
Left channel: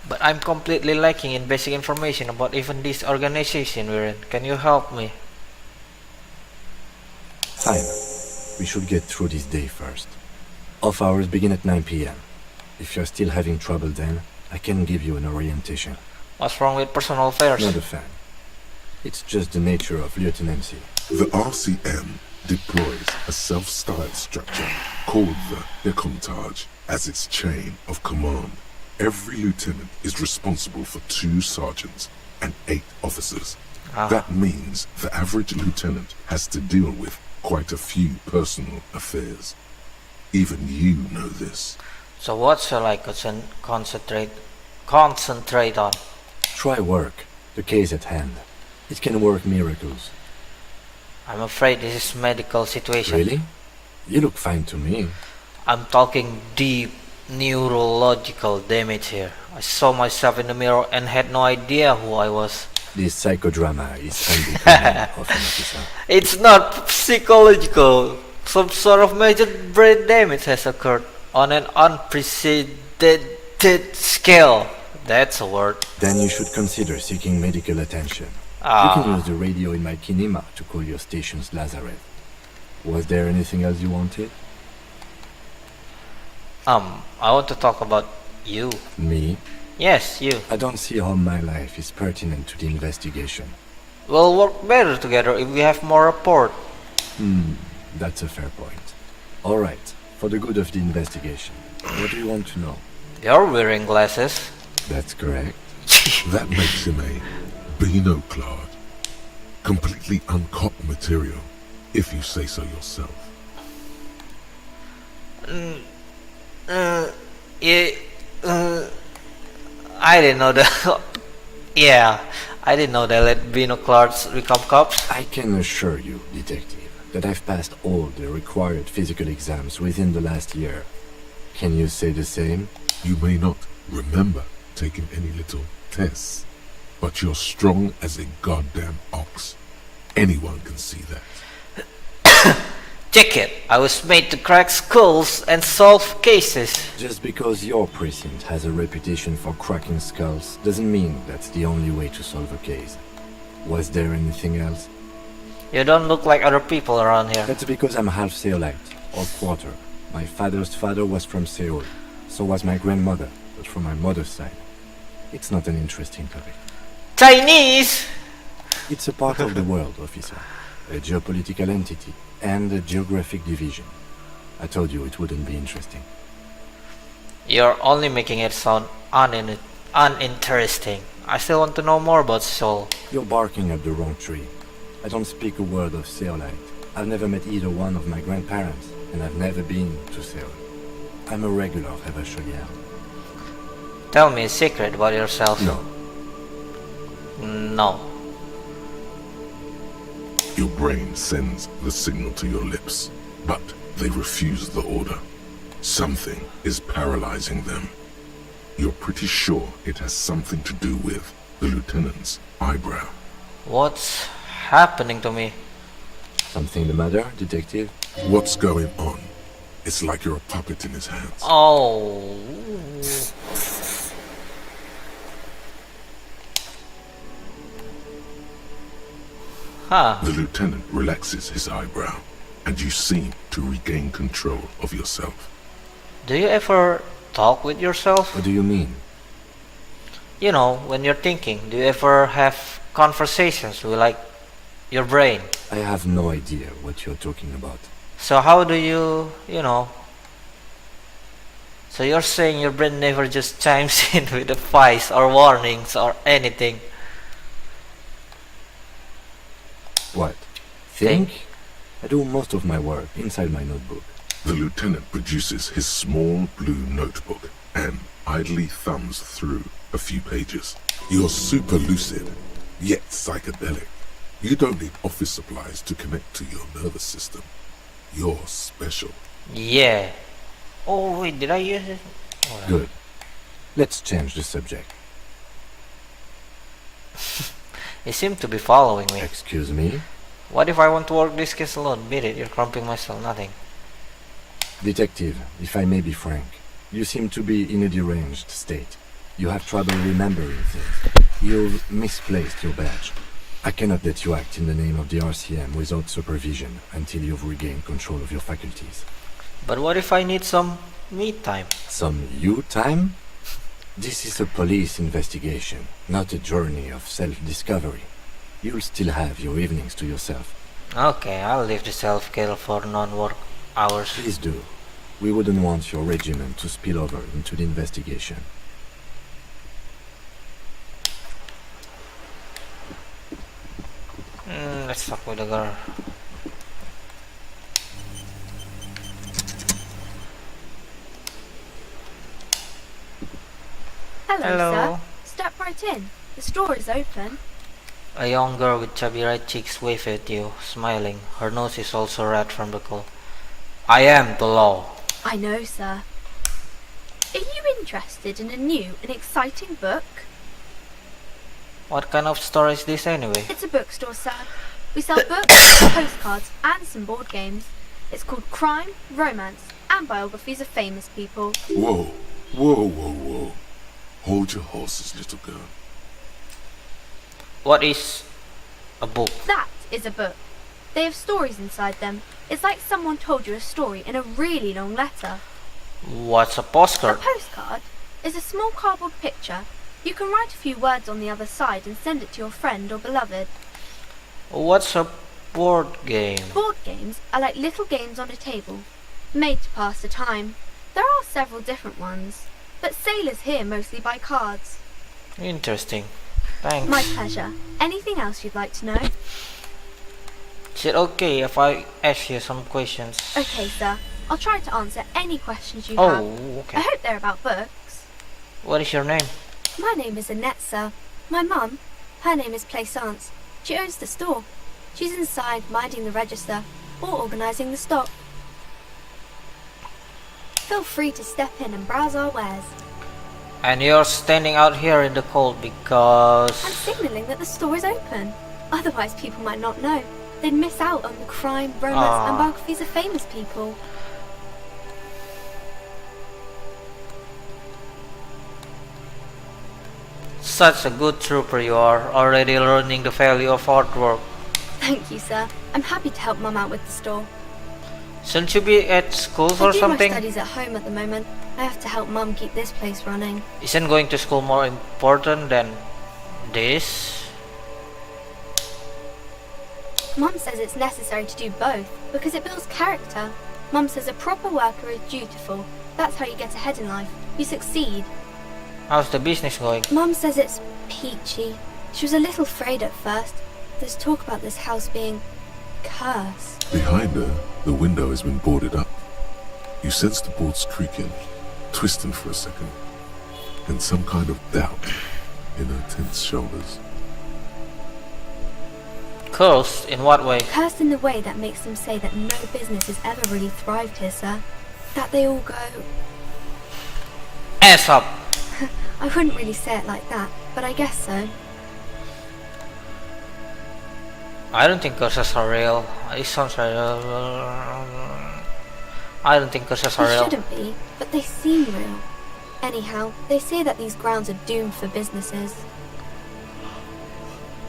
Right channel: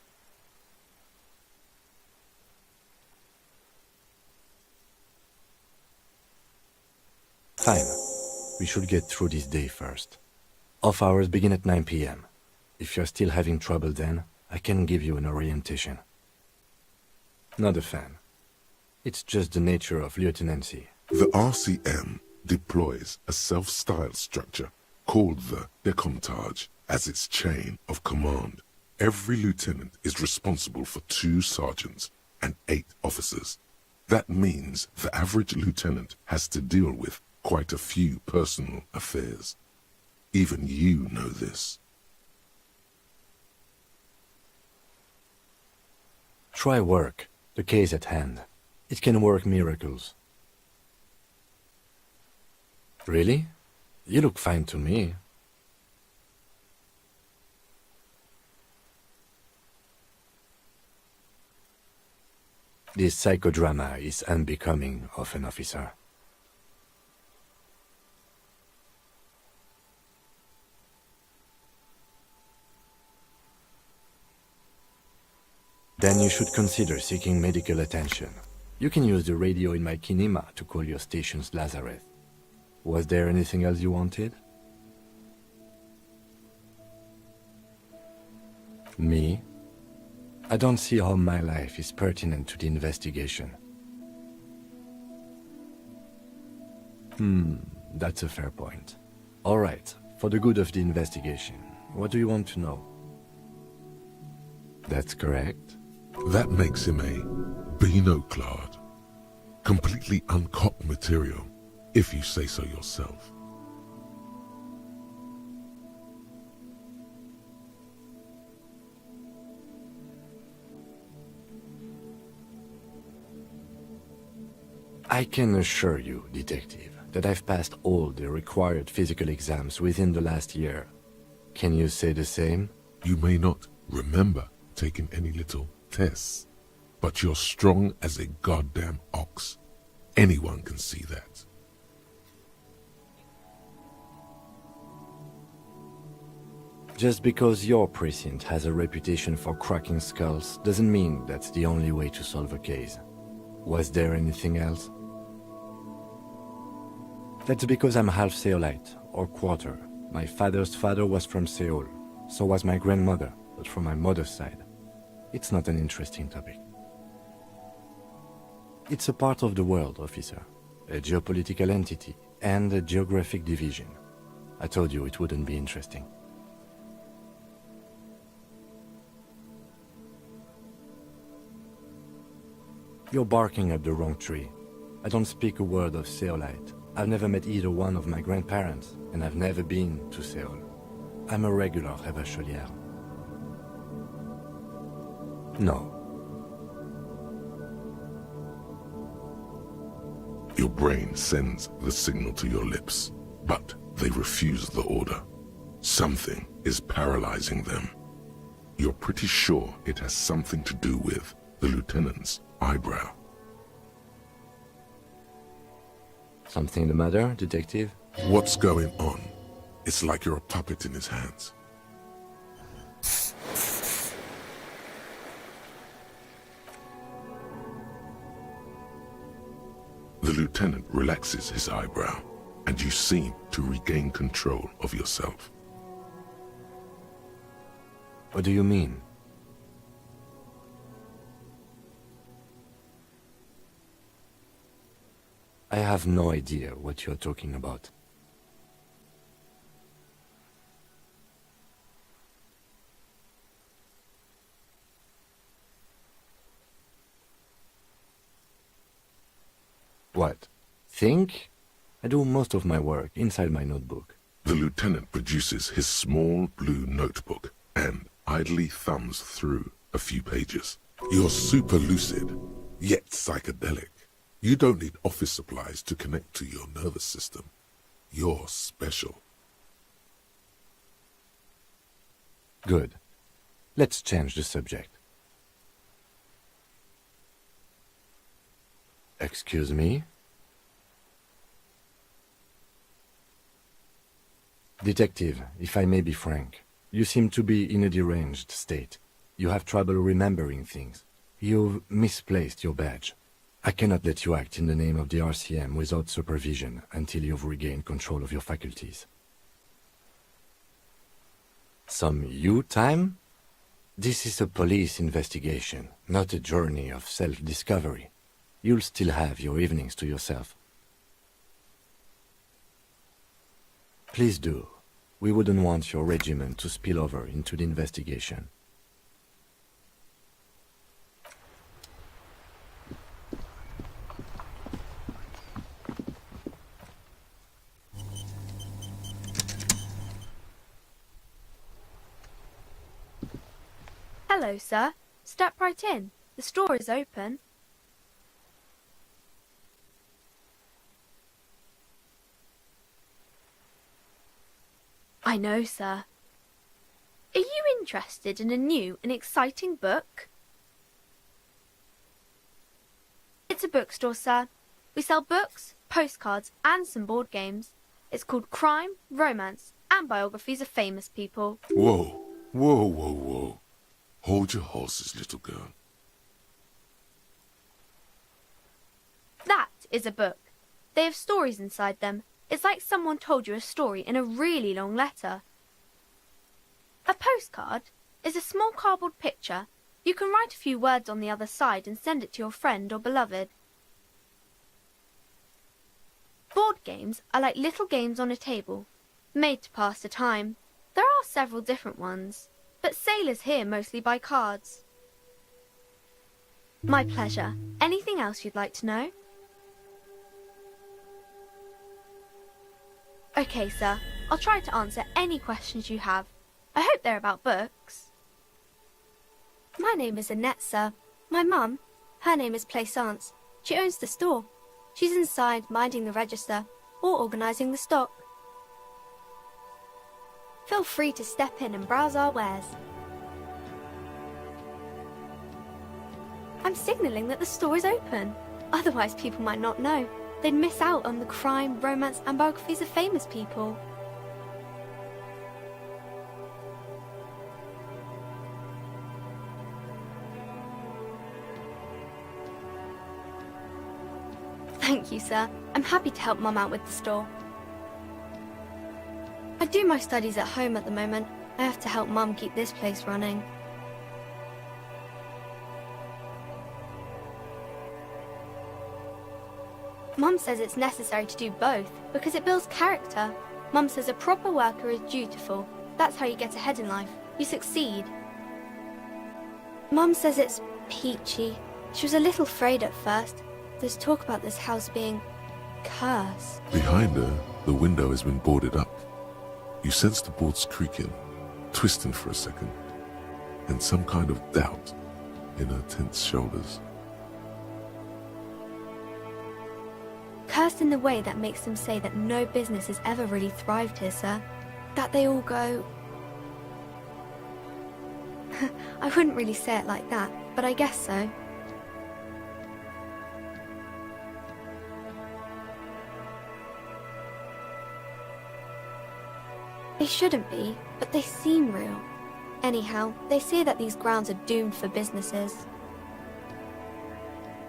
But I'm completely lacking in basic information about even this organization we're in. Can you help me? Fine. We should get through this day first. Off hours begin at 9 p.m. If you're still having trouble then, I can give you an orientation. What's wrong with personal affairs? Not a fan. It's just the nature of lieutenancy. The RCM deploys a self-styled structure called the Decomptage as its chain of command. Every lieutenant is responsible for 2 sergeants and 8 officers. That means the average lieutenant has to deal with quite a few personal affairs. Even you know this. So what shall I concentrate on? Try work. The case at hand. It can work miracles. I'm afraid this is medical situation. Really? You look fine to me. I'm talking deep neurological damage here. I saw myself in the mirror and had no idea who I was. This psychodrama is unbecoming of an officer. It's not psychological. Some sort of major brain damage has occurred on an unprecedented scale. That's a word. Then you should consider seeking medical attention. You can Ah, use the radio in my kinema to call your station's Lazareth. Was there anything else you wanted? I want to talk about you. Me? Yes, you. I don't see how my life is pertinent to the investigation. We'll work better together if we have more rapport. That's a fair point. Alright, for the good of the investigation, what do you want to know? You're wearing glasses. That's correct. That makes him a Beano-clad, completely uncopped material, if you say so yourself. Yeah, I didn't know that. Yeah, I didn't know they let binoculars become cops. I can assure you, detective, that I've passed all the required physical exams within the last year. Can you say the same? You may not remember taking any little tests, but you're strong as a goddamn ox. Anyone can see that. Check it. I was made to crack skulls and solve cases. Just because your precinct has a reputation for cracking skulls doesn't mean that's the only way to solve a case. Was there anything else? You don't look like other people around here. That's because I'm half Seolite, or quarter. My father's father was from Seoul. So was my grandmother, but from my mother's side. It's not an interesting topic. Chinese! It's a part of the world, officer. A geopolitical entity, and a geographic division. I told you it wouldn't be interesting. You're only making it sound uninteresting. I still want to know more about Seoul. You're barking up the wrong tree. I don't speak a word of Seolite. I've never met either one of my grandparents, and I've never been to Seoul. I'm a regular Revacholière. Tell me a secret about yourself. No. No. Your brain sends the signal to your lips, but they refuse the order. Something is paralyzing them. You're pretty sure it has something to do with the lieutenant's eyebrow. What's happening to me? Something the matter, detective? What's going on? It's like you're a puppet in his hands. Oh. Huh. The lieutenant relaxes his eyebrow, and you seem to regain control of yourself. Do you ever talk with yourself? What do you mean? You know, when you're thinking, do you ever have conversations with like your brain? I have no idea what you're talking about. So how do you know? So you're saying your brain never just chimes in with advice or warnings or anything? What? Think? I do most of my work inside my notebook. The lieutenant produces his small blue notebook and idly thumbs through a few pages. You're super lucid, yet psychedelic. You don't need office supplies to connect to your nervous system. You're special. Yeah. Oh wait, did I use it? Oh, Good. Let's change the subject. You seem to be following me. Excuse me? What if I want to work this case alone? Beat it, you're crumping myself, nothing. Detective, if I may be frank, you seem to be in a deranged state. You have trouble remembering things. You've misplaced your badge. I cannot let you act in the name of the RCM without supervision until you've regained control of your faculties. But what if I need some me time? Some you time? This is a police investigation, not a journey of self-discovery. You'll still have your evenings to yourself. Okay, I'll leave the self-care for non-work hours. Please do. We wouldn't want your regiment to spill over into the investigation. Let's talk with the girl. Hello, sir. Step right in. The store is open. A young girl with chubby right cheeks waves at you, smiling. Her nose is also red from the cold. I am the law. I know, sir. Are you interested in a new and exciting book? What kind of store is this anyway? It's a bookstore, sir. We sell books, postcards, and some board games. It's called Crime, Romance, and Biographies of Famous People. Whoa, whoa, whoa, whoa. Hold your horses, little girl. What is A book. That is a book. They have stories inside them. It's like someone told you a story in a really long letter. What's a A postcard? postcard is a small cardboard picture. You can write a few words on the other side and send it to your friend or beloved. What's a board game? Board games are like little games on a table, made to pass the time. There are several different ones, but sailors here mostly buy cards. Interesting. Thanks. My pleasure. Anything else you'd like to know? Is it okay if I ask you some questions? Okay, sir. I'll try to answer any questions you Oh, have. okay. I hope they're about books. What is your name? My name is Annette, sir. My mum, her name is Plaisance. She owns the store. She's inside minding the register or organising the stock. Feel free to step in and browse our wares. And you're standing out here in the cold because... I'm signalling that the store is open. Otherwise people might not know. They'd miss out on the crime, romance and biographies of famous people. Such a good trooper you are, already learning the value of hard work. Thank you, sir. I'm happy to help Mum out with the store. Shouldn't you be at school I or do something? my studies at home at the moment. I have to help Mum keep this place running. Isn't going to school more important than this? Mum says it's necessary to do both because it builds character. Mum says a proper worker is dutiful. That's how you get ahead in life. You succeed. How's the business going? Mum says it's peachy. She was a little afraid at first. There's talk about this house being cursed. Behind her, the window has been boarded up. You sense the boards creaking, twisting for a second, and some kind of doubt in her tense shoulders. Cursed? In what way? Cursed in the way that makes them say that no business has ever really thrived here, sir. That they all go... Ass up! I wouldn't really say it like that, but I guess so. I don't think curses are real. It sounds real. I don't think curses are They real. shouldn't be, but they seem real. Anyhow, they say that these grounds are doomed for businesses.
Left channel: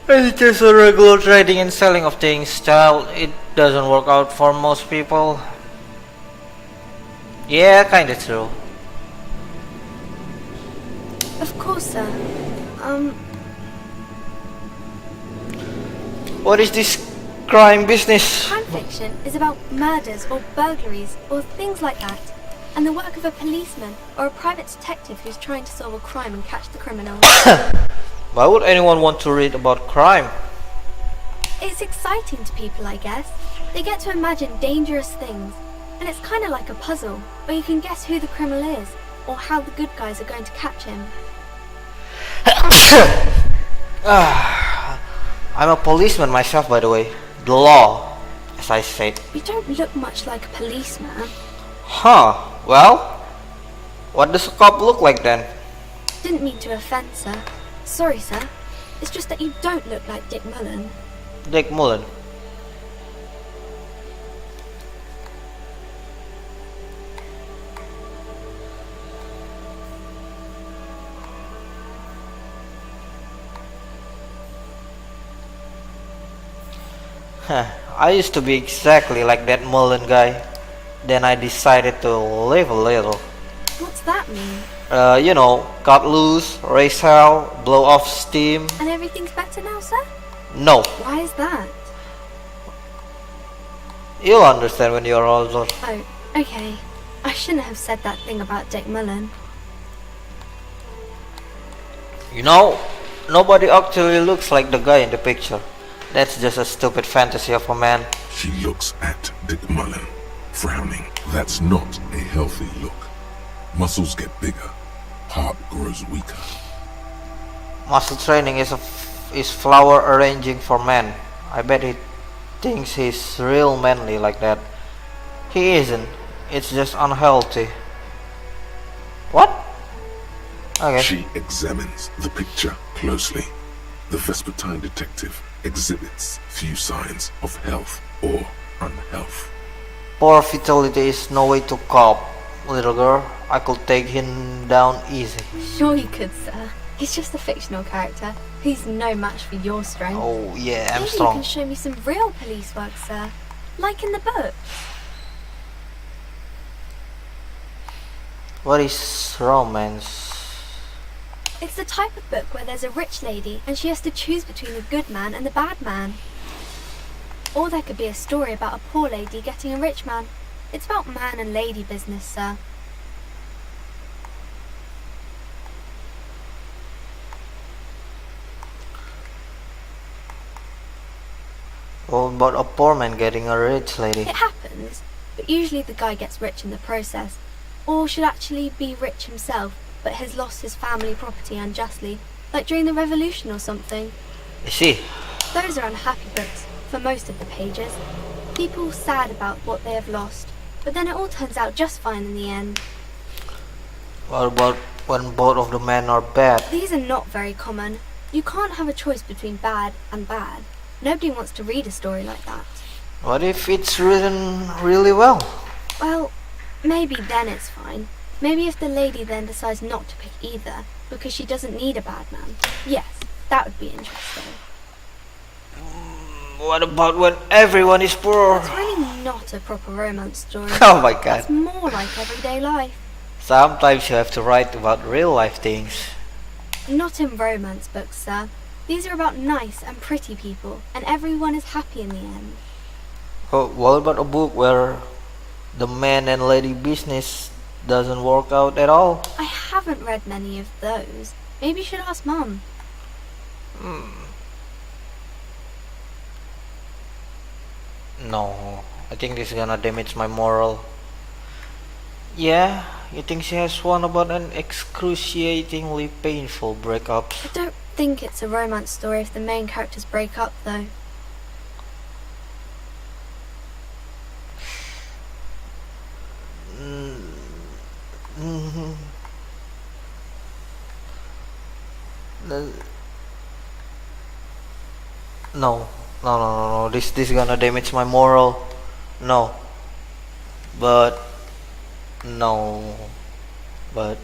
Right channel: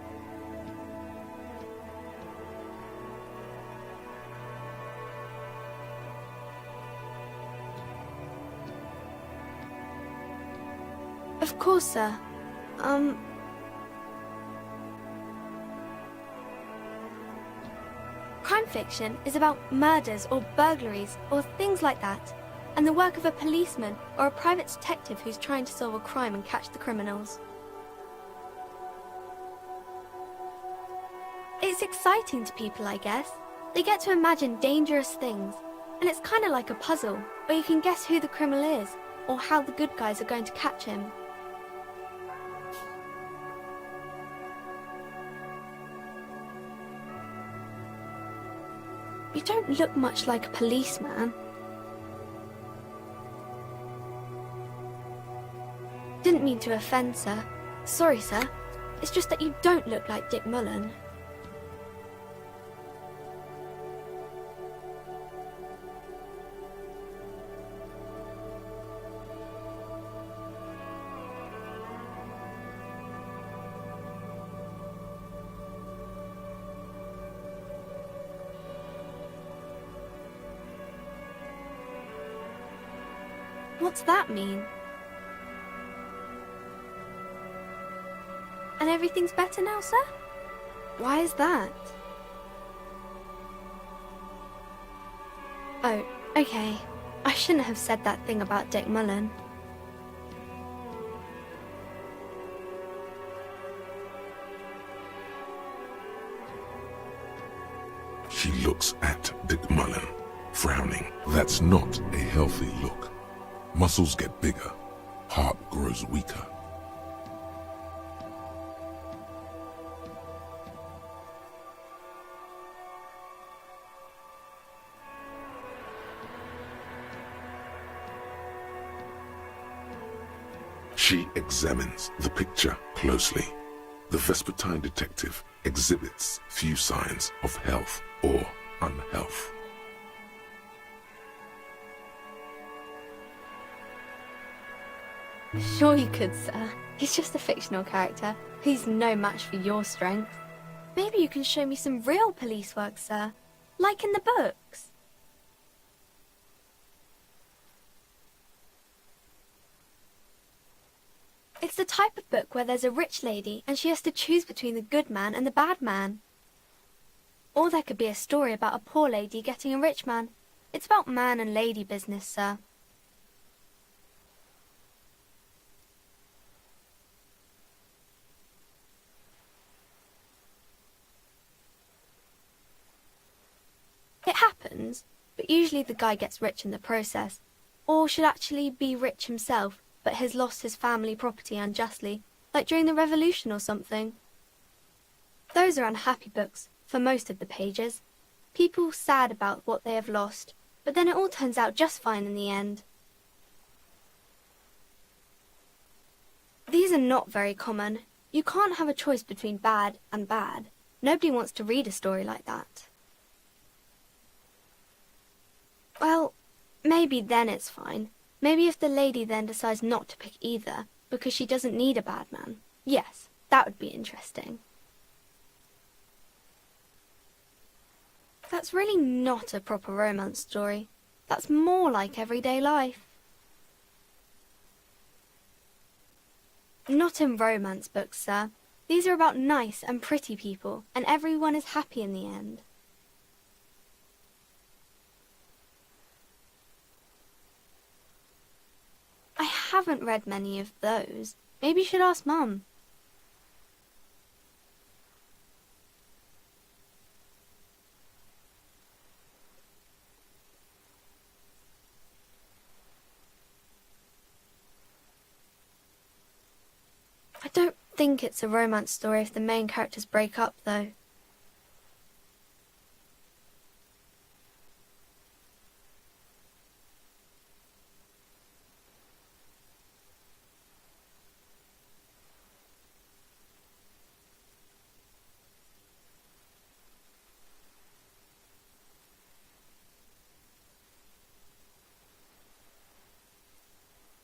It's just a regular trading and selling of things, child. It doesn't work out for most people. Yeah, kinda true. Of course, sir. What is this crime business? Crime fiction is about murders or burglaries or things like that, and the work of a policeman or a private detective who's trying to solve a crime and catch the criminals. Why would anyone want to read about crime? It's exciting to people, I guess. They get to imagine dangerous things, and it's kind of like a puzzle, where you can guess who the criminal is, or how the good guys are going to catch him. I'm a policeman myself, by the way. The law, as I said. You don't look much like a policeman. Huh, well, what does a cop look like then? Didn't mean to offend, sir. Sorry, sir. It's just that you don't look like Dick Mullen. Dick Mullen. I used to be exactly like that Mullen guy. Then I decided to live a little. What's that mean? You know, cut loose, race hell, blow off steam. And everything's better now, sir? No, Why is that? you'll understand when you're older. Oh, okay. I shouldn't have said that thing about Dick Mullen. You know, nobody actually looks like the guy in the picture. That's just a stupid fantasy of a man. She looks at Dick Mullen, frowning. That's not a healthy look. Muscles get bigger, heart grows weaker. Muscle training is flower arranging for men. I bet he thinks he's real manly like that. He isn't. It's just unhealthy. What? Okay. She examines the picture closely. The Vespertine detective exhibits few signs of health or unhealth. Poor vitality is no way to cope, little girl. I could take him down easy. Sure you could, sir. He's just a fictional character. He's no match for your strength. Oh yeah, I'm Maybe you strong. can show me some real police work, sir. Like in the book. What is romance? It's the type of book where there's a rich lady and she has to choose between the good man and the bad man. Or there could be a story about a poor lady getting a rich man. It's about man and lady business, sir. What about a poor man getting a rich lady? It happens, but usually the guy gets rich in the process. Or should actually be rich himself, but has lost his family property unjustly, like during the revolution or something. I see. Those are unhappy books, for most of the pages. People sad about what they have lost, but then it all turns out just fine in the end. What about when both of the men are bad? These are not very common. You can't have a choice between bad and bad. Nobody wants to read a story like that. What if it's written really well? Well, maybe then it's fine. Maybe if the lady then decides not to pick either, because she doesn't need a bad man. Yes, that would be interesting. What about when everyone is poor? That's really not a proper romance story. Oh my god. That's more like everyday life. Sometimes you have to write about real life things. Not in romance books, sir. These are about nice and pretty people, and everyone is happy in the end. Oh, what about a book where the man and lady business doesn't work out at all? I haven't read many of those. Maybe you should ask Mum. No, I think this is gonna damage my moral. Yeah, you think she has one about an excruciatingly painful breakup? I don't think it's a romance story if the main characters break up, though. No. This is gonna damage my moral. No. But no. But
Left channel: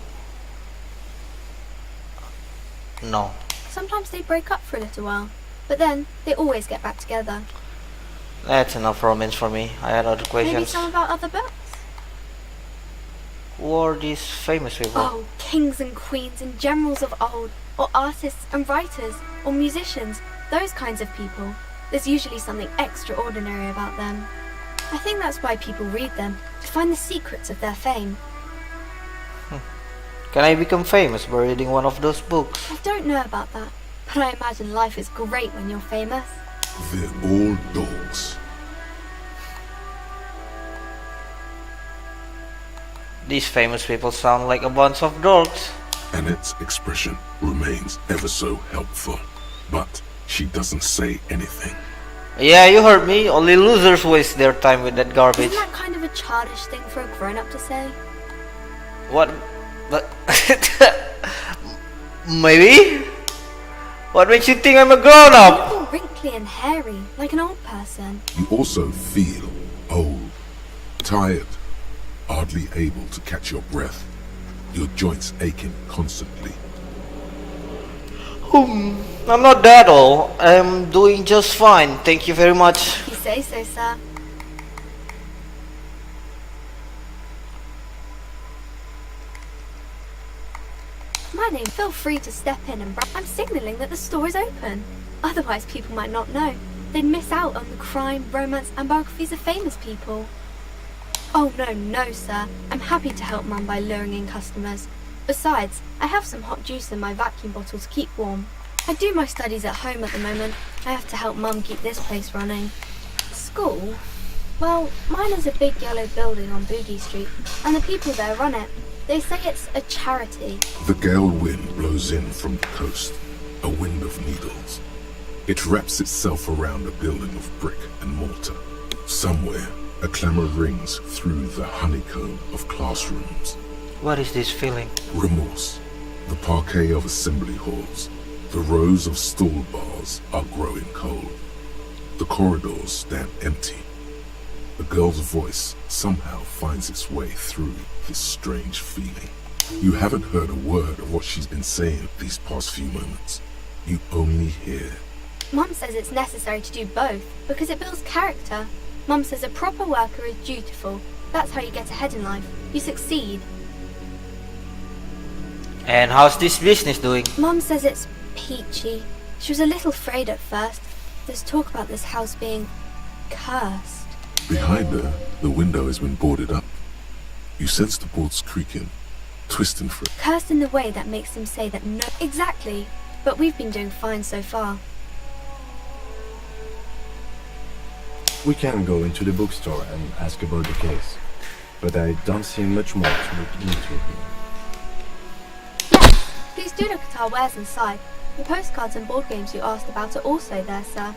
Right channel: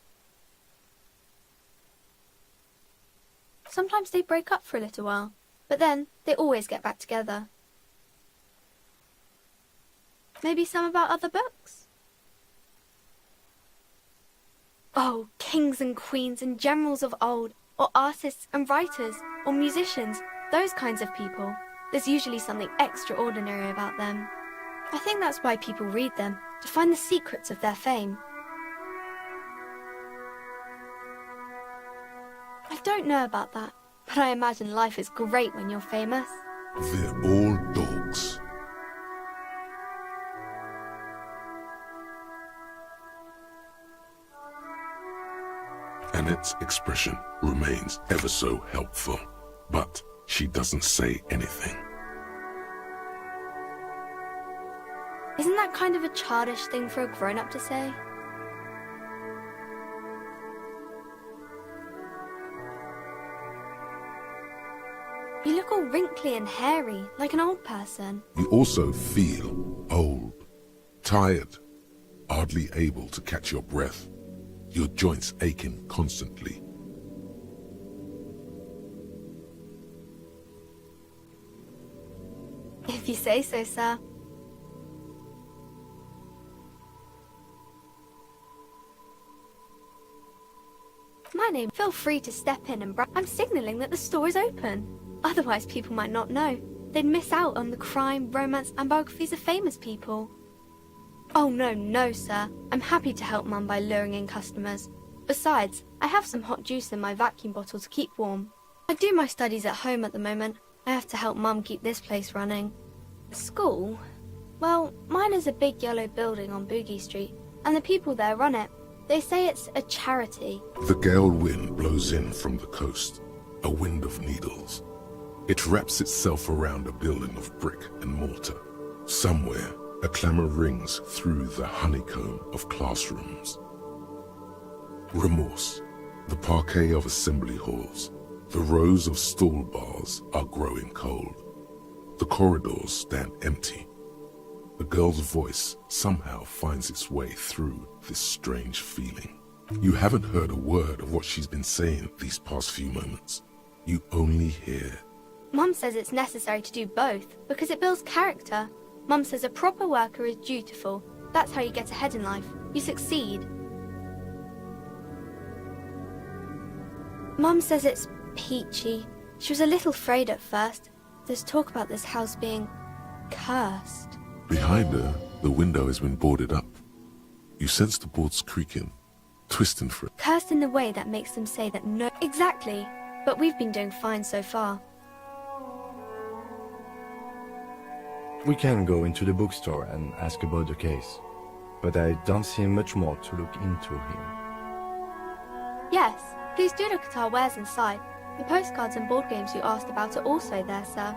no. Sometimes they break up for a little while, but then they always get back together. That's enough romance for me. I had other questions. Maybe some about other books? Who are these famous people? Oh, kings and queens and generals of old, or artists and writers, or musicians, those kinds of people. There's usually something extraordinary about them. I think that's why people read them, to find the secrets of their fame. Can I become famous by reading one of those books? I don't know about that, but I imagine life is great when you're famous. They're all dogs. These famous people sound like a bunch of dogs. Annette's expression remains ever so helpful, but she doesn't say anything. Yeah, you heard me. Only losers waste their time with that garbage. Isn't that kind of a childish thing for a grown-up to say? What? But maybe? What makes you think I'm a You grown-up? look all wrinkly and hairy, like an old person. You also feel old, tired, hardly able to catch your breath, your joints aching constantly. I'm not that old. I'm doing just fine. Thank you very much. If you say so, sir. My name. Feel free to step in and I'm signaling that the store is open. Otherwise, people might not know. They'd miss out on the crime, romance, and biographies of famous people. Oh, no, sir. I'm happy to help Mum by luring in customers. Besides, I have some hot juice in my vacuum bottle to keep warm. I do my studies at home at the moment. I have to help Mum keep this place running. School? Well, mine is a big yellow building on Boogie Street, and the people there run it. They say it's a charity. The gale wind blows in from the coast, a wind of needles. It wraps itself around a building of brick and mortar. Somewhere, a clamor rings through the honeycomb of classrooms. What is this feeling? Remorse. The parquet of assembly halls. The rows of stall bars are growing cold. The corridors stand empty. The girl's voice somehow finds its way through this strange feeling. You haven't heard a word of what she's been saying these past few moments. You only hear. Mum says it's necessary to do both because it builds character. Mum says a proper worker is dutiful. That's how you get ahead in life. You succeed. And how's this business doing? Mum says it's peachy. She was a little afraid at first. There's talk about this house being cursed. Behind her, the window has been boarded up. You sense the boards creaking, twisting for it. Cursed in the way that makes them say that no... Exactly. But we've been doing fine so far. We can go into the bookstore and ask about the case, but I don't see much more to look into here. Yes, please do look at our wares inside. The postcards and board games you asked about are also there, sir.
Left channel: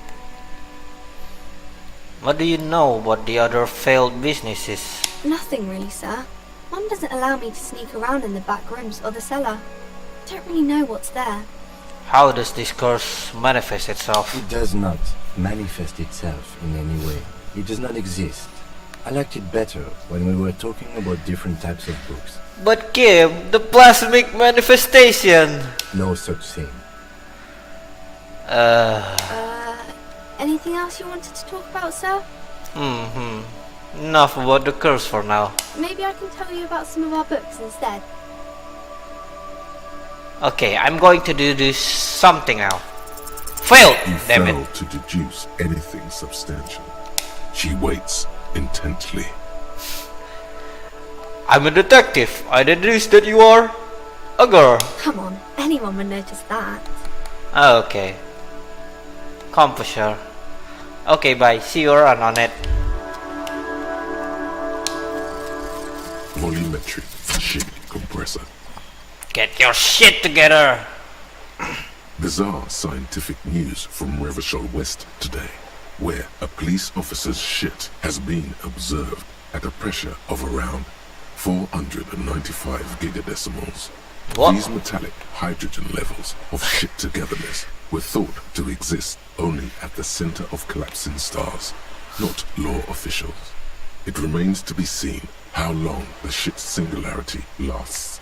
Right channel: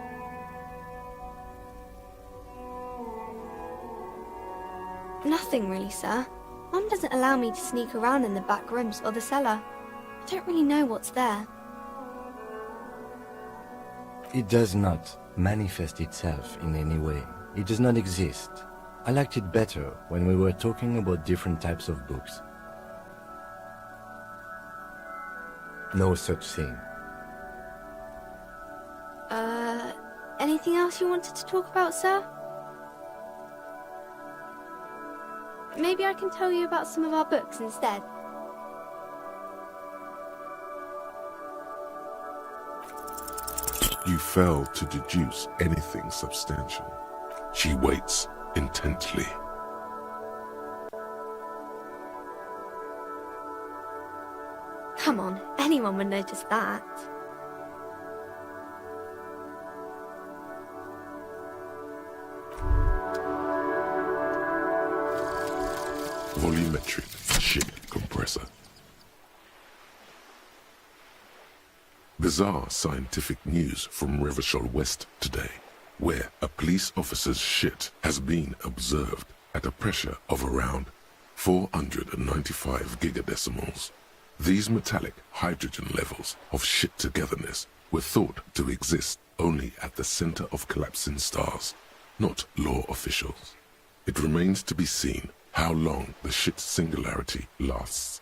What do you know about the other failed businesses? Nothing really, sir. Mum doesn't allow me to sneak around in the back rooms or the cellar. I don't really know what's there. How does this curse manifest itself? It does not manifest itself in any way. It does not exist. I liked it better when we were talking about different types of books. But Kim, the plasmic manifestation! No such thing. Anything else you wanted to talk about, sir? Enough about the curse for now. Maybe I can tell you about some of our books instead. Okay, I'm going to do this something now. Failed! You Damn fail it. to deduce anything substantial. She waits intently. I'm a detective. I deduced that you are a girl. Come on, anyone would notice that. Okay. Composure. Okay, bye. See you around on it. Volumetric shit compressor. Get your shit together! Bizarre scientific news from Revachol West today, where a police officer's shit has been observed at a pressure of around 495 gigadecimals. What? These metallic hydrogen levels of shit togetherness were thought to exist only at the center of collapsing stars, not law officials. It remains to be seen how long the shit's singularity lasts.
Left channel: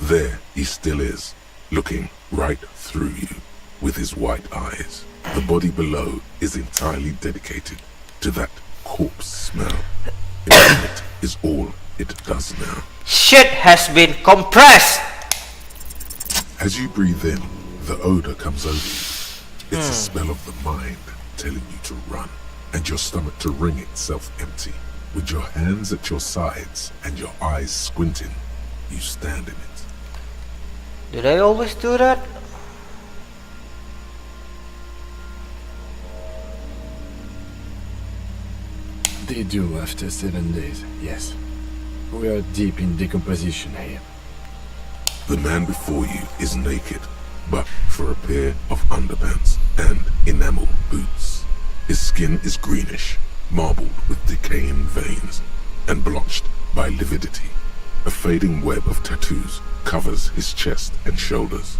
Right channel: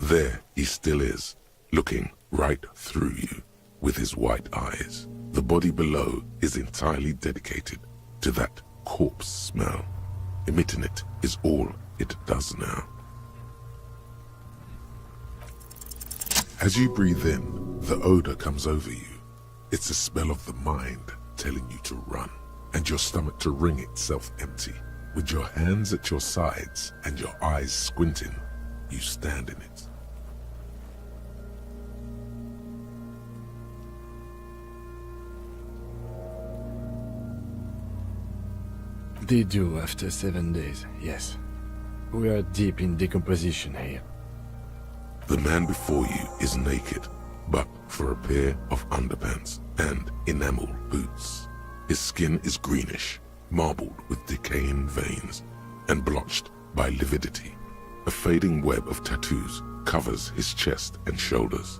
There he still is, looking right through you with his white eyes. The body below is entirely dedicated to that corpse smell. It is all it does now. Shit has been compressed! As you breathe in, the odor comes over you. It's a smell of the mind telling you to run, and your stomach to wring itself empty. With your hands at your sides and your eyes squinting, you stand in it. Did I always do that? They do after 7 days, yes. We are deep in decomposition here. The man before you is naked, but for a pair of underpants and enamel boots. His skin is greenish, marbled with decaying veins, and blotched by lividity. A fading web of tattoos covers his chest and shoulders.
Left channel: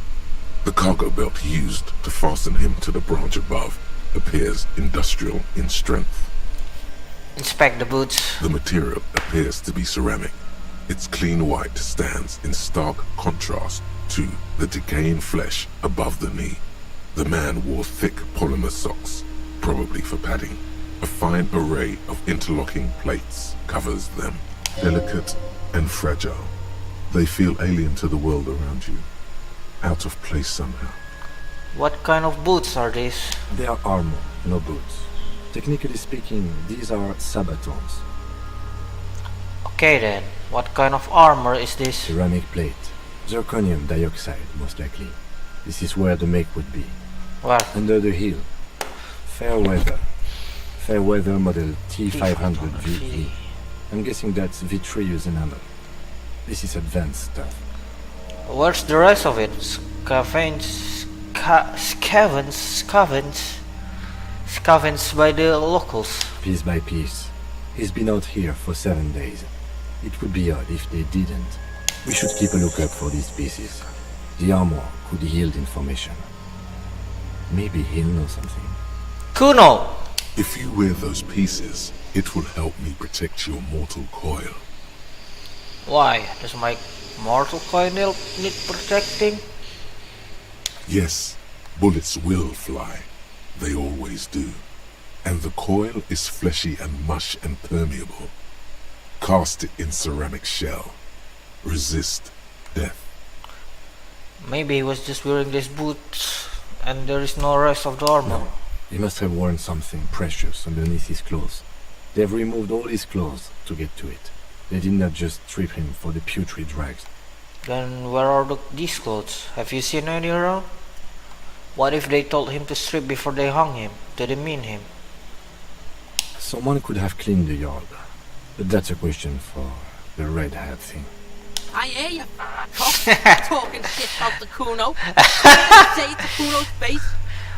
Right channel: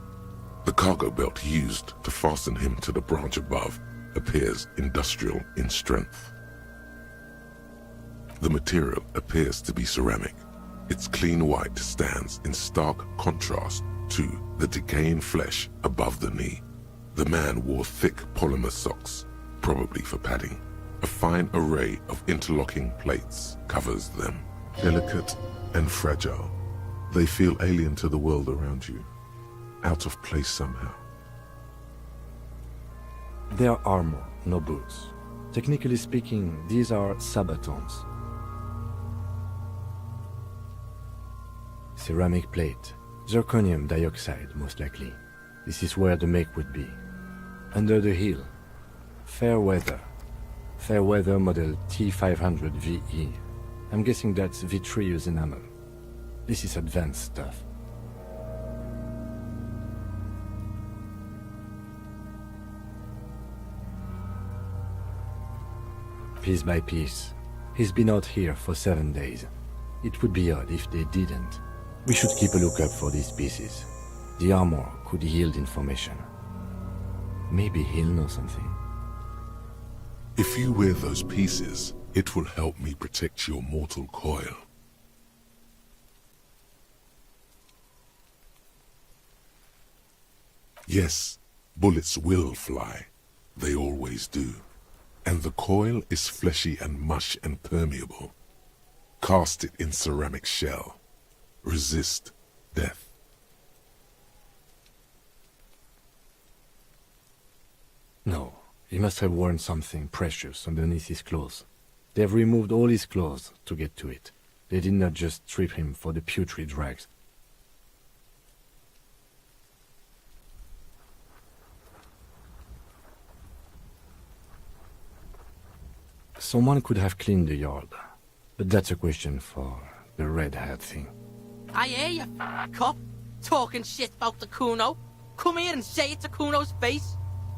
The cargo belt used to fasten him to the branch above appears industrial in strength. Inspect the boots. The material appears to be ceramic. Its clean white stands in stark contrast to the decaying flesh above the knee. The man wore thick polymer socks, probably for padding. A fine array of interlocking plates covers them. Delicate and fragile, they feel alien to the world around you, out of place somehow. What kind of boots are these? They are armor, no boots. Technically speaking, these are sabatons. Okay then, what kind of armor is this? Ceramic plate. Zirconium dioxide, most likely. This is where the make would be. Where? Under the heel. Fair weather. Fair weather model T500 VE. I'm guessing that's vitreous enamel. This is advanced stuff. Where's the rest of it? Scavenge. Scavenged by the locals. Piece by piece. He's been out here for 7 days. It would be odd if they didn't. We should keep a lookout for these pieces. The armor could yield information. Maybe he'll know something. Kuno! If you wear those pieces, it will help me protect your mortal coil. Why? Does my mortal coil need protecting? Yes, bullets will fly. They always do. And the coil is fleshy and mush and permeable. Cast it in ceramic shell. Resist death. Maybe he was just wearing these boots and there is no rest of the armor. No, he must have worn something precious underneath his clothes. They've removed all his clothes to get to it. They did not just strip him for the putrid rags. Then where are these clothes? Have you seen any around? What if they told him to strip before they hung him? Did it mean him? Someone could have cleaned the yard. But that's a question for the red hat thing. I hear you, cock, talking shit about the Kuno. Come here and say it to Kuno's face.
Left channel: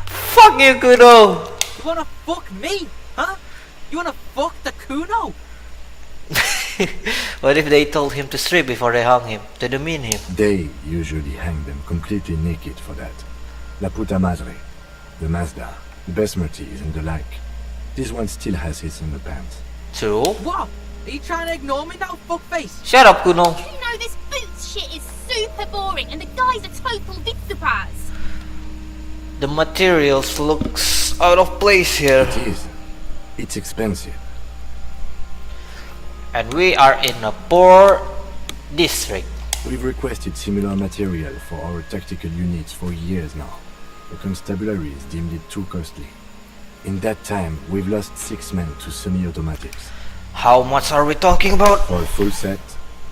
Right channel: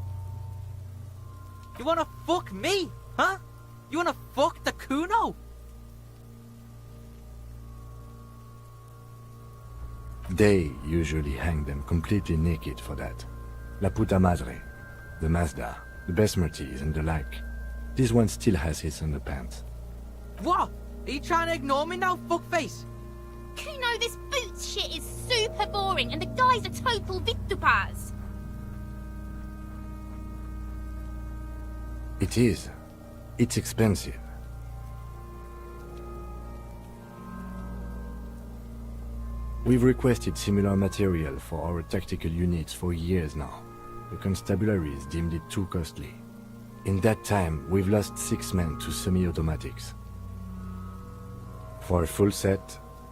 Fuck you, Kuno! You wanna fuck me, huh? You wanna fuck the Kuno? What if they told him to strip before they hung him? Did it mean him? They usually hang them completely naked for that. La puta madre, the Mazda, the Besmerties and the like. This one still has his underpants. True? What? Are you trying to ignore me now, fuckface? Shut up, Kuno! You know this boots shit is super boring and the guy's a total Victopaz. The materials looks out of place here. It is. It's expensive. And we are in a poor district. We've requested similar material for our tactical units for years now. The constabularies deemed it too costly. In that time, we've lost 6 men to semi-automatics. How much are we talking about? For a full set,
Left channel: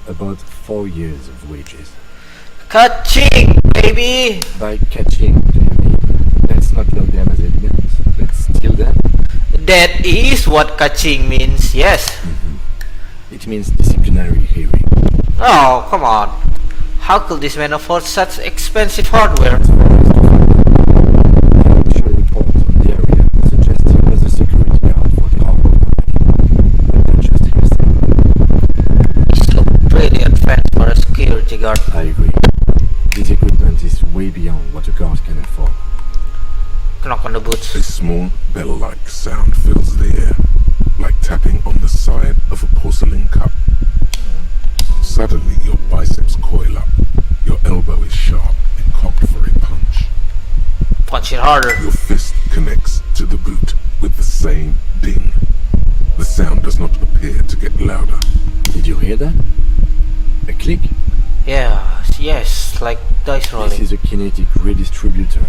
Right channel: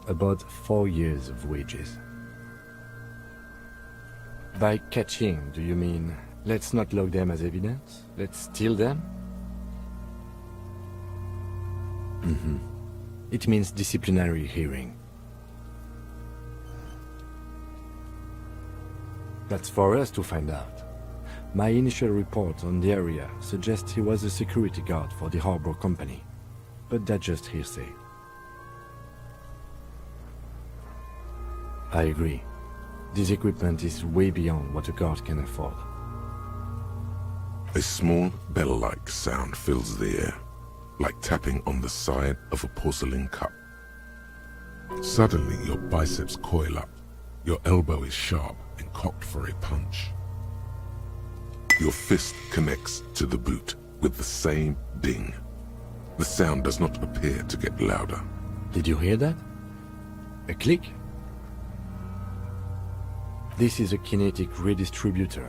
about 4 years of wages. Catching, baby! By catching, do you mean let's not log them as evidence? Let's steal them? That is what catching means, yes. It means disciplinary hearing. Oh, come on. How could this man afford such expensive hardware? It's for us to find out. My initial report on the area suggests he was a security guard for the harbor company. But that's just hearsay. This looks pretty advanced for a security guard. I agree. This equipment is way beyond what a guard can afford. Knock on the boots. A small bell-like sound fills the air, like tapping on the side of a porcelain cup. Suddenly your biceps coil up. Your elbow is sharp and cocked for a punch. Punch it harder. Your fist connects to the boot with the same ding. The sound does not appear to get louder. Did you hear that? A click? Yeah, yes, like dice rolling. This is a kinetic redistributor.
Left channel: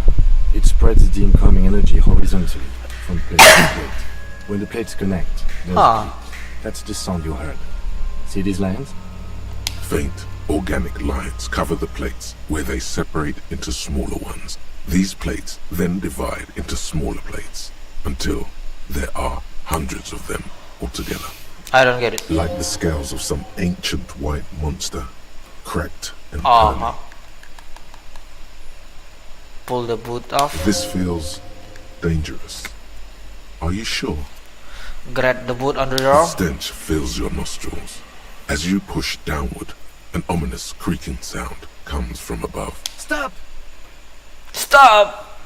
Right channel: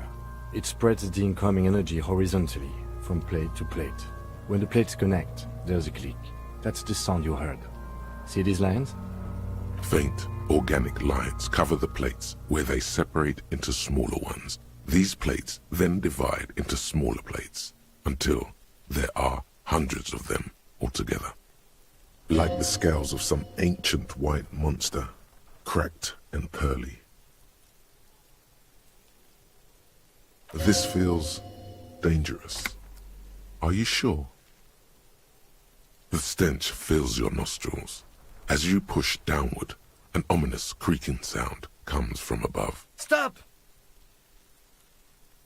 It spreads the incoming energy horizontally from plate to plate. When the plates connect, there's a click. That's the sound you heard. See these lines? Faint, organic lines cover the plates where they separate into smaller ones. These plates then divide into smaller plates until there are hundreds of them altogether. I don't get it. Like the scales of some ancient white monster, cracked and pearly. Pull the boot off. This feels dangerous. Are you sure? Grab the boot under your The arm. stench fills your nostrils. As you push downward, an ominous creaking sound comes from above. Stop! Stop!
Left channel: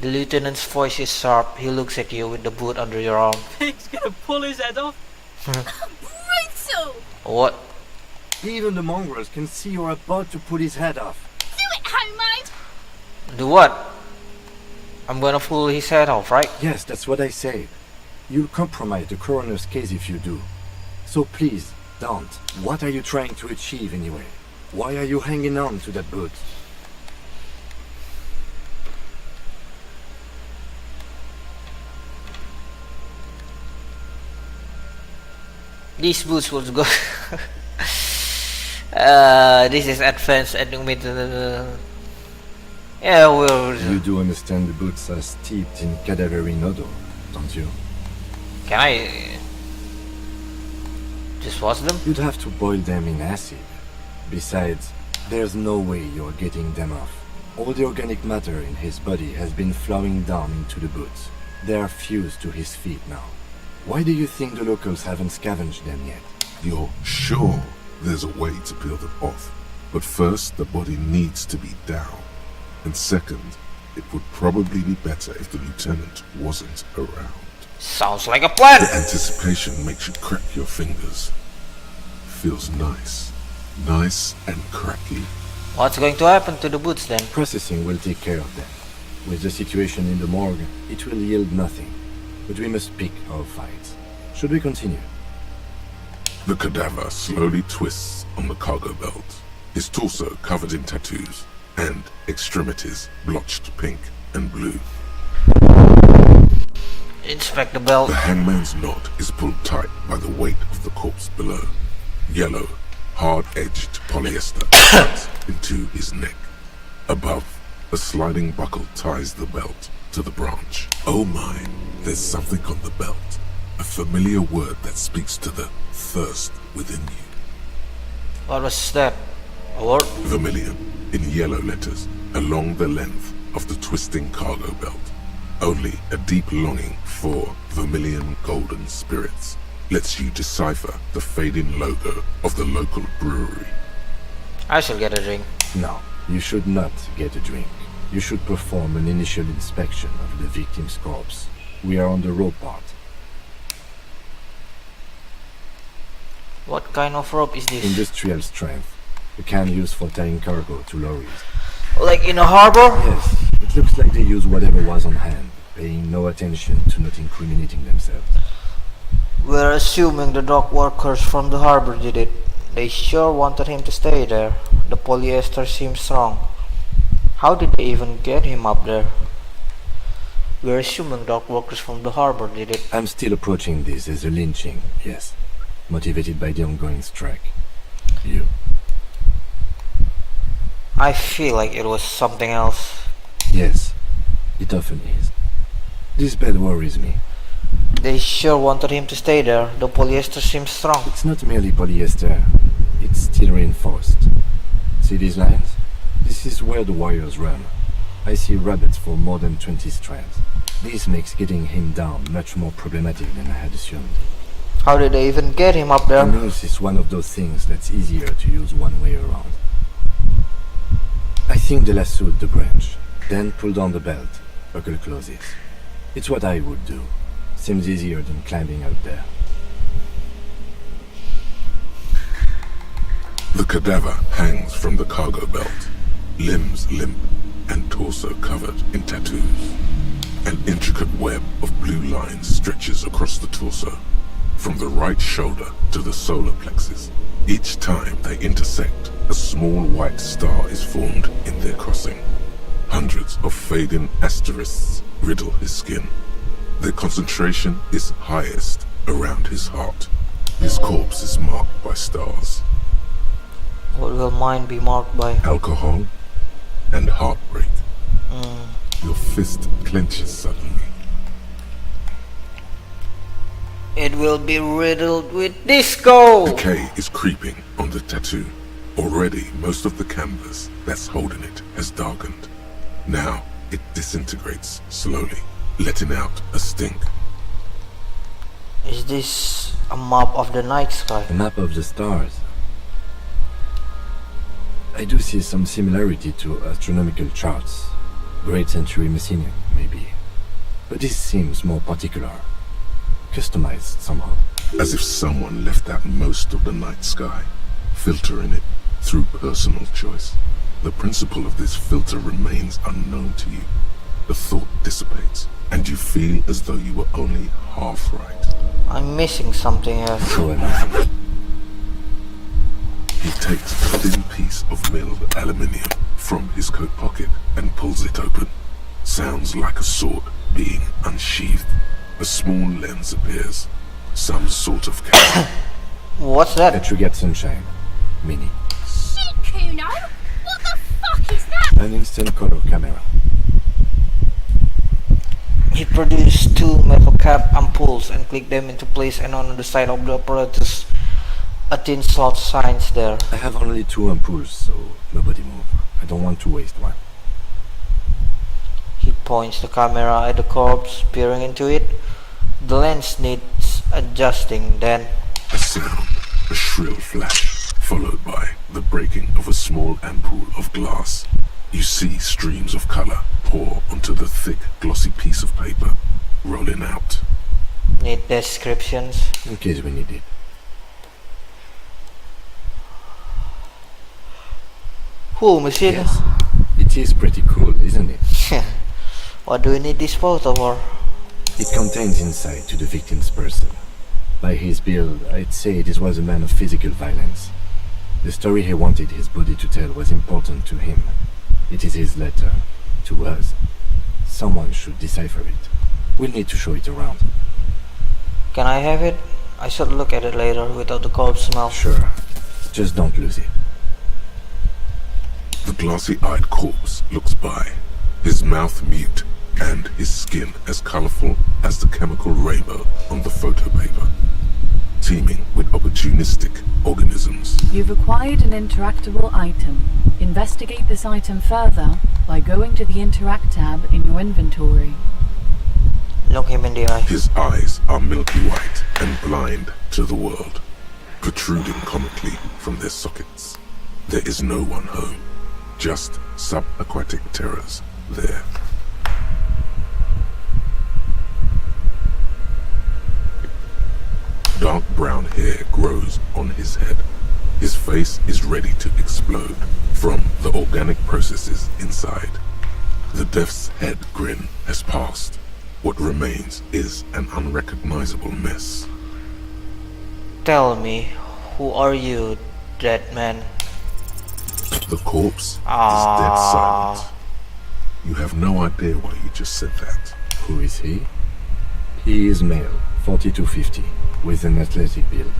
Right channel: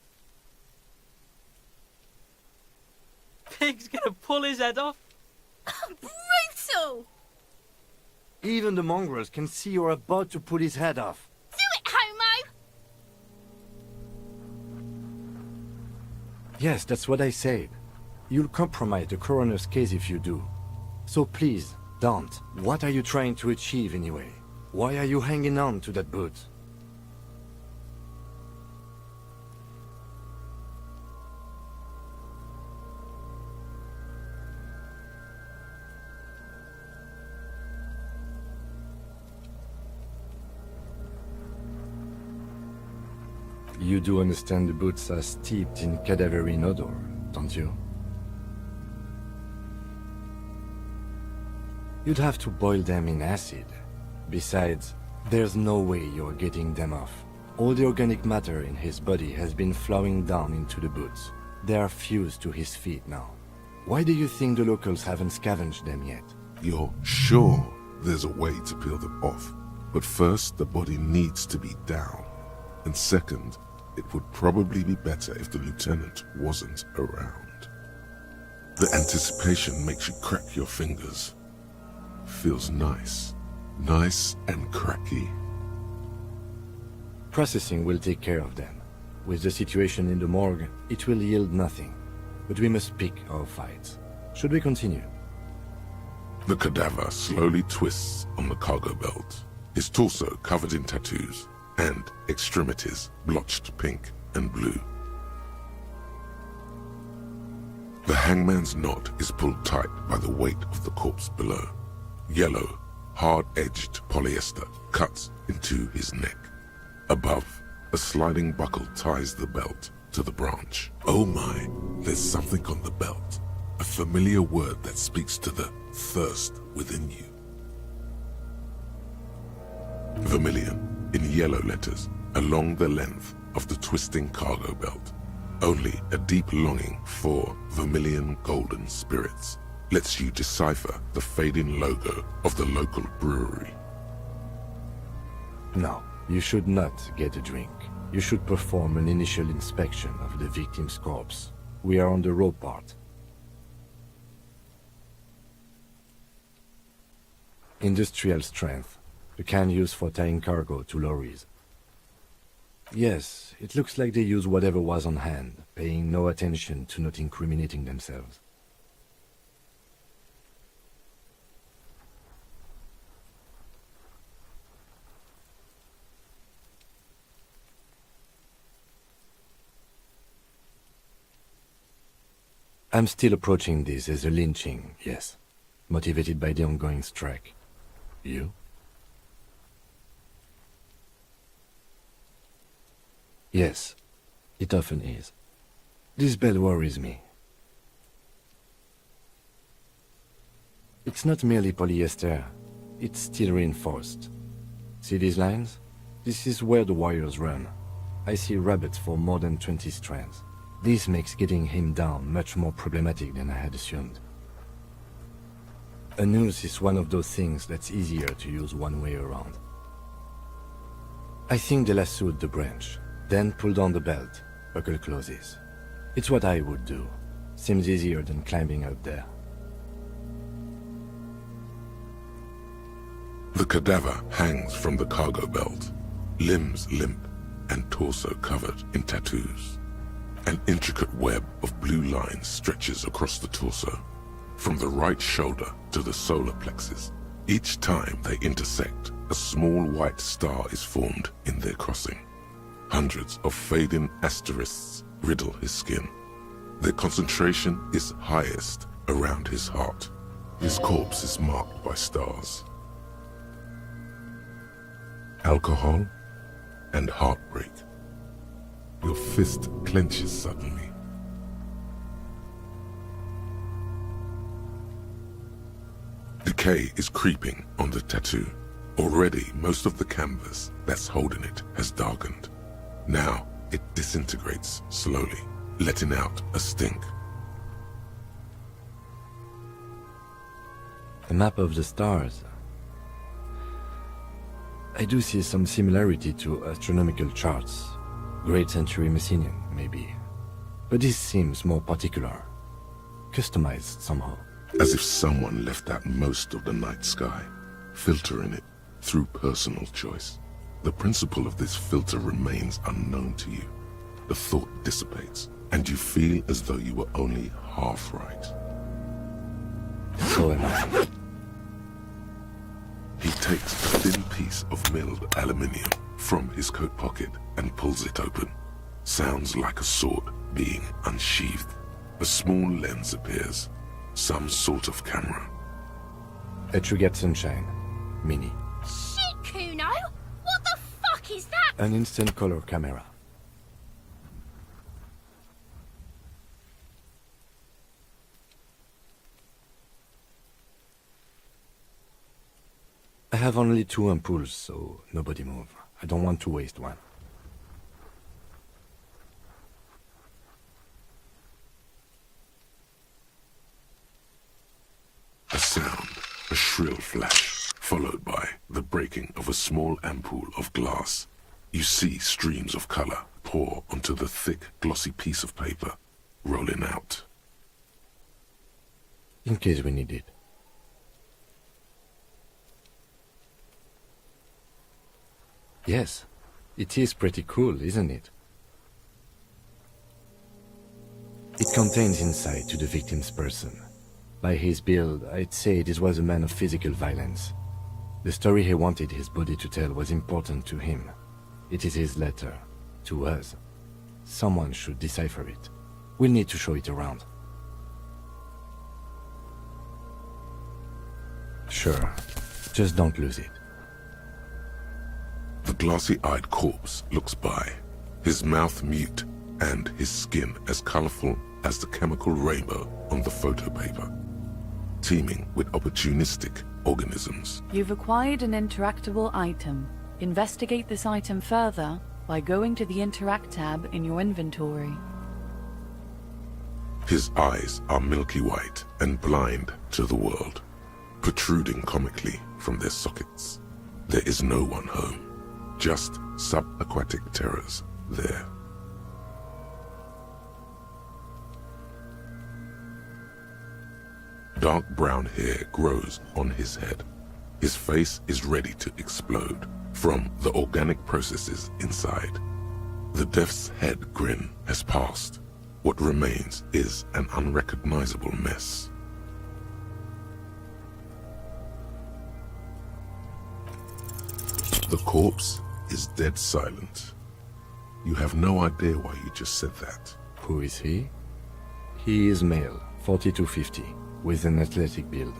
The lieutenant's voice is sharp. He looks at you with the boot under your arm. Pig's gonna pull his head off. Brutal! What? Even the mongrels can see you're about to put his head off. Do it, homo! Do what? I'm gonna pull his head off, right? Yes, that's what I said. You'll compromise the coroner's case if you do. So please, don't. What are you trying to achieve anyway? Why are you hanging on to that boot? These boots will go. This is advanced and yeah, we're. You do understand the boots are steeped in cadaverine odor, don't you? Can I just wash them? You'd have to boil them in acid. Besides, there's no way you're getting them off. All the organic matter in his body has been flowing down into the boots. They are fused to his feet now. Why do you think the locals haven't scavenged them yet? You're sure there's a way to peel them off? But first, the body needs to be down. And second, it would probably be better if the lieutenant wasn't around. Sounds like a plan. The anticipation makes you crack your fingers. Feels nice. Nice and cracky. What's going to happen to the boots then? Processing will take care of them. With the situation in the morgue, it will yield nothing. But we must pick our fights. Should we continue? The cadaver slowly twists on the cargo belt, his torso covered in tattoos, and extremities blotched pink and blue. Inspect the belt. The hangman's knot is pulled tight by the weight of the corpse below. Yellow, hard-edged polyester cuts into his neck. Above, a sliding buckle ties the belt to the branch. Oh my, there's something on the belt. A familiar word that speaks to the thirst within you. What was that? A word? Vermilion, in yellow letters, along the length of the twisting cargo belt. Only a deep longing for vermilion golden spirits lets you decipher the fading logo of the local brewery. I shall get a drink. No, you should not get a drink. You should perform an initial inspection of the victim's corpse. We are on the rope part. What kind of rope is this? Industrial strength. The kind used for tying cargo to lorries. Like in a harbor? Yes, it looks like they use whatever was on hand, paying no attention to not incriminating themselves. We're assuming the dock workers from the harbor did it. They sure wanted him to stay there. The polyester seems strong. How did they even get him up there? We're assuming dock workers from the harbor did it. I'm still approaching this as a lynching, yes. Motivated by the ongoing strike. You? I feel like it was something else. Yes, it often is. This bed worries me. They sure wanted him to stay there. The polyester seems strong. It's not merely polyester. It's steel reinforced. See these lines? This is where the wires run. I see rabbits for more than 20 strands. This makes getting him down much more problematic than I had assumed. How did they even get him up there? A noose is one of those things that's easier to use one way around. I think they lassoed the branch, then pulled on the belt, buckle closes. It's what I would do. Seems easier than climbing up there. The cadaver hangs from the cargo belt, limbs limp and torso covered in tattoos. An intricate web of blue lines stretches across the torso, from the right shoulder to the solar plexus. Each time they intersect, a small white star is formed in their crossing. Hundreds of fading asterisks riddle his skin. Their concentration is highest around his heart. His corpse is marked by stars. What will mine be marked by? Alcohol and heartbreak. Your fist clenches suddenly. It will be riddled with disco! Decay is creeping on the tattoo. Already, most of the canvas that's holding it has darkened. Now, it disintegrates slowly, letting out a stink. Is this a map of the night sky? A map of the stars. I do see some similarity to astronomical charts. Great Century Messinian, maybe. But this seems more particular. Customized somehow. As if someone left out most of the night sky, filtering it through personal choice. The principle of this filter remains unknown to you. The thought dissipates, and you feel as though you were only half right. I'm missing something here. So am I. He takes a thin piece of milled aluminium from his coat pocket and pulls it open. Sounds like a sword being unsheathed. A small lens appears. Some sort of camera. What's that? That you get sunshine. Mini. Shit, Kuno! What the fuck is that? An instant color camera. He produced two metal cap ampoules and clicked them into place, and on the side of the apparatus, a thin slot shines there. I have only 2 ampoules, so nobody move. I don't want to waste one. points the camera at the corpse, peering into it. The lens needs adjusting, then A sound, a shrill flash, followed by the breaking of a small ampoule of glass. You see streams of color pour onto the thick, glossy piece of paper, rolling out. need descriptions. In case we need it. Who, monsieur? Yes. It is pretty cool, isn't it? What do we need this photo for? It contains insight to the victim's person. By his build, I'd say this was a man of physical violence. The story he wanted his body to tell was important to him. It is his letter. To us. Someone should decipher it. We'll need to show it around. Can I have it? I should look at it later without the corpse smell. Sure. Just don't lose it. The glassy-eyed corpse looks by, his mouth mute and his skin as colorful as the chemical rainbow on the photo paper, teeming with opportunistic organisms. You've acquired an interactable item. Investigate this item further by going to the Interact tab in your inventory. Look him in the eye. His eyes are milky white and blind to the world, protruding comically from their sockets. There is no one home, just subaquatic terrors there. Dark brown hair grows on his head. His face is ready to explode from the organic processes inside. The death's head grin has passed. What remains is an unrecognizable mess. Tell me, who are you, dead man? The corpse is dead silent. You have no idea why you just said that. Who is he? He is male, 40 to 50, with an athletic build.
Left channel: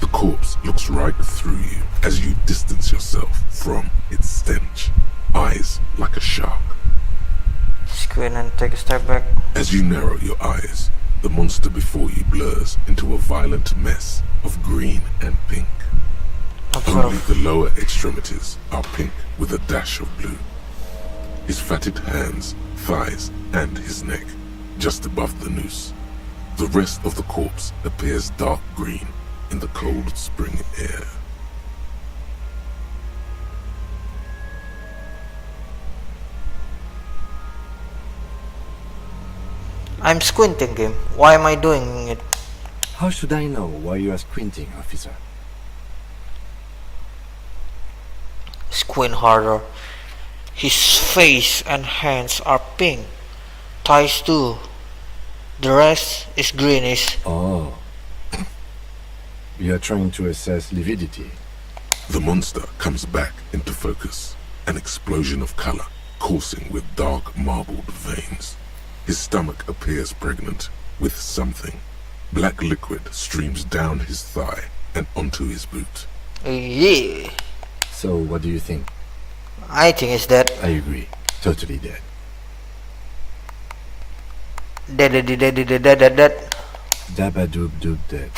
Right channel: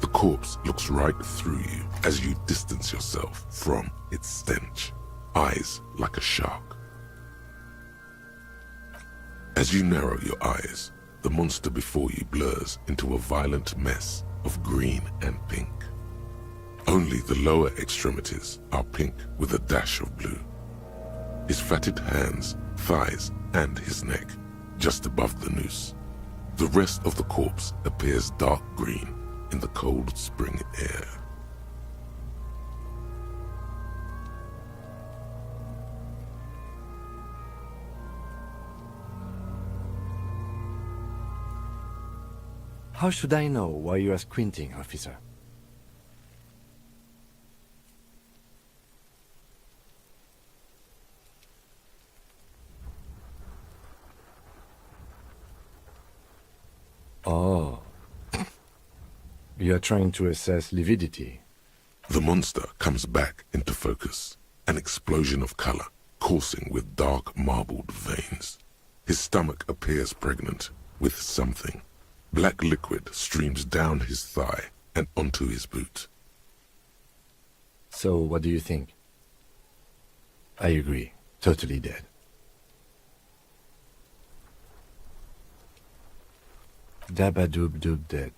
The corpse looks right through you as you distance yourself from its stench. Eyes like a shark. Squint and take a step back. As you narrow your eyes, the monster before you blurs into a violent mess of green and pink. Only the lower extremities are pink with a dash of blue. His fatted hands, thighs, and his neck, just above the noose. The rest of the corpse appears dark green in the cold spring air. I'm squinting him. Why am I doing it? How should I know why you are squinting, officer? Squint harder. His face and hands are pink. Thighs too. The rest is greenish. Oh. You are trying to assess lividity. The monster comes back into focus, an explosion of color coursing with dark marbled veins. His stomach appears pregnant with something. Black liquid streams down his thigh and onto his boot. Yeah. So, what do you think? I think it's dead. I agree. Totally dead. Dead. Dabba-doob-doob dead.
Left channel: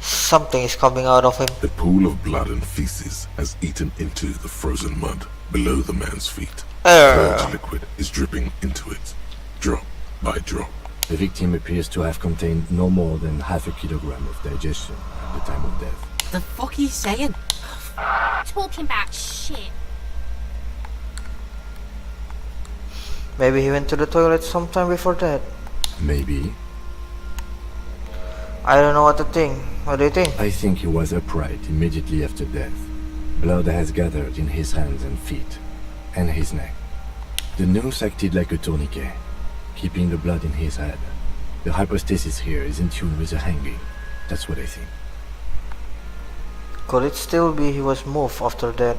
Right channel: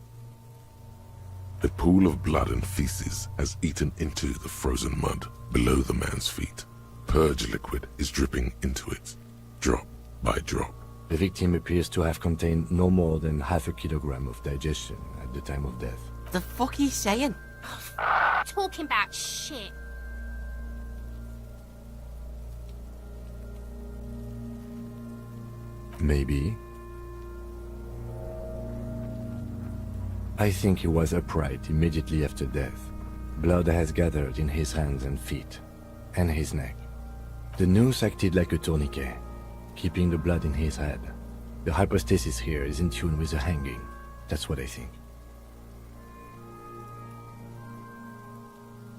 Something is coming out of him. A pool of blood and feces has eaten into the frozen mud below the man's feet. Purge liquid is dripping into it, drop by drop. The victim appears to have contained no more than half a kilogram of digestion at the time of death. The fuck are you saying? Talking about shit. Maybe he went to the toilet sometime before that. Maybe. I don't know what to think. What do you think? I think he was upright immediately after death. Blood has gathered in his hands and feet, and his neck. The noose acted like a tourniquet, keeping the blood in his head. The hypostasis here is in tune with the hanging. That's what I think. Could it still be he was moved after that?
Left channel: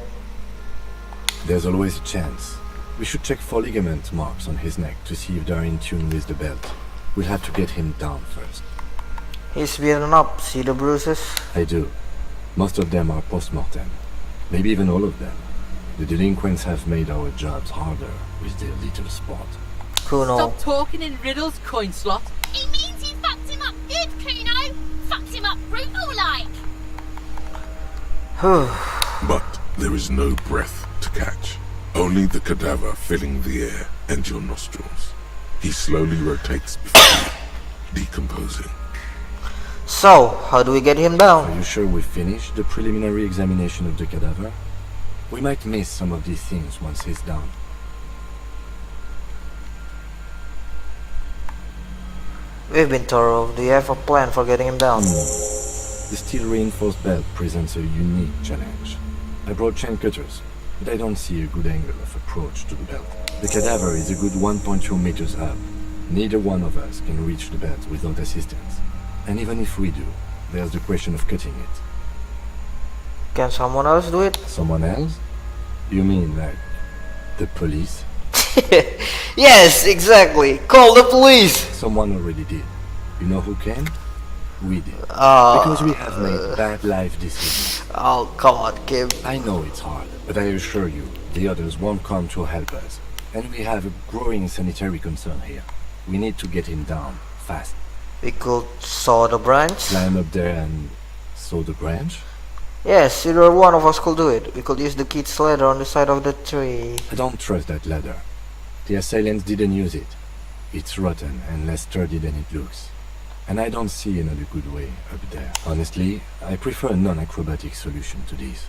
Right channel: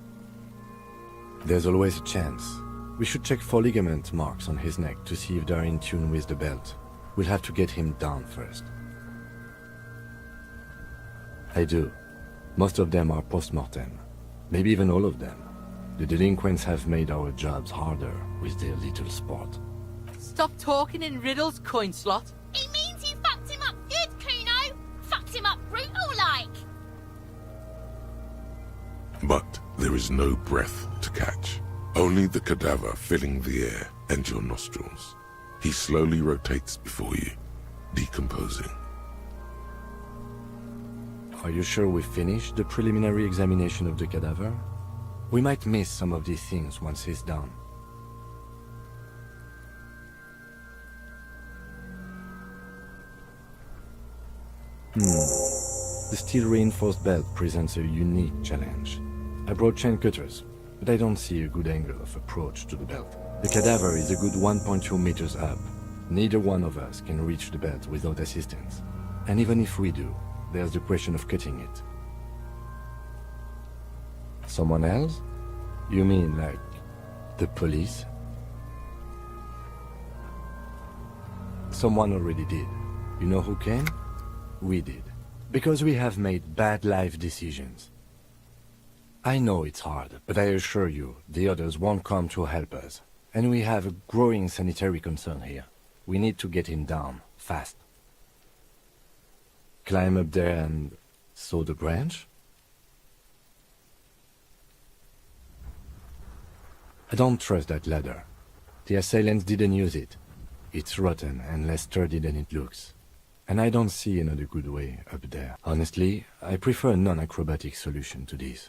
There's always a chance. We should check for ligament marks on his neck to see if they're in tune with the belt. We'll have to get him down first. He's beaten up. See the bruises? I do. Most of them are post-mortem. Maybe even all of them. The delinquents have made our jobs harder with their little sport. Kuno. Stop talking in riddles, coin slot. It means you fucked him up good, Kuno. Fucked him up brutal like. But there is no breath to catch. Only the cadaver filling the air and your nostrils. He slowly rotates before you, decomposing. So, how do we get him Are down? you sure we've finished the preliminary examination of the cadaver? We might miss some of these things once he's down. We've been thorough. Do you have a plan for getting him down? The steel reinforced belt presents a unique challenge. I brought chain cutters, but I don't see a good angle of approach to the belt. The cadaver is a good 1.2 meters up. Neither one of us can reach the belt without assistance. And even if we do, there's the question of cutting it. Can someone else do it? Someone else? You mean like the police? Yes, exactly. Call the police. Someone already did. You know who can? We did. Oh, Because we have made bad life decisions. oh come on, Kim. I know it's hard, but I assure you, the others won't come to help us. And we have a growing sanitary concern here. We need to get him down, fast. We could saw the branch. Climb up there and saw the branch? Yes, either one of us could do it. We could use the kid's ladder on the side of the tree. I don't trust that ladder. The assailants didn't use it. It's rotten and less sturdy than it looks. And I don't see another good way up there. Honestly, I prefer a non-acrobatic solution to this.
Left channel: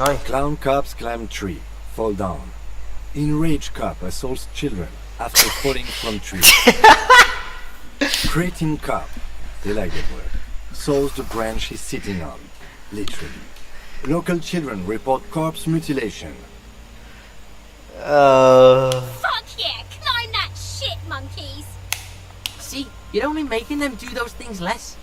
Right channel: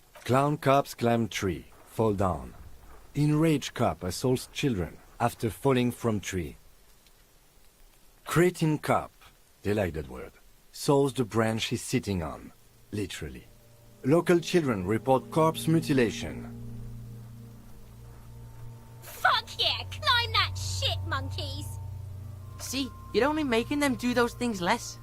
Oi. Clown cops climb tree, fall down. Enraged cop assaults children after falling from tree. Cretin cop, they like that word, saws the branch he's sitting on, literally. Local children report corpse mutilation. Fuck yeah, climb that shit, monkeys. See, you're only making them do those things less.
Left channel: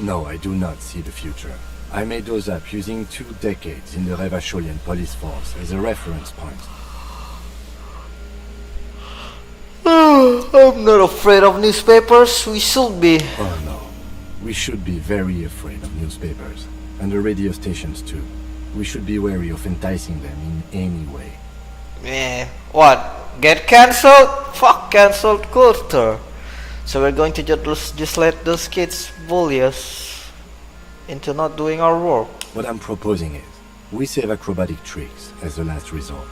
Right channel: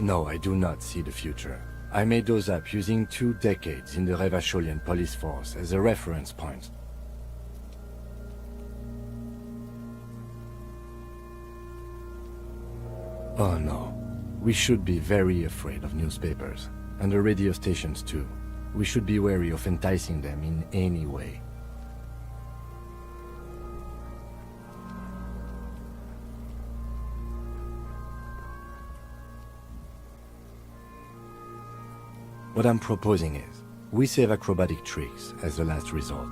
No, I do not see the future. I made those up using 2 decades in the Revacholian police force as a reference point. I'm not afraid of newspapers. We should be. Oh no. We should be very afraid of newspapers. And the radio stations too. We should be wary of enticing them in any way. Yeah. What? Get cancelled? Fuck cancelled culture. So we're going to just let those kids bully us into not doing our work. What I'm proposing is, we save acrobatic tricks as the last resort,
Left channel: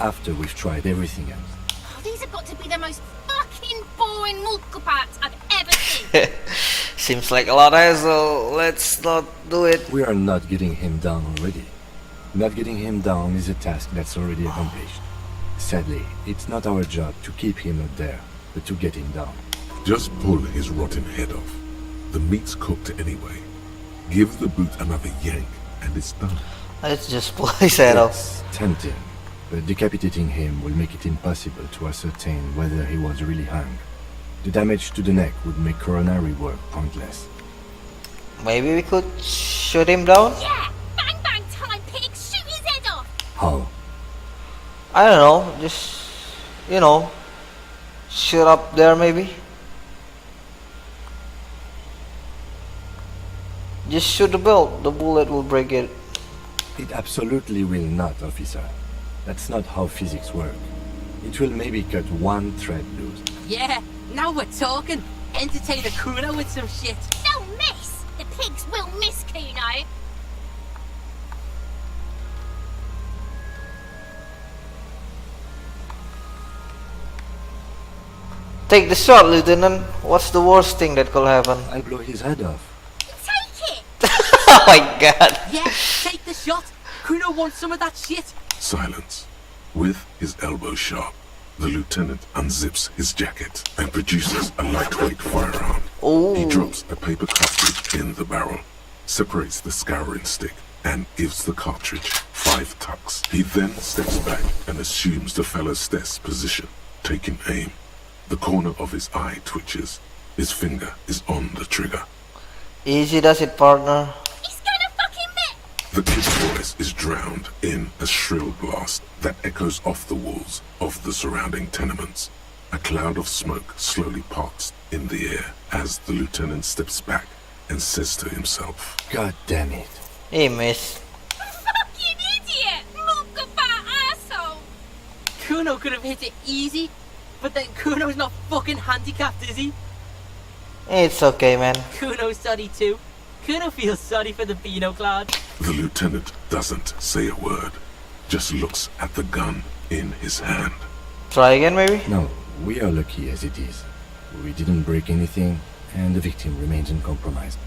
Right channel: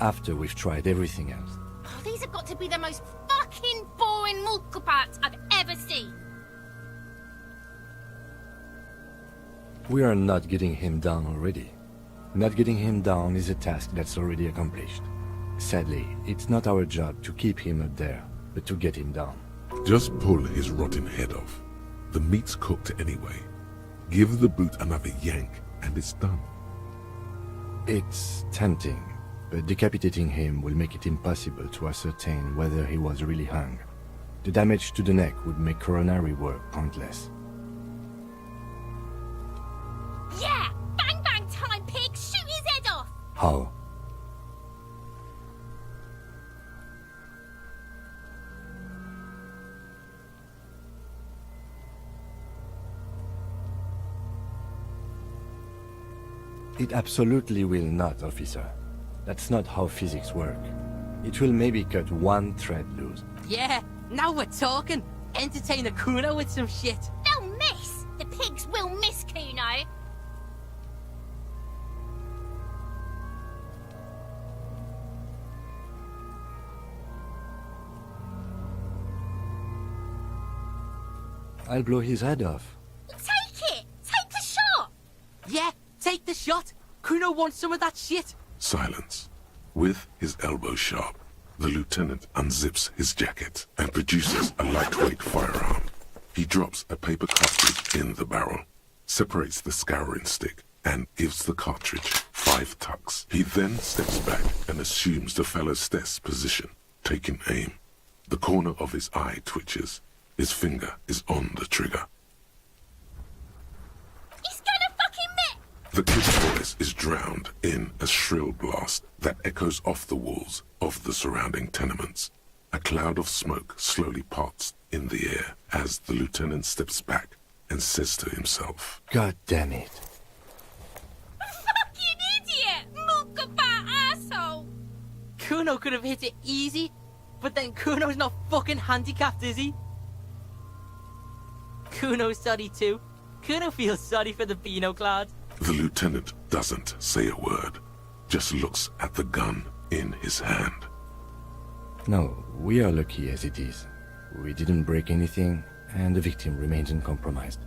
after we've tried everything else. Oh, these have got to be the most fucking boring mulka parts I've ever seen. Seems like a lot of hassle. Let's not do it. We are not getting him down already. Not getting him down is a task that's already accomplished. Sadly, it's not our job to keep him up there, but to get him down. Just pull his rotten head off. The meat's cooked anyway. Give the boot another yank, and it's done. Let's just pull his head off. It's tempting, but decapitating him will make it impossible to ascertain whether he was really hung. The damage to the neck would make coronary work pointless. Maybe we could shoot him down? Yeah, bang bang time, pig, shoot his head off. How? I don't know. Just, you know, shoot up there maybe. Just shoot the belt. The bullet will break it. It absolutely will not, officer. That's not how physics work. It will maybe cut one thread loose. Yeah, now we're talking. Entertain a Kuno with some shit. They'll miss. The pigs will miss Kuno. Take the shot, Lieutenant. What's the worst thing that could happen? I'll blow his head off. Take it. Oh my god. Yeah, take the shot. Kuno wants some of that shit. Silence. With his elbow sharp, the lieutenant unzips his jacket and produces a lightweight firearm. Ooh. He drops a paper cartridge in the barrel, separates the scouring stick, and gives the cartridge 5 tucks. He then steps back and assumes the fellow's desk position, taking aim. The corner of his eye twitches. His finger is on the trigger. Easy does it, partner. He's gonna fucking miss. The kid's voice is drowned in a shrill blast that echoes off the walls of the surrounding tenements. A cloud of smoke slowly parts in the air as the lieutenant steps back and says to himself, God damn it. He missed. Fucking idiot! Mulka asshole! Kuno could have hit it easy, but then Kuno's not fucking handicapped, is he? It's okay, man. Kuno's sorry too. Kuno feels sorry for the Beano Clad. The lieutenant doesn't say a word, just looks at the gun in his hand. Try again, maybe? No, we are lucky as it is. We didn't break anything, and the victim remains uncompromised.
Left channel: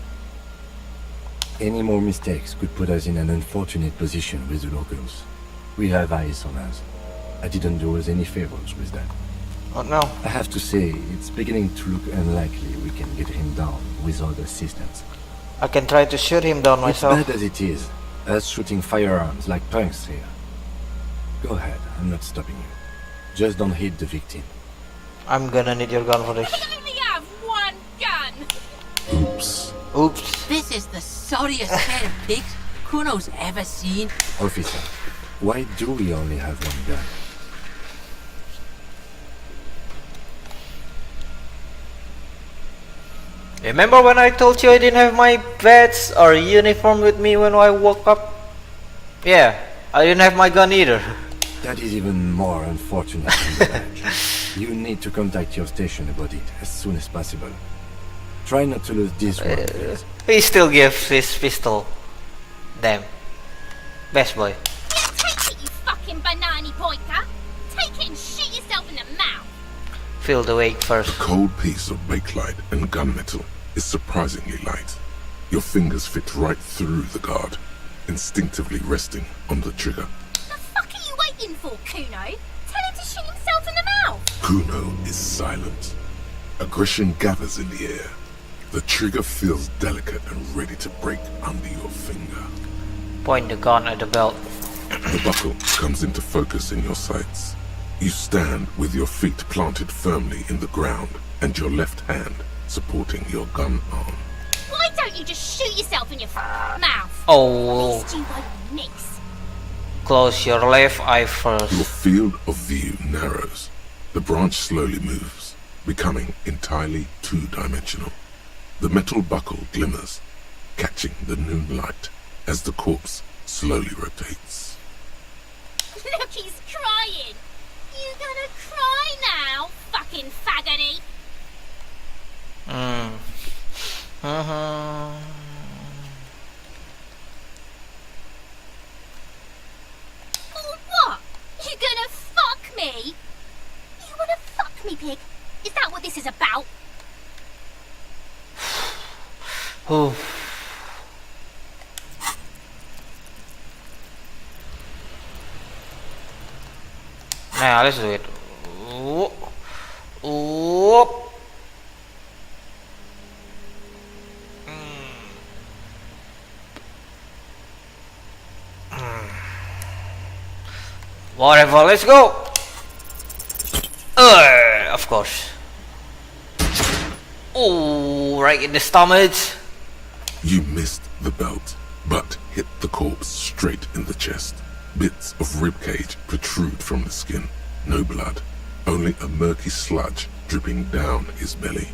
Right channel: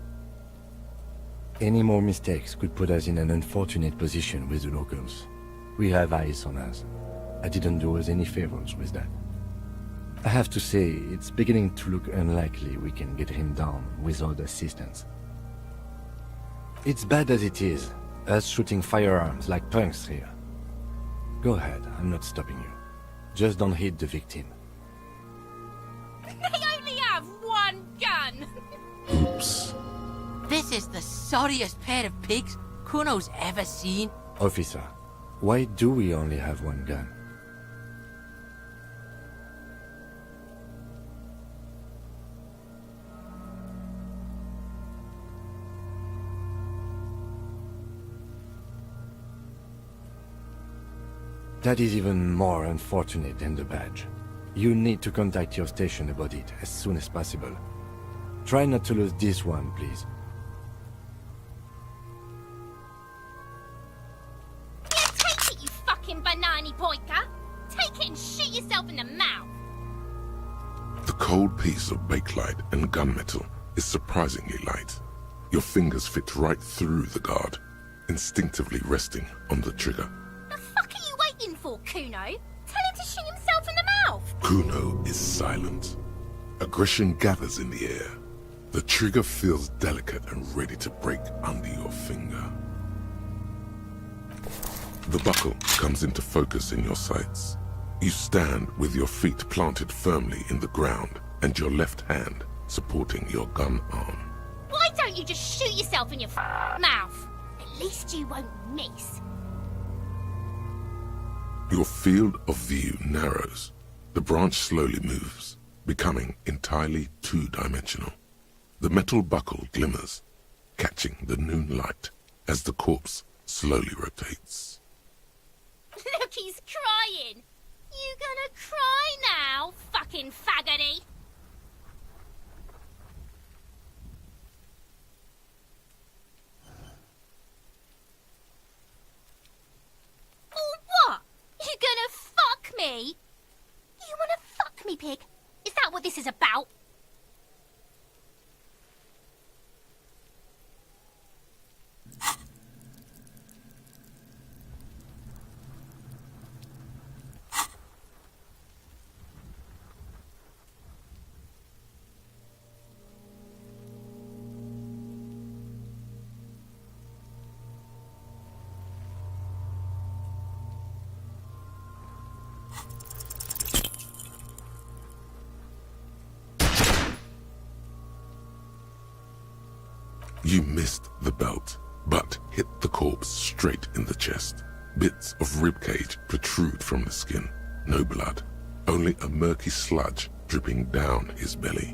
Any more mistakes could put us in an unfortunate position with the locals. We have eyes on us. I didn't do us any favors with that. Oh no. I have to say, it's beginning to look unlikely we can get him down without assistance. I can try to shoot him down myself. It's bad as it is, us shooting firearms like punks here. Go ahead, I'm not stopping you. Just don't hit the victim. I'm gonna need your gun for this. I only have one gun. Oops. Oops. This is the sorriest pair of pigs Kuno's ever seen. Officer, why do we only have one gun? Remember when I told you I didn't have my badge or uniform with me when I woke up? Yeah, I didn't have my gun either. That is even more unfortunate than the badge. You need to contact your station about it as soon as possible. Try not to lose this one, please. He still gives his pistol. Damn. Best boy. Yeah, take it, you fucking banana pointer. Take it and shoot yourself in the mouth. Feel the weight first. A cold piece of bakelite and gunmetal is surprisingly light. Your fingers fit right through the guard, instinctively resting on the trigger. The fuck are you waiting for, Kuno? Tell him to shoot himself in the mouth. Kuno is silent. Aggression gathers in the air. The trigger feels delicate and ready to break under your finger. Point the gun at the belt. The buckle comes into focus in your sights. You stand with your feet planted firmly in the ground and your left hand supporting your gun arm. Why don't you just shoot yourself in your mouth? At Oh, least you won't miss. close your left eye first. Your field of view narrows. The branch slowly moves, becoming entirely two-dimensional. The metal buckle glimmers, catching the noon light as the corpse slowly rotates. Look, he's crying. You gonna cry now, fucking faggoty? Or what? You gonna fuck me? You wanna fuck me, pig? Is that what this is about? Oh. Now let's do it. Whoop. Whoop. Whatever, let's go. Of course. Oh, right in the stomach. You missed the belt, but hit the corpse straight in the chest. Bits of ribcage protrude from the skin. No blood, only a murky sludge dripping down his belly.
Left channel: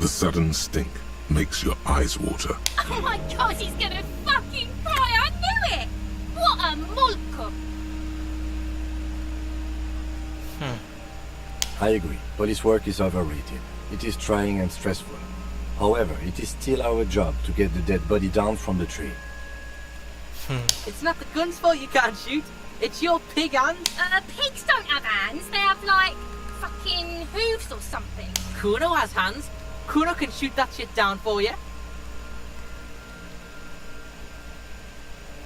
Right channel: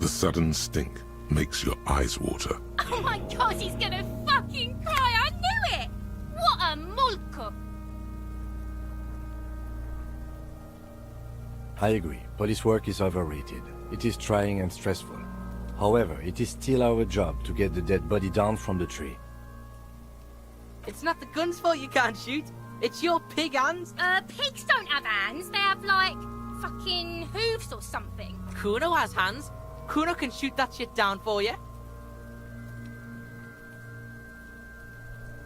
The sudden stink makes your eyes water. Oh my god, he's gonna fucking cry. I knew it. What a mulko. I agree. Police work is overrated. It is trying and stressful. However, it is still our job to get the dead body down from the tree. It's not the gun's fault you can't shoot. It's your pig hand. Pigs don't have hands. They have, like, fucking hooves or something. Kuno has hands. Kuno can shoot that shit down for you.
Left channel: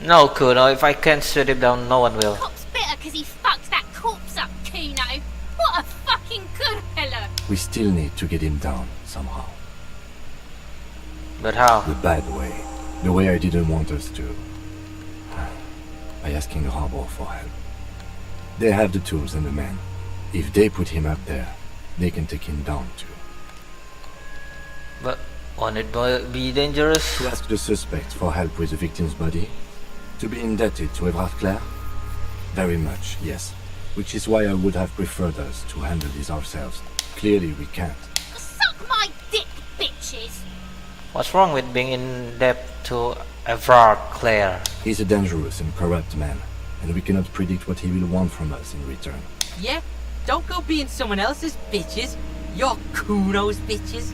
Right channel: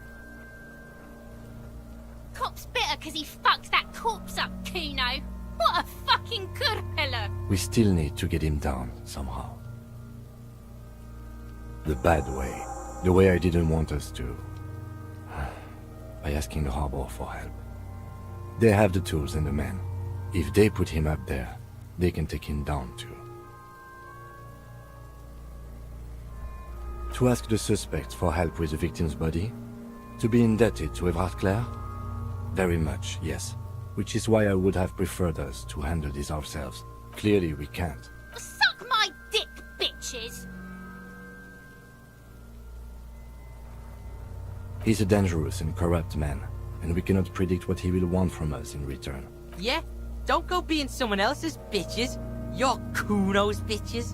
No, Kuno, if I can't shoot him down, no one will. Cop's bitter because he fucked that corpse up, Kuno. What a fucking kurpilla. We still need to get him down, somehow. But how? The bad way. The way I didn't want us to. By asking the harbor for help. They have the tools and the men. If they put him up there, they can take him down too. But won't it be dangerous? To ask the suspects for help with the victim's body? To be indebted to Evrard Clare? Very much, yes. Which is why I would have preferred us to handle this ourselves. Clearly we can't. Suck my dick, bitches. What's wrong with being in debt to Evrard Clare? He's a dangerous and corrupt man, and we cannot predict what he will want from us in return. Yeah? Don't go being someone else's bitches. You're Kuno's bitches.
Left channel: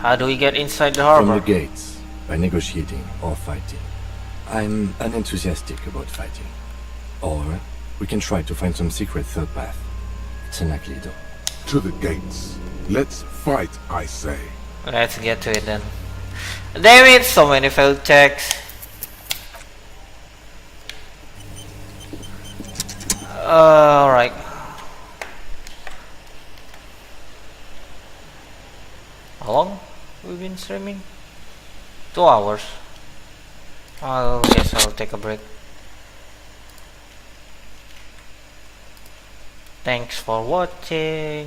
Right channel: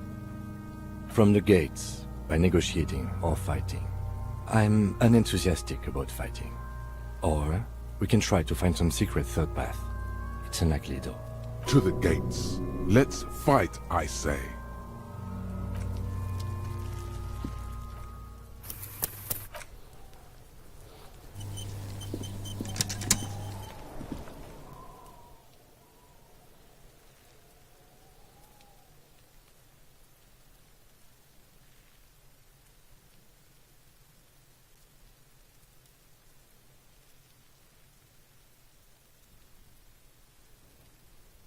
How do we get inside the harbor? From the gates, by negotiating or fighting. I'm unenthusiastic about fighting. Or we can try to find some secret third path. It's unlikely though. To the gates. Let's fight, I say. Let's get to it then. Damn it, so many failed checks. Alright. How long we've been streaming? 2 hours. I guess I'll take a break. Thanks for watching.